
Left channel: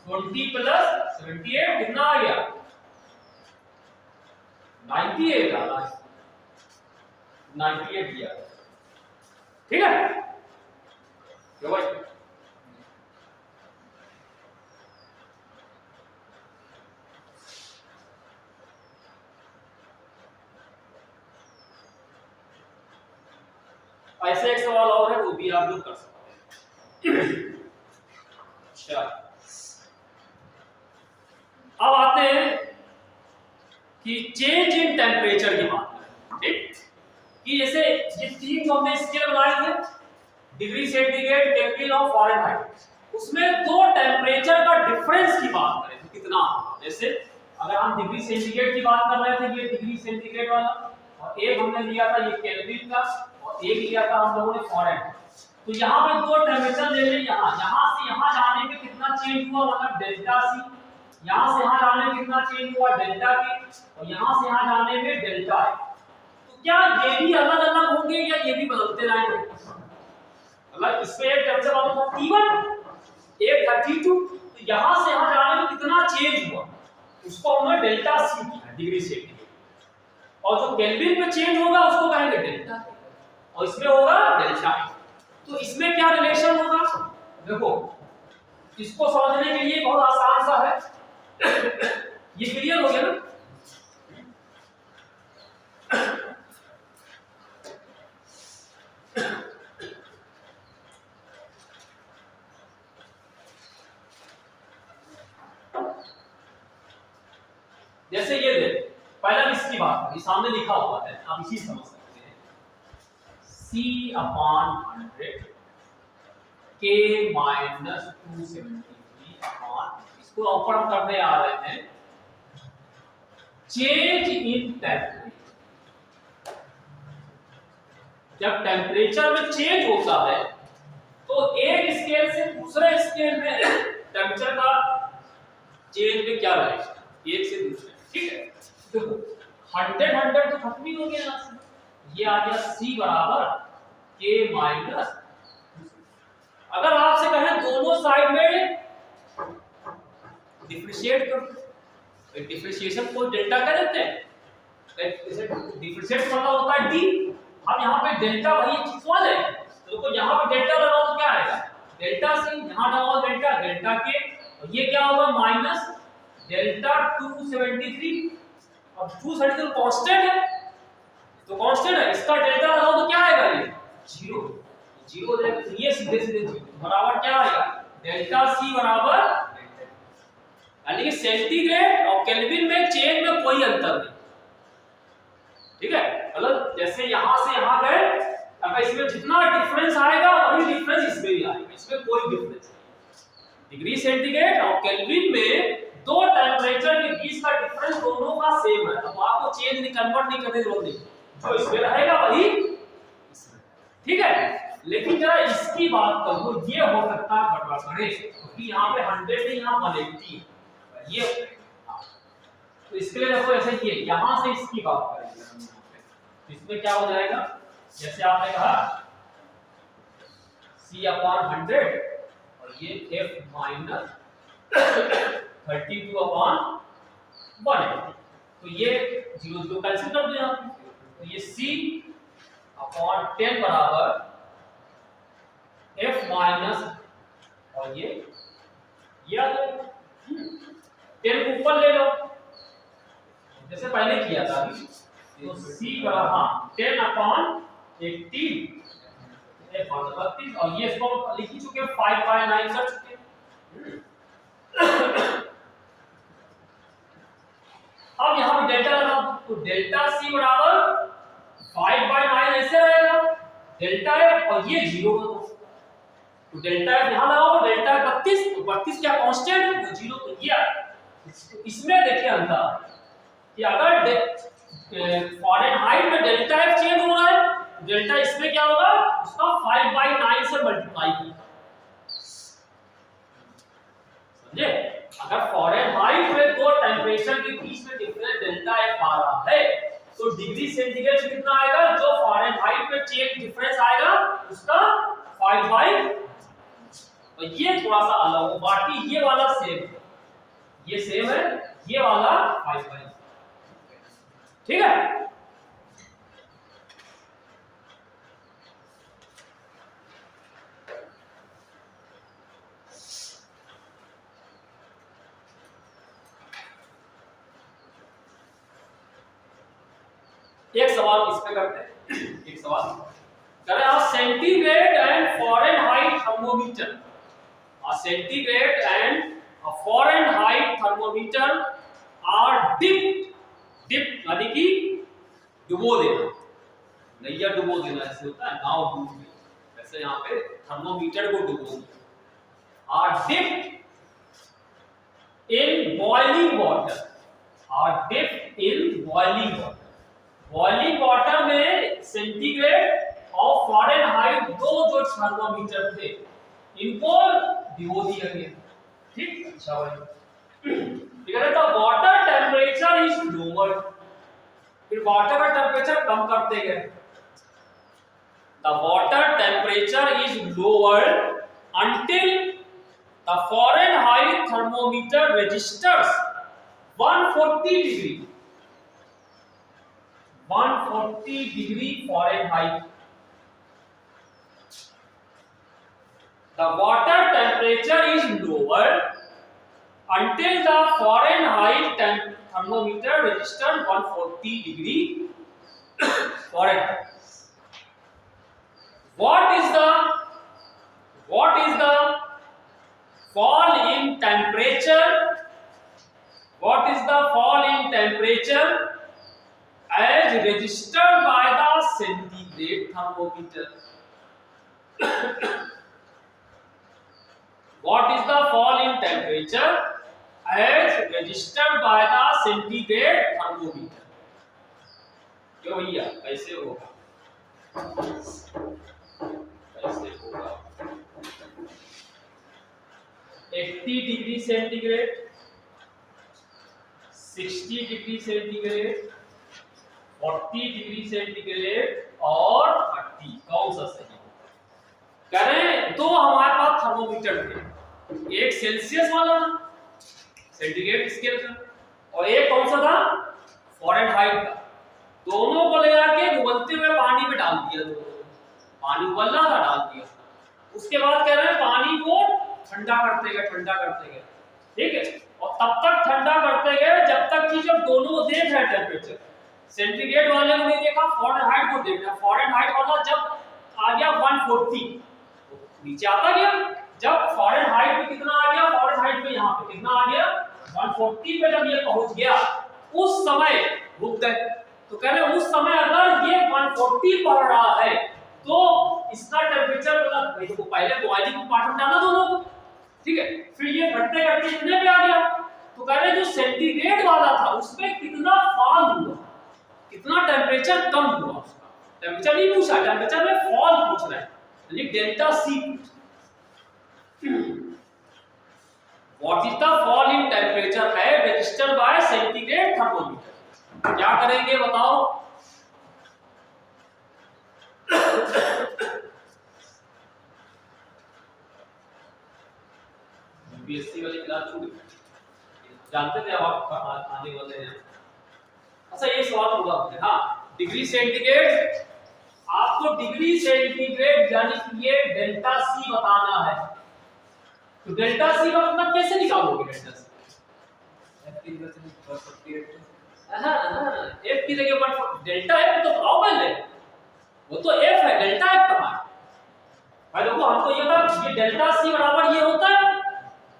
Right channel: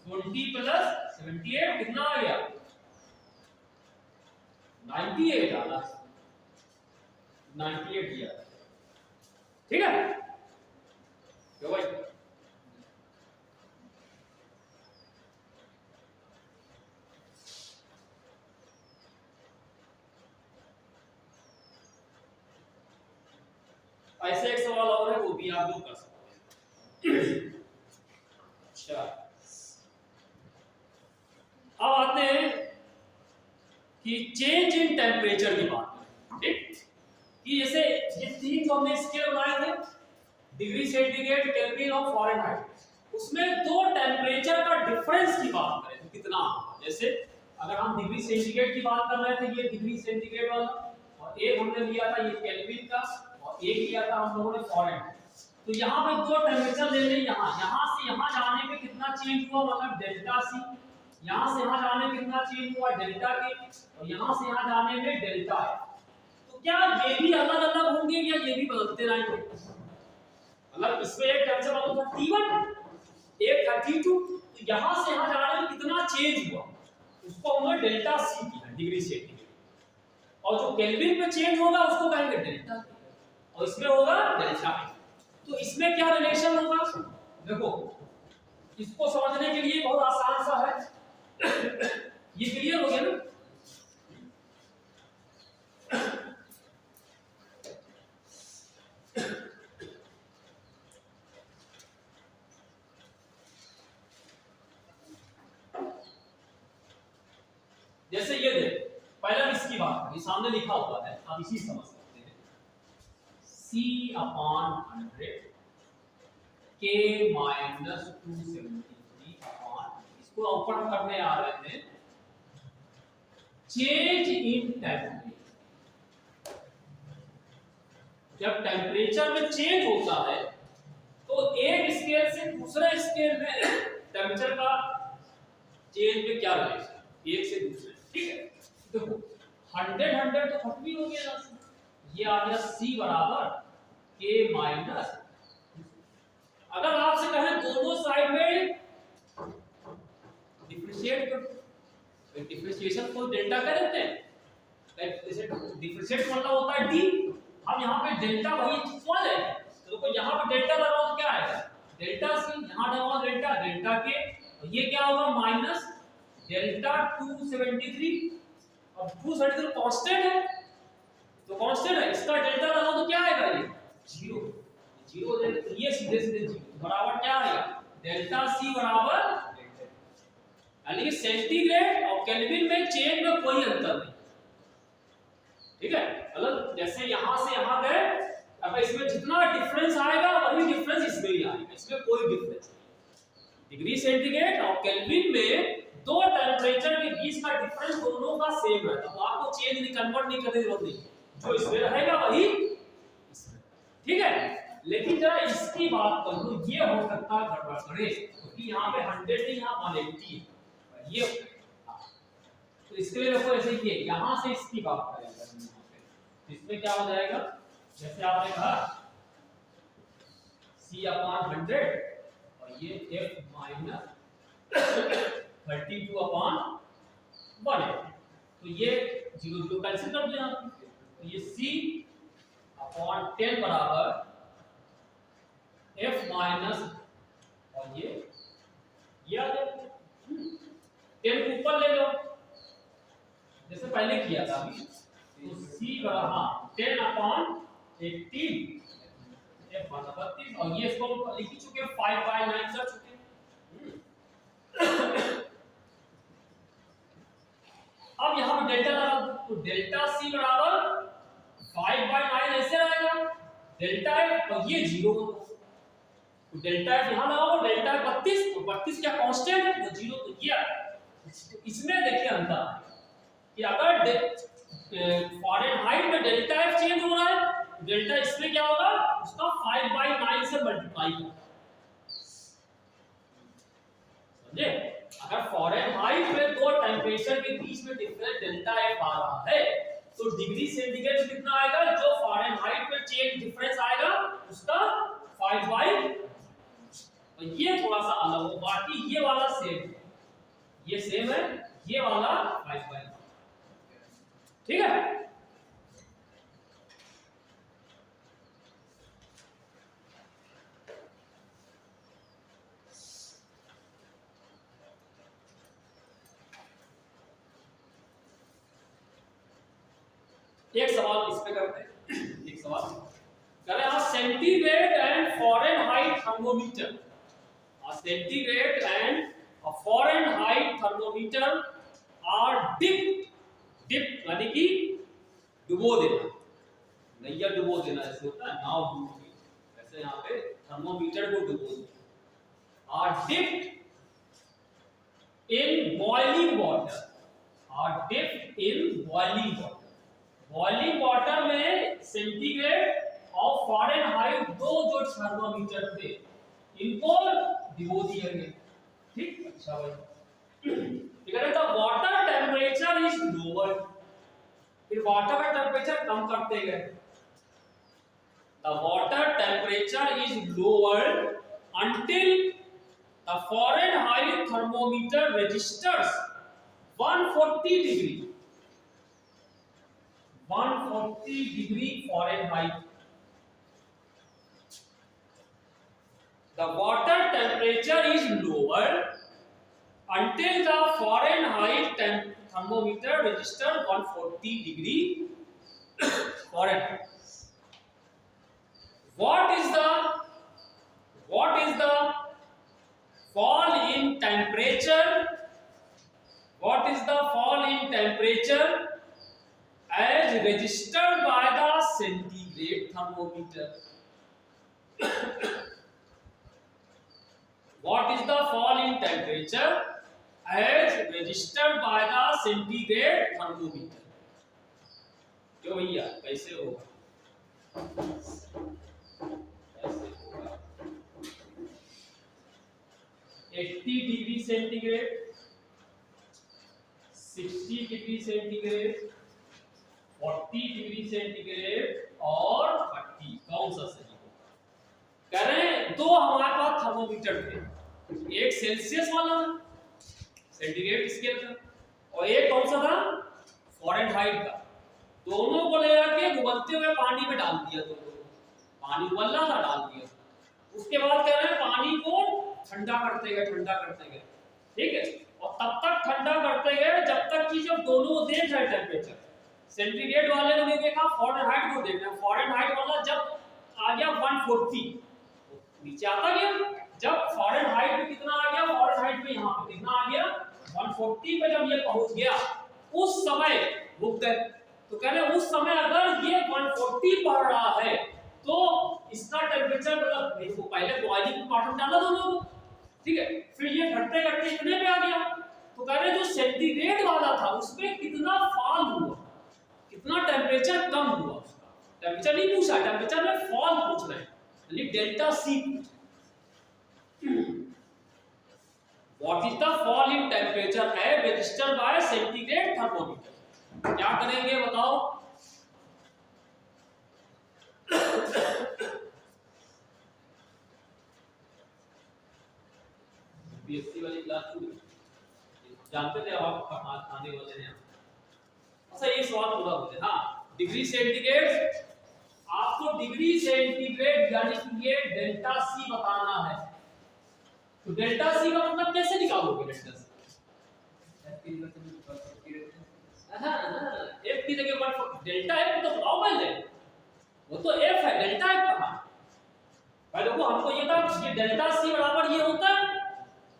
20 प्लस 78 कितना आ गया 98 आना, 98 दिया, ठीक है क्यों भाई। ऐसे एक सवाल और है वो भी आप लोग कर सकते हैं। अच्छा, अब आते हैं कि चेंज इन टेम्परेचर की बात करें, ठीक, कि जैसे ये तीन जो हमने स्केल बनाए थे, डिग्री सेंटीग्रेड, केल्विन और फ़ारेनहाइट, उसमें दो टेम्परेचर का डिफरेंस की बात करें तो कितना होगा। जैसे अगर हम डिग्री सेंटीग्रेड की बात कर रहे थे, ये डिग्री सेंटीग्रेड वाला, और एक हमने लिया था ये केल्विन का, और एक लिया था हम लोगों ने फॉरेनहाइट। तो यहाँ पे दो टेम्परेचर ले लें, यहाँ से यहाँ जाने में कितना चेंज हुआ, मतलब डेल्टा सी, यहाँ से यहाँ जाने में कितना चेंज हुआ डेल्टा के, और यहाँ से यहाँ जाने में डेल्टा है। तो क्या ये भी अलग अलग होंगे या ये भी बदलते रहेंगे? मतलब इसमें एक टेम्परेचर वाला था T1, एक 32, तो यहाँ से यहाँ जाने में कितना चेंज हुआ उसको हमने डेल्टा सी किया डिग्री सेंटीग्रेड, और जो केल्विन में चेंज होगा उसको कहेंगे डेल्टा, और इसमें होगा डेल्टा। तो इसमें क्या रिलेशन होगा, देखो इसको समझने के लिए बहुत आसान सा है। ये क्लियर हो गया ना? जैसे ये दे पहला इसकी बात करें, सामने लिखा हुआ है, आप इसी समझ सकते हैं, C/100 K माइनस 273 इसको ऊपर हम करने आ रहे हैं चेंज इन टेम्परेचर। जब टेम्परेचर में चेंज होता है तो एक स्केल से दूसरे स्केल में टेम्परेचर का चेंज में क्या रहेगा, एक से दूसरे, ठीक है। देखो 100 तो खत्म ही हो गया यहाँ से, ये आ गया C बराबर K माइनस, अगर आपसे कहें दोनों साइड में डिफरेंशिएट कर दो, डिफरेंशिएशन को डेल्टा कह देते हैं, डिफरेंशिएट मतलब होता है D, हम यहाँ पे डेल्टा वही चीज समझ रहे हैं, तो यहाँ पे डेल्टा लगाओ तो क्या आएगा डेल्टा C, यहाँ लगाओ डेल्टा डेल्टा K, और ये क्या होगा माइनस डेल्टा 273, अब 273 कांस्टेंट है, तो कांस्टेंट है, इसका डेल्टा लगाओ तो क्या आएगा ये जीरो, जीरो देगा, तो ये सीधे सीधे जीरो बराबर क्या आएगा डेल्टा C बराबर, यानी कि सेंटीग्रेड और केल्विन में चेंज में कोई अंतर नहीं, ठीक है। मतलब जैसे यहां से यहां गए, अब इसमें जितना डिफरेंस आएगा वही डिफरेंस इसमें भी आएगा, इसमें कोई डिफरेंस नहीं। डिग्री सेंटीग्रेड और केल्विन में दो टेम्परेचर के बीच का डिफरेंस दोनों का सेम है, तो आपको चेंज नहीं, कन्वर्ट नहीं करने की जरूरत नहीं, जो इसमें रहेगा वही इसमें, ठीक है। लेकिन जरा इसकी बात करो, ये हो सकता है गड़बड़ क्योंकि यहाँ पे 100 है, यहाँ 180 ये, तो इसके लिए देखो ऐसे ये यहाँ से इसकी बात करेंगे हम यहाँ पे, इसमें क्या हो जाएगा, जैसे आपने कहा C/100 और ये F माइनस 32/1, तो ये 0 0 कैंसिल कर दो यहाँ पे, तो ये C/10 बराबर F माइनस, और ये आ जाएगा 10 को ऊपर ले लो जैसे पहले किया था अभी, तो C बराबर हाँ 10/80 F 32, और ये इसको लिख ही चुके 5/9 कर चुके। अब यहाँ पे डेल्टा लगाओ, तो डेल्टा C बराबर 5/9 ऐसे रहेगा, डेल्टा F और ये 0 है, तो डेल्टा F यहाँ लगाओ, डेल्टा 32, तो 32 क्या कांस्टेंट है, तो 0, तो ये तो इसमें देखिए अंतर है कि अगर फॉरेनहाइट में डेल्टा F चेंज हो रहा है, डेल्टा इसमें क्या होगा, उसका 5/9 से मल्टीप्लाई किया, समझे। अगर फॉरेनहाइट में दो टेम्परेचर के बीच में डिफरेंस डेल्टा F आ रहा है, तो डिग्री सेंटीग्रेड में कितना आएगा, जो फॉरेनहाइट में चेंज डिफरेंस आएगा उसका 5/, तो ये थोड़ा सा अलग हो, बाकी ये वाला सेम, ये सेम है, ये वाला 5/, ठीक है। एक सवाल इस पे करते हैं, एक सवाल करें आप, centigrade and Fahrenheit thermometer, centigrade and Fahrenheit thermometer are dip यानी कि डुबो देना, नैया डुबो देना ऐसे होता है, नाव डूब गई, वैसे यहाँ पे थर्मोमीटर को डुबो दिया, are dipped in boiling water, are dipped in boiling water. Boiling water में सेंटीग्रेड और फ़ारेनहाइट दो जो थर्मोमीटर थे इनको भिगो दिया गया। ठीक, अच्छा भाई। ठीक है, तो वाटर टेम्परेचर इज लोअर, फिर वाटर का टेम्परेचर कम करते गए। The water temperature is lower until the Fahrenheit thermometer registers 140 degree Fahrenheit. The water temperature is lower until the Fahrenheit thermometer registers 140 degree Fahrenheit. What is the fall in temperature? What is the fall in temperature as registered by the centigrade thermometer? What is the fall in temperature as registered by the centigrade thermometer? क्यों भैया, कैसे होगा? कैसे होगा? 80 degree centigrade, 60 degree centigrade, 40 degree centigrade और 30, कौन सा सही होगा? कह रहे हैं दो हमारे पास थर्मोमीटर थे, एक सेल्सियस वाला सेंटीग्रेड स्केल का और एक कौन सा था, फ़ारेनहाइट का। दोनों को ले जाके उबलते हुए पानी में डाल दिया, पानी उबल रहा था, डाल दिया। उसके बाद कह रहे हैं पानी को ठंडा करते गए, ठीक है, और तब तक ठंडा करते गए जब तक कि जब दोनों देख रहे टेम्परेचर, सेंटीग्रेड वाले को नहीं देखा, फ़ारेनहाइट को देखना। फ़ारेनहाइट वाला जब आ गया 140 नीचे आता गया, जब फ़ारेनहाइट पे कितना आ गया, फ़ारेनहाइट पे यहाँ पे कितना आ गया 140 पे जब ये पहुंच गया उस समय रुक गए। तो कह रहे उस समय अगर ये 140 पढ़ रहा है तो इसका टेम्परेचर मतलब नहीं तो पहले बॉइलिंग पार्ट में डाला दोनों को, ठीक है, फिर ये घटते घटते इतने पे आ गया। तो कह रहे जो सेंटीग्रेड वाला था उसमें कितना फॉल हुआ, कितना टेम्परेचर कम हुआ, उसका टेम्परेचर नहीं पूछा, टेम्परेचर में फॉल पूछ रहा है, यानी delta c. What is the fall in temperature है रजिस्टर्ड बाय सेंटीग्रेड थर्मोमीटर? क्या करेंगे बताओ? यूपीएससी वाली क्लास छूट गई, जानते थे अब आप आने वाले हैं। अच्छा ये सवाल पूरा होता है। हाँ, डिग्री सेंटीग्रेड, आपको डिग्री सेंटीग्रेड यानी कि ये डेल्टा सी बताना है। तो डेल्टा सी का मतलब कैसे निकालोगे? डेल्टा सी एफ की जगह पर डेल्टा एफ तो बताओ पहले, वो तो एफ है, डेल्टा एफ कहां है भाई? देखो हमको ये था ये डेल्टा सी बराबर ये होता है,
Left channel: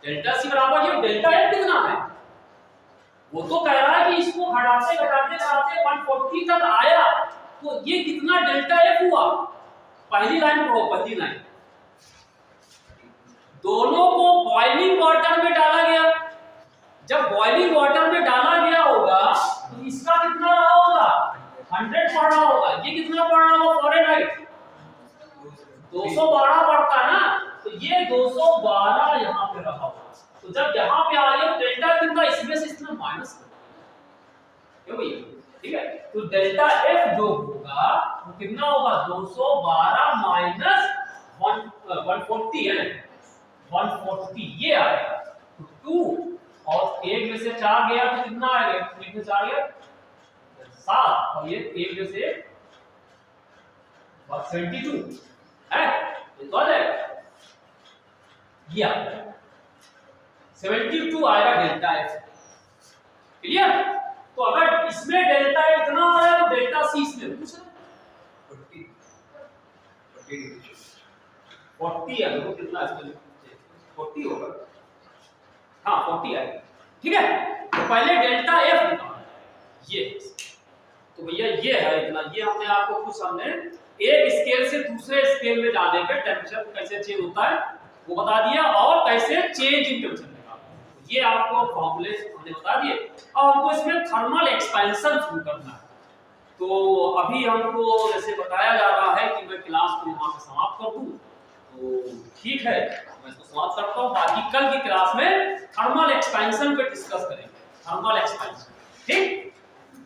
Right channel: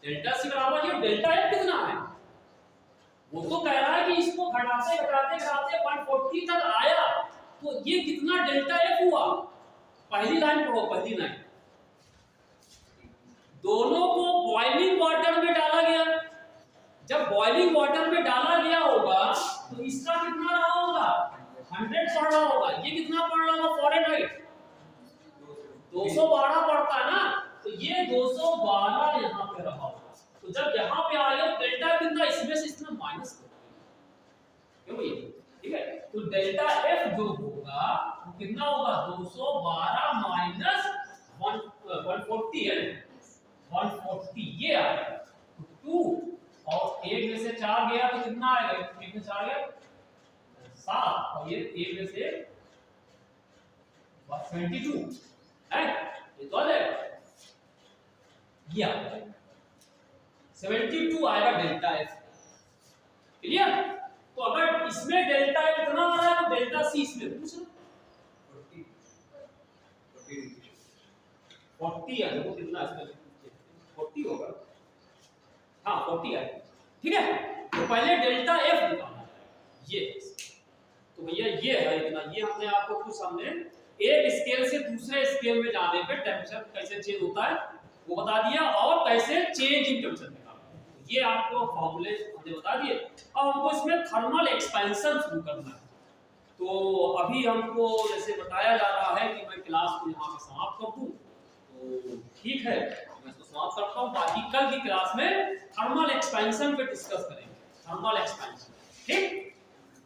डेल्टा सी बराबर ये डेल्टा एफ कितना है, वो तो कह रहा है कि इसको घटाते घटाते घटाते 140 तक आया, तो ये कितना डेल्टा एफ हुआ? पहली लाइन पढ़ो, पहली लाइन। दोनों को बॉइलिंग वाटर में डाला गया, जब बॉइलिंग वाटर में डाला गया होगा तो इसका कितना रहा होगा? 100 पढ़ रहा होगा। ये कितना पढ़ रहा होगा फ़ारेनहाइट? 212 पढ़ता है ना, तो ये 212 यहाँ पे रहा होगा। तो जब यहाँ पे आ गया डेल्टा कितना, इसमें से इतना माइनस कर, क्यों भैया? ठीक है, तो डेल्टा एफ जो होगा वो कितना होगा? 212 माइनस 140 है, 140 ये आएगा। तो 2 और 1 में से 4 गया तो कितना आएगा? 1 में 4 गया 7 और ये 1 में से 72 है, ये तो आ जाएगा, ये 72 आएगा डेल्टा एफ। क्लियर? तो अगर इसमें डेल्टा एफ इतना आ रहा है तो डेल्टा सी इसमें पूछ रहा है 40 है, देखो कितना इसमें 40 होगा, हाँ 40 आएगा। ठीक है, तो पहले डेल्टा एफ निकालना है, ये तो भैया ये है इतना, ये हमने आपको कुछ हमने एक स्केल से दूसरे स्केल में जाने पे टेम्परेचर कैसे चेंज होता है वो बता दिया, और कैसे चेंज इन टेम्परेचर निकालना, ये आपको फॉर्मूले हमने बता दिए। अब हमको इसमें थर्मल एक्सपेंशन शुरू करना है। तो अभी हमको जैसे बताया जा रहा है कि मैं क्लास को यहाँ पे समाप्त कर दूं, तो ठीक है मैं इसको समाप्त करता हूँ। बाकी कल की क्लास में थर्मल एक्सपेंशन पे डिस्कस करेंगे, थर्मल एक्सपेंशन।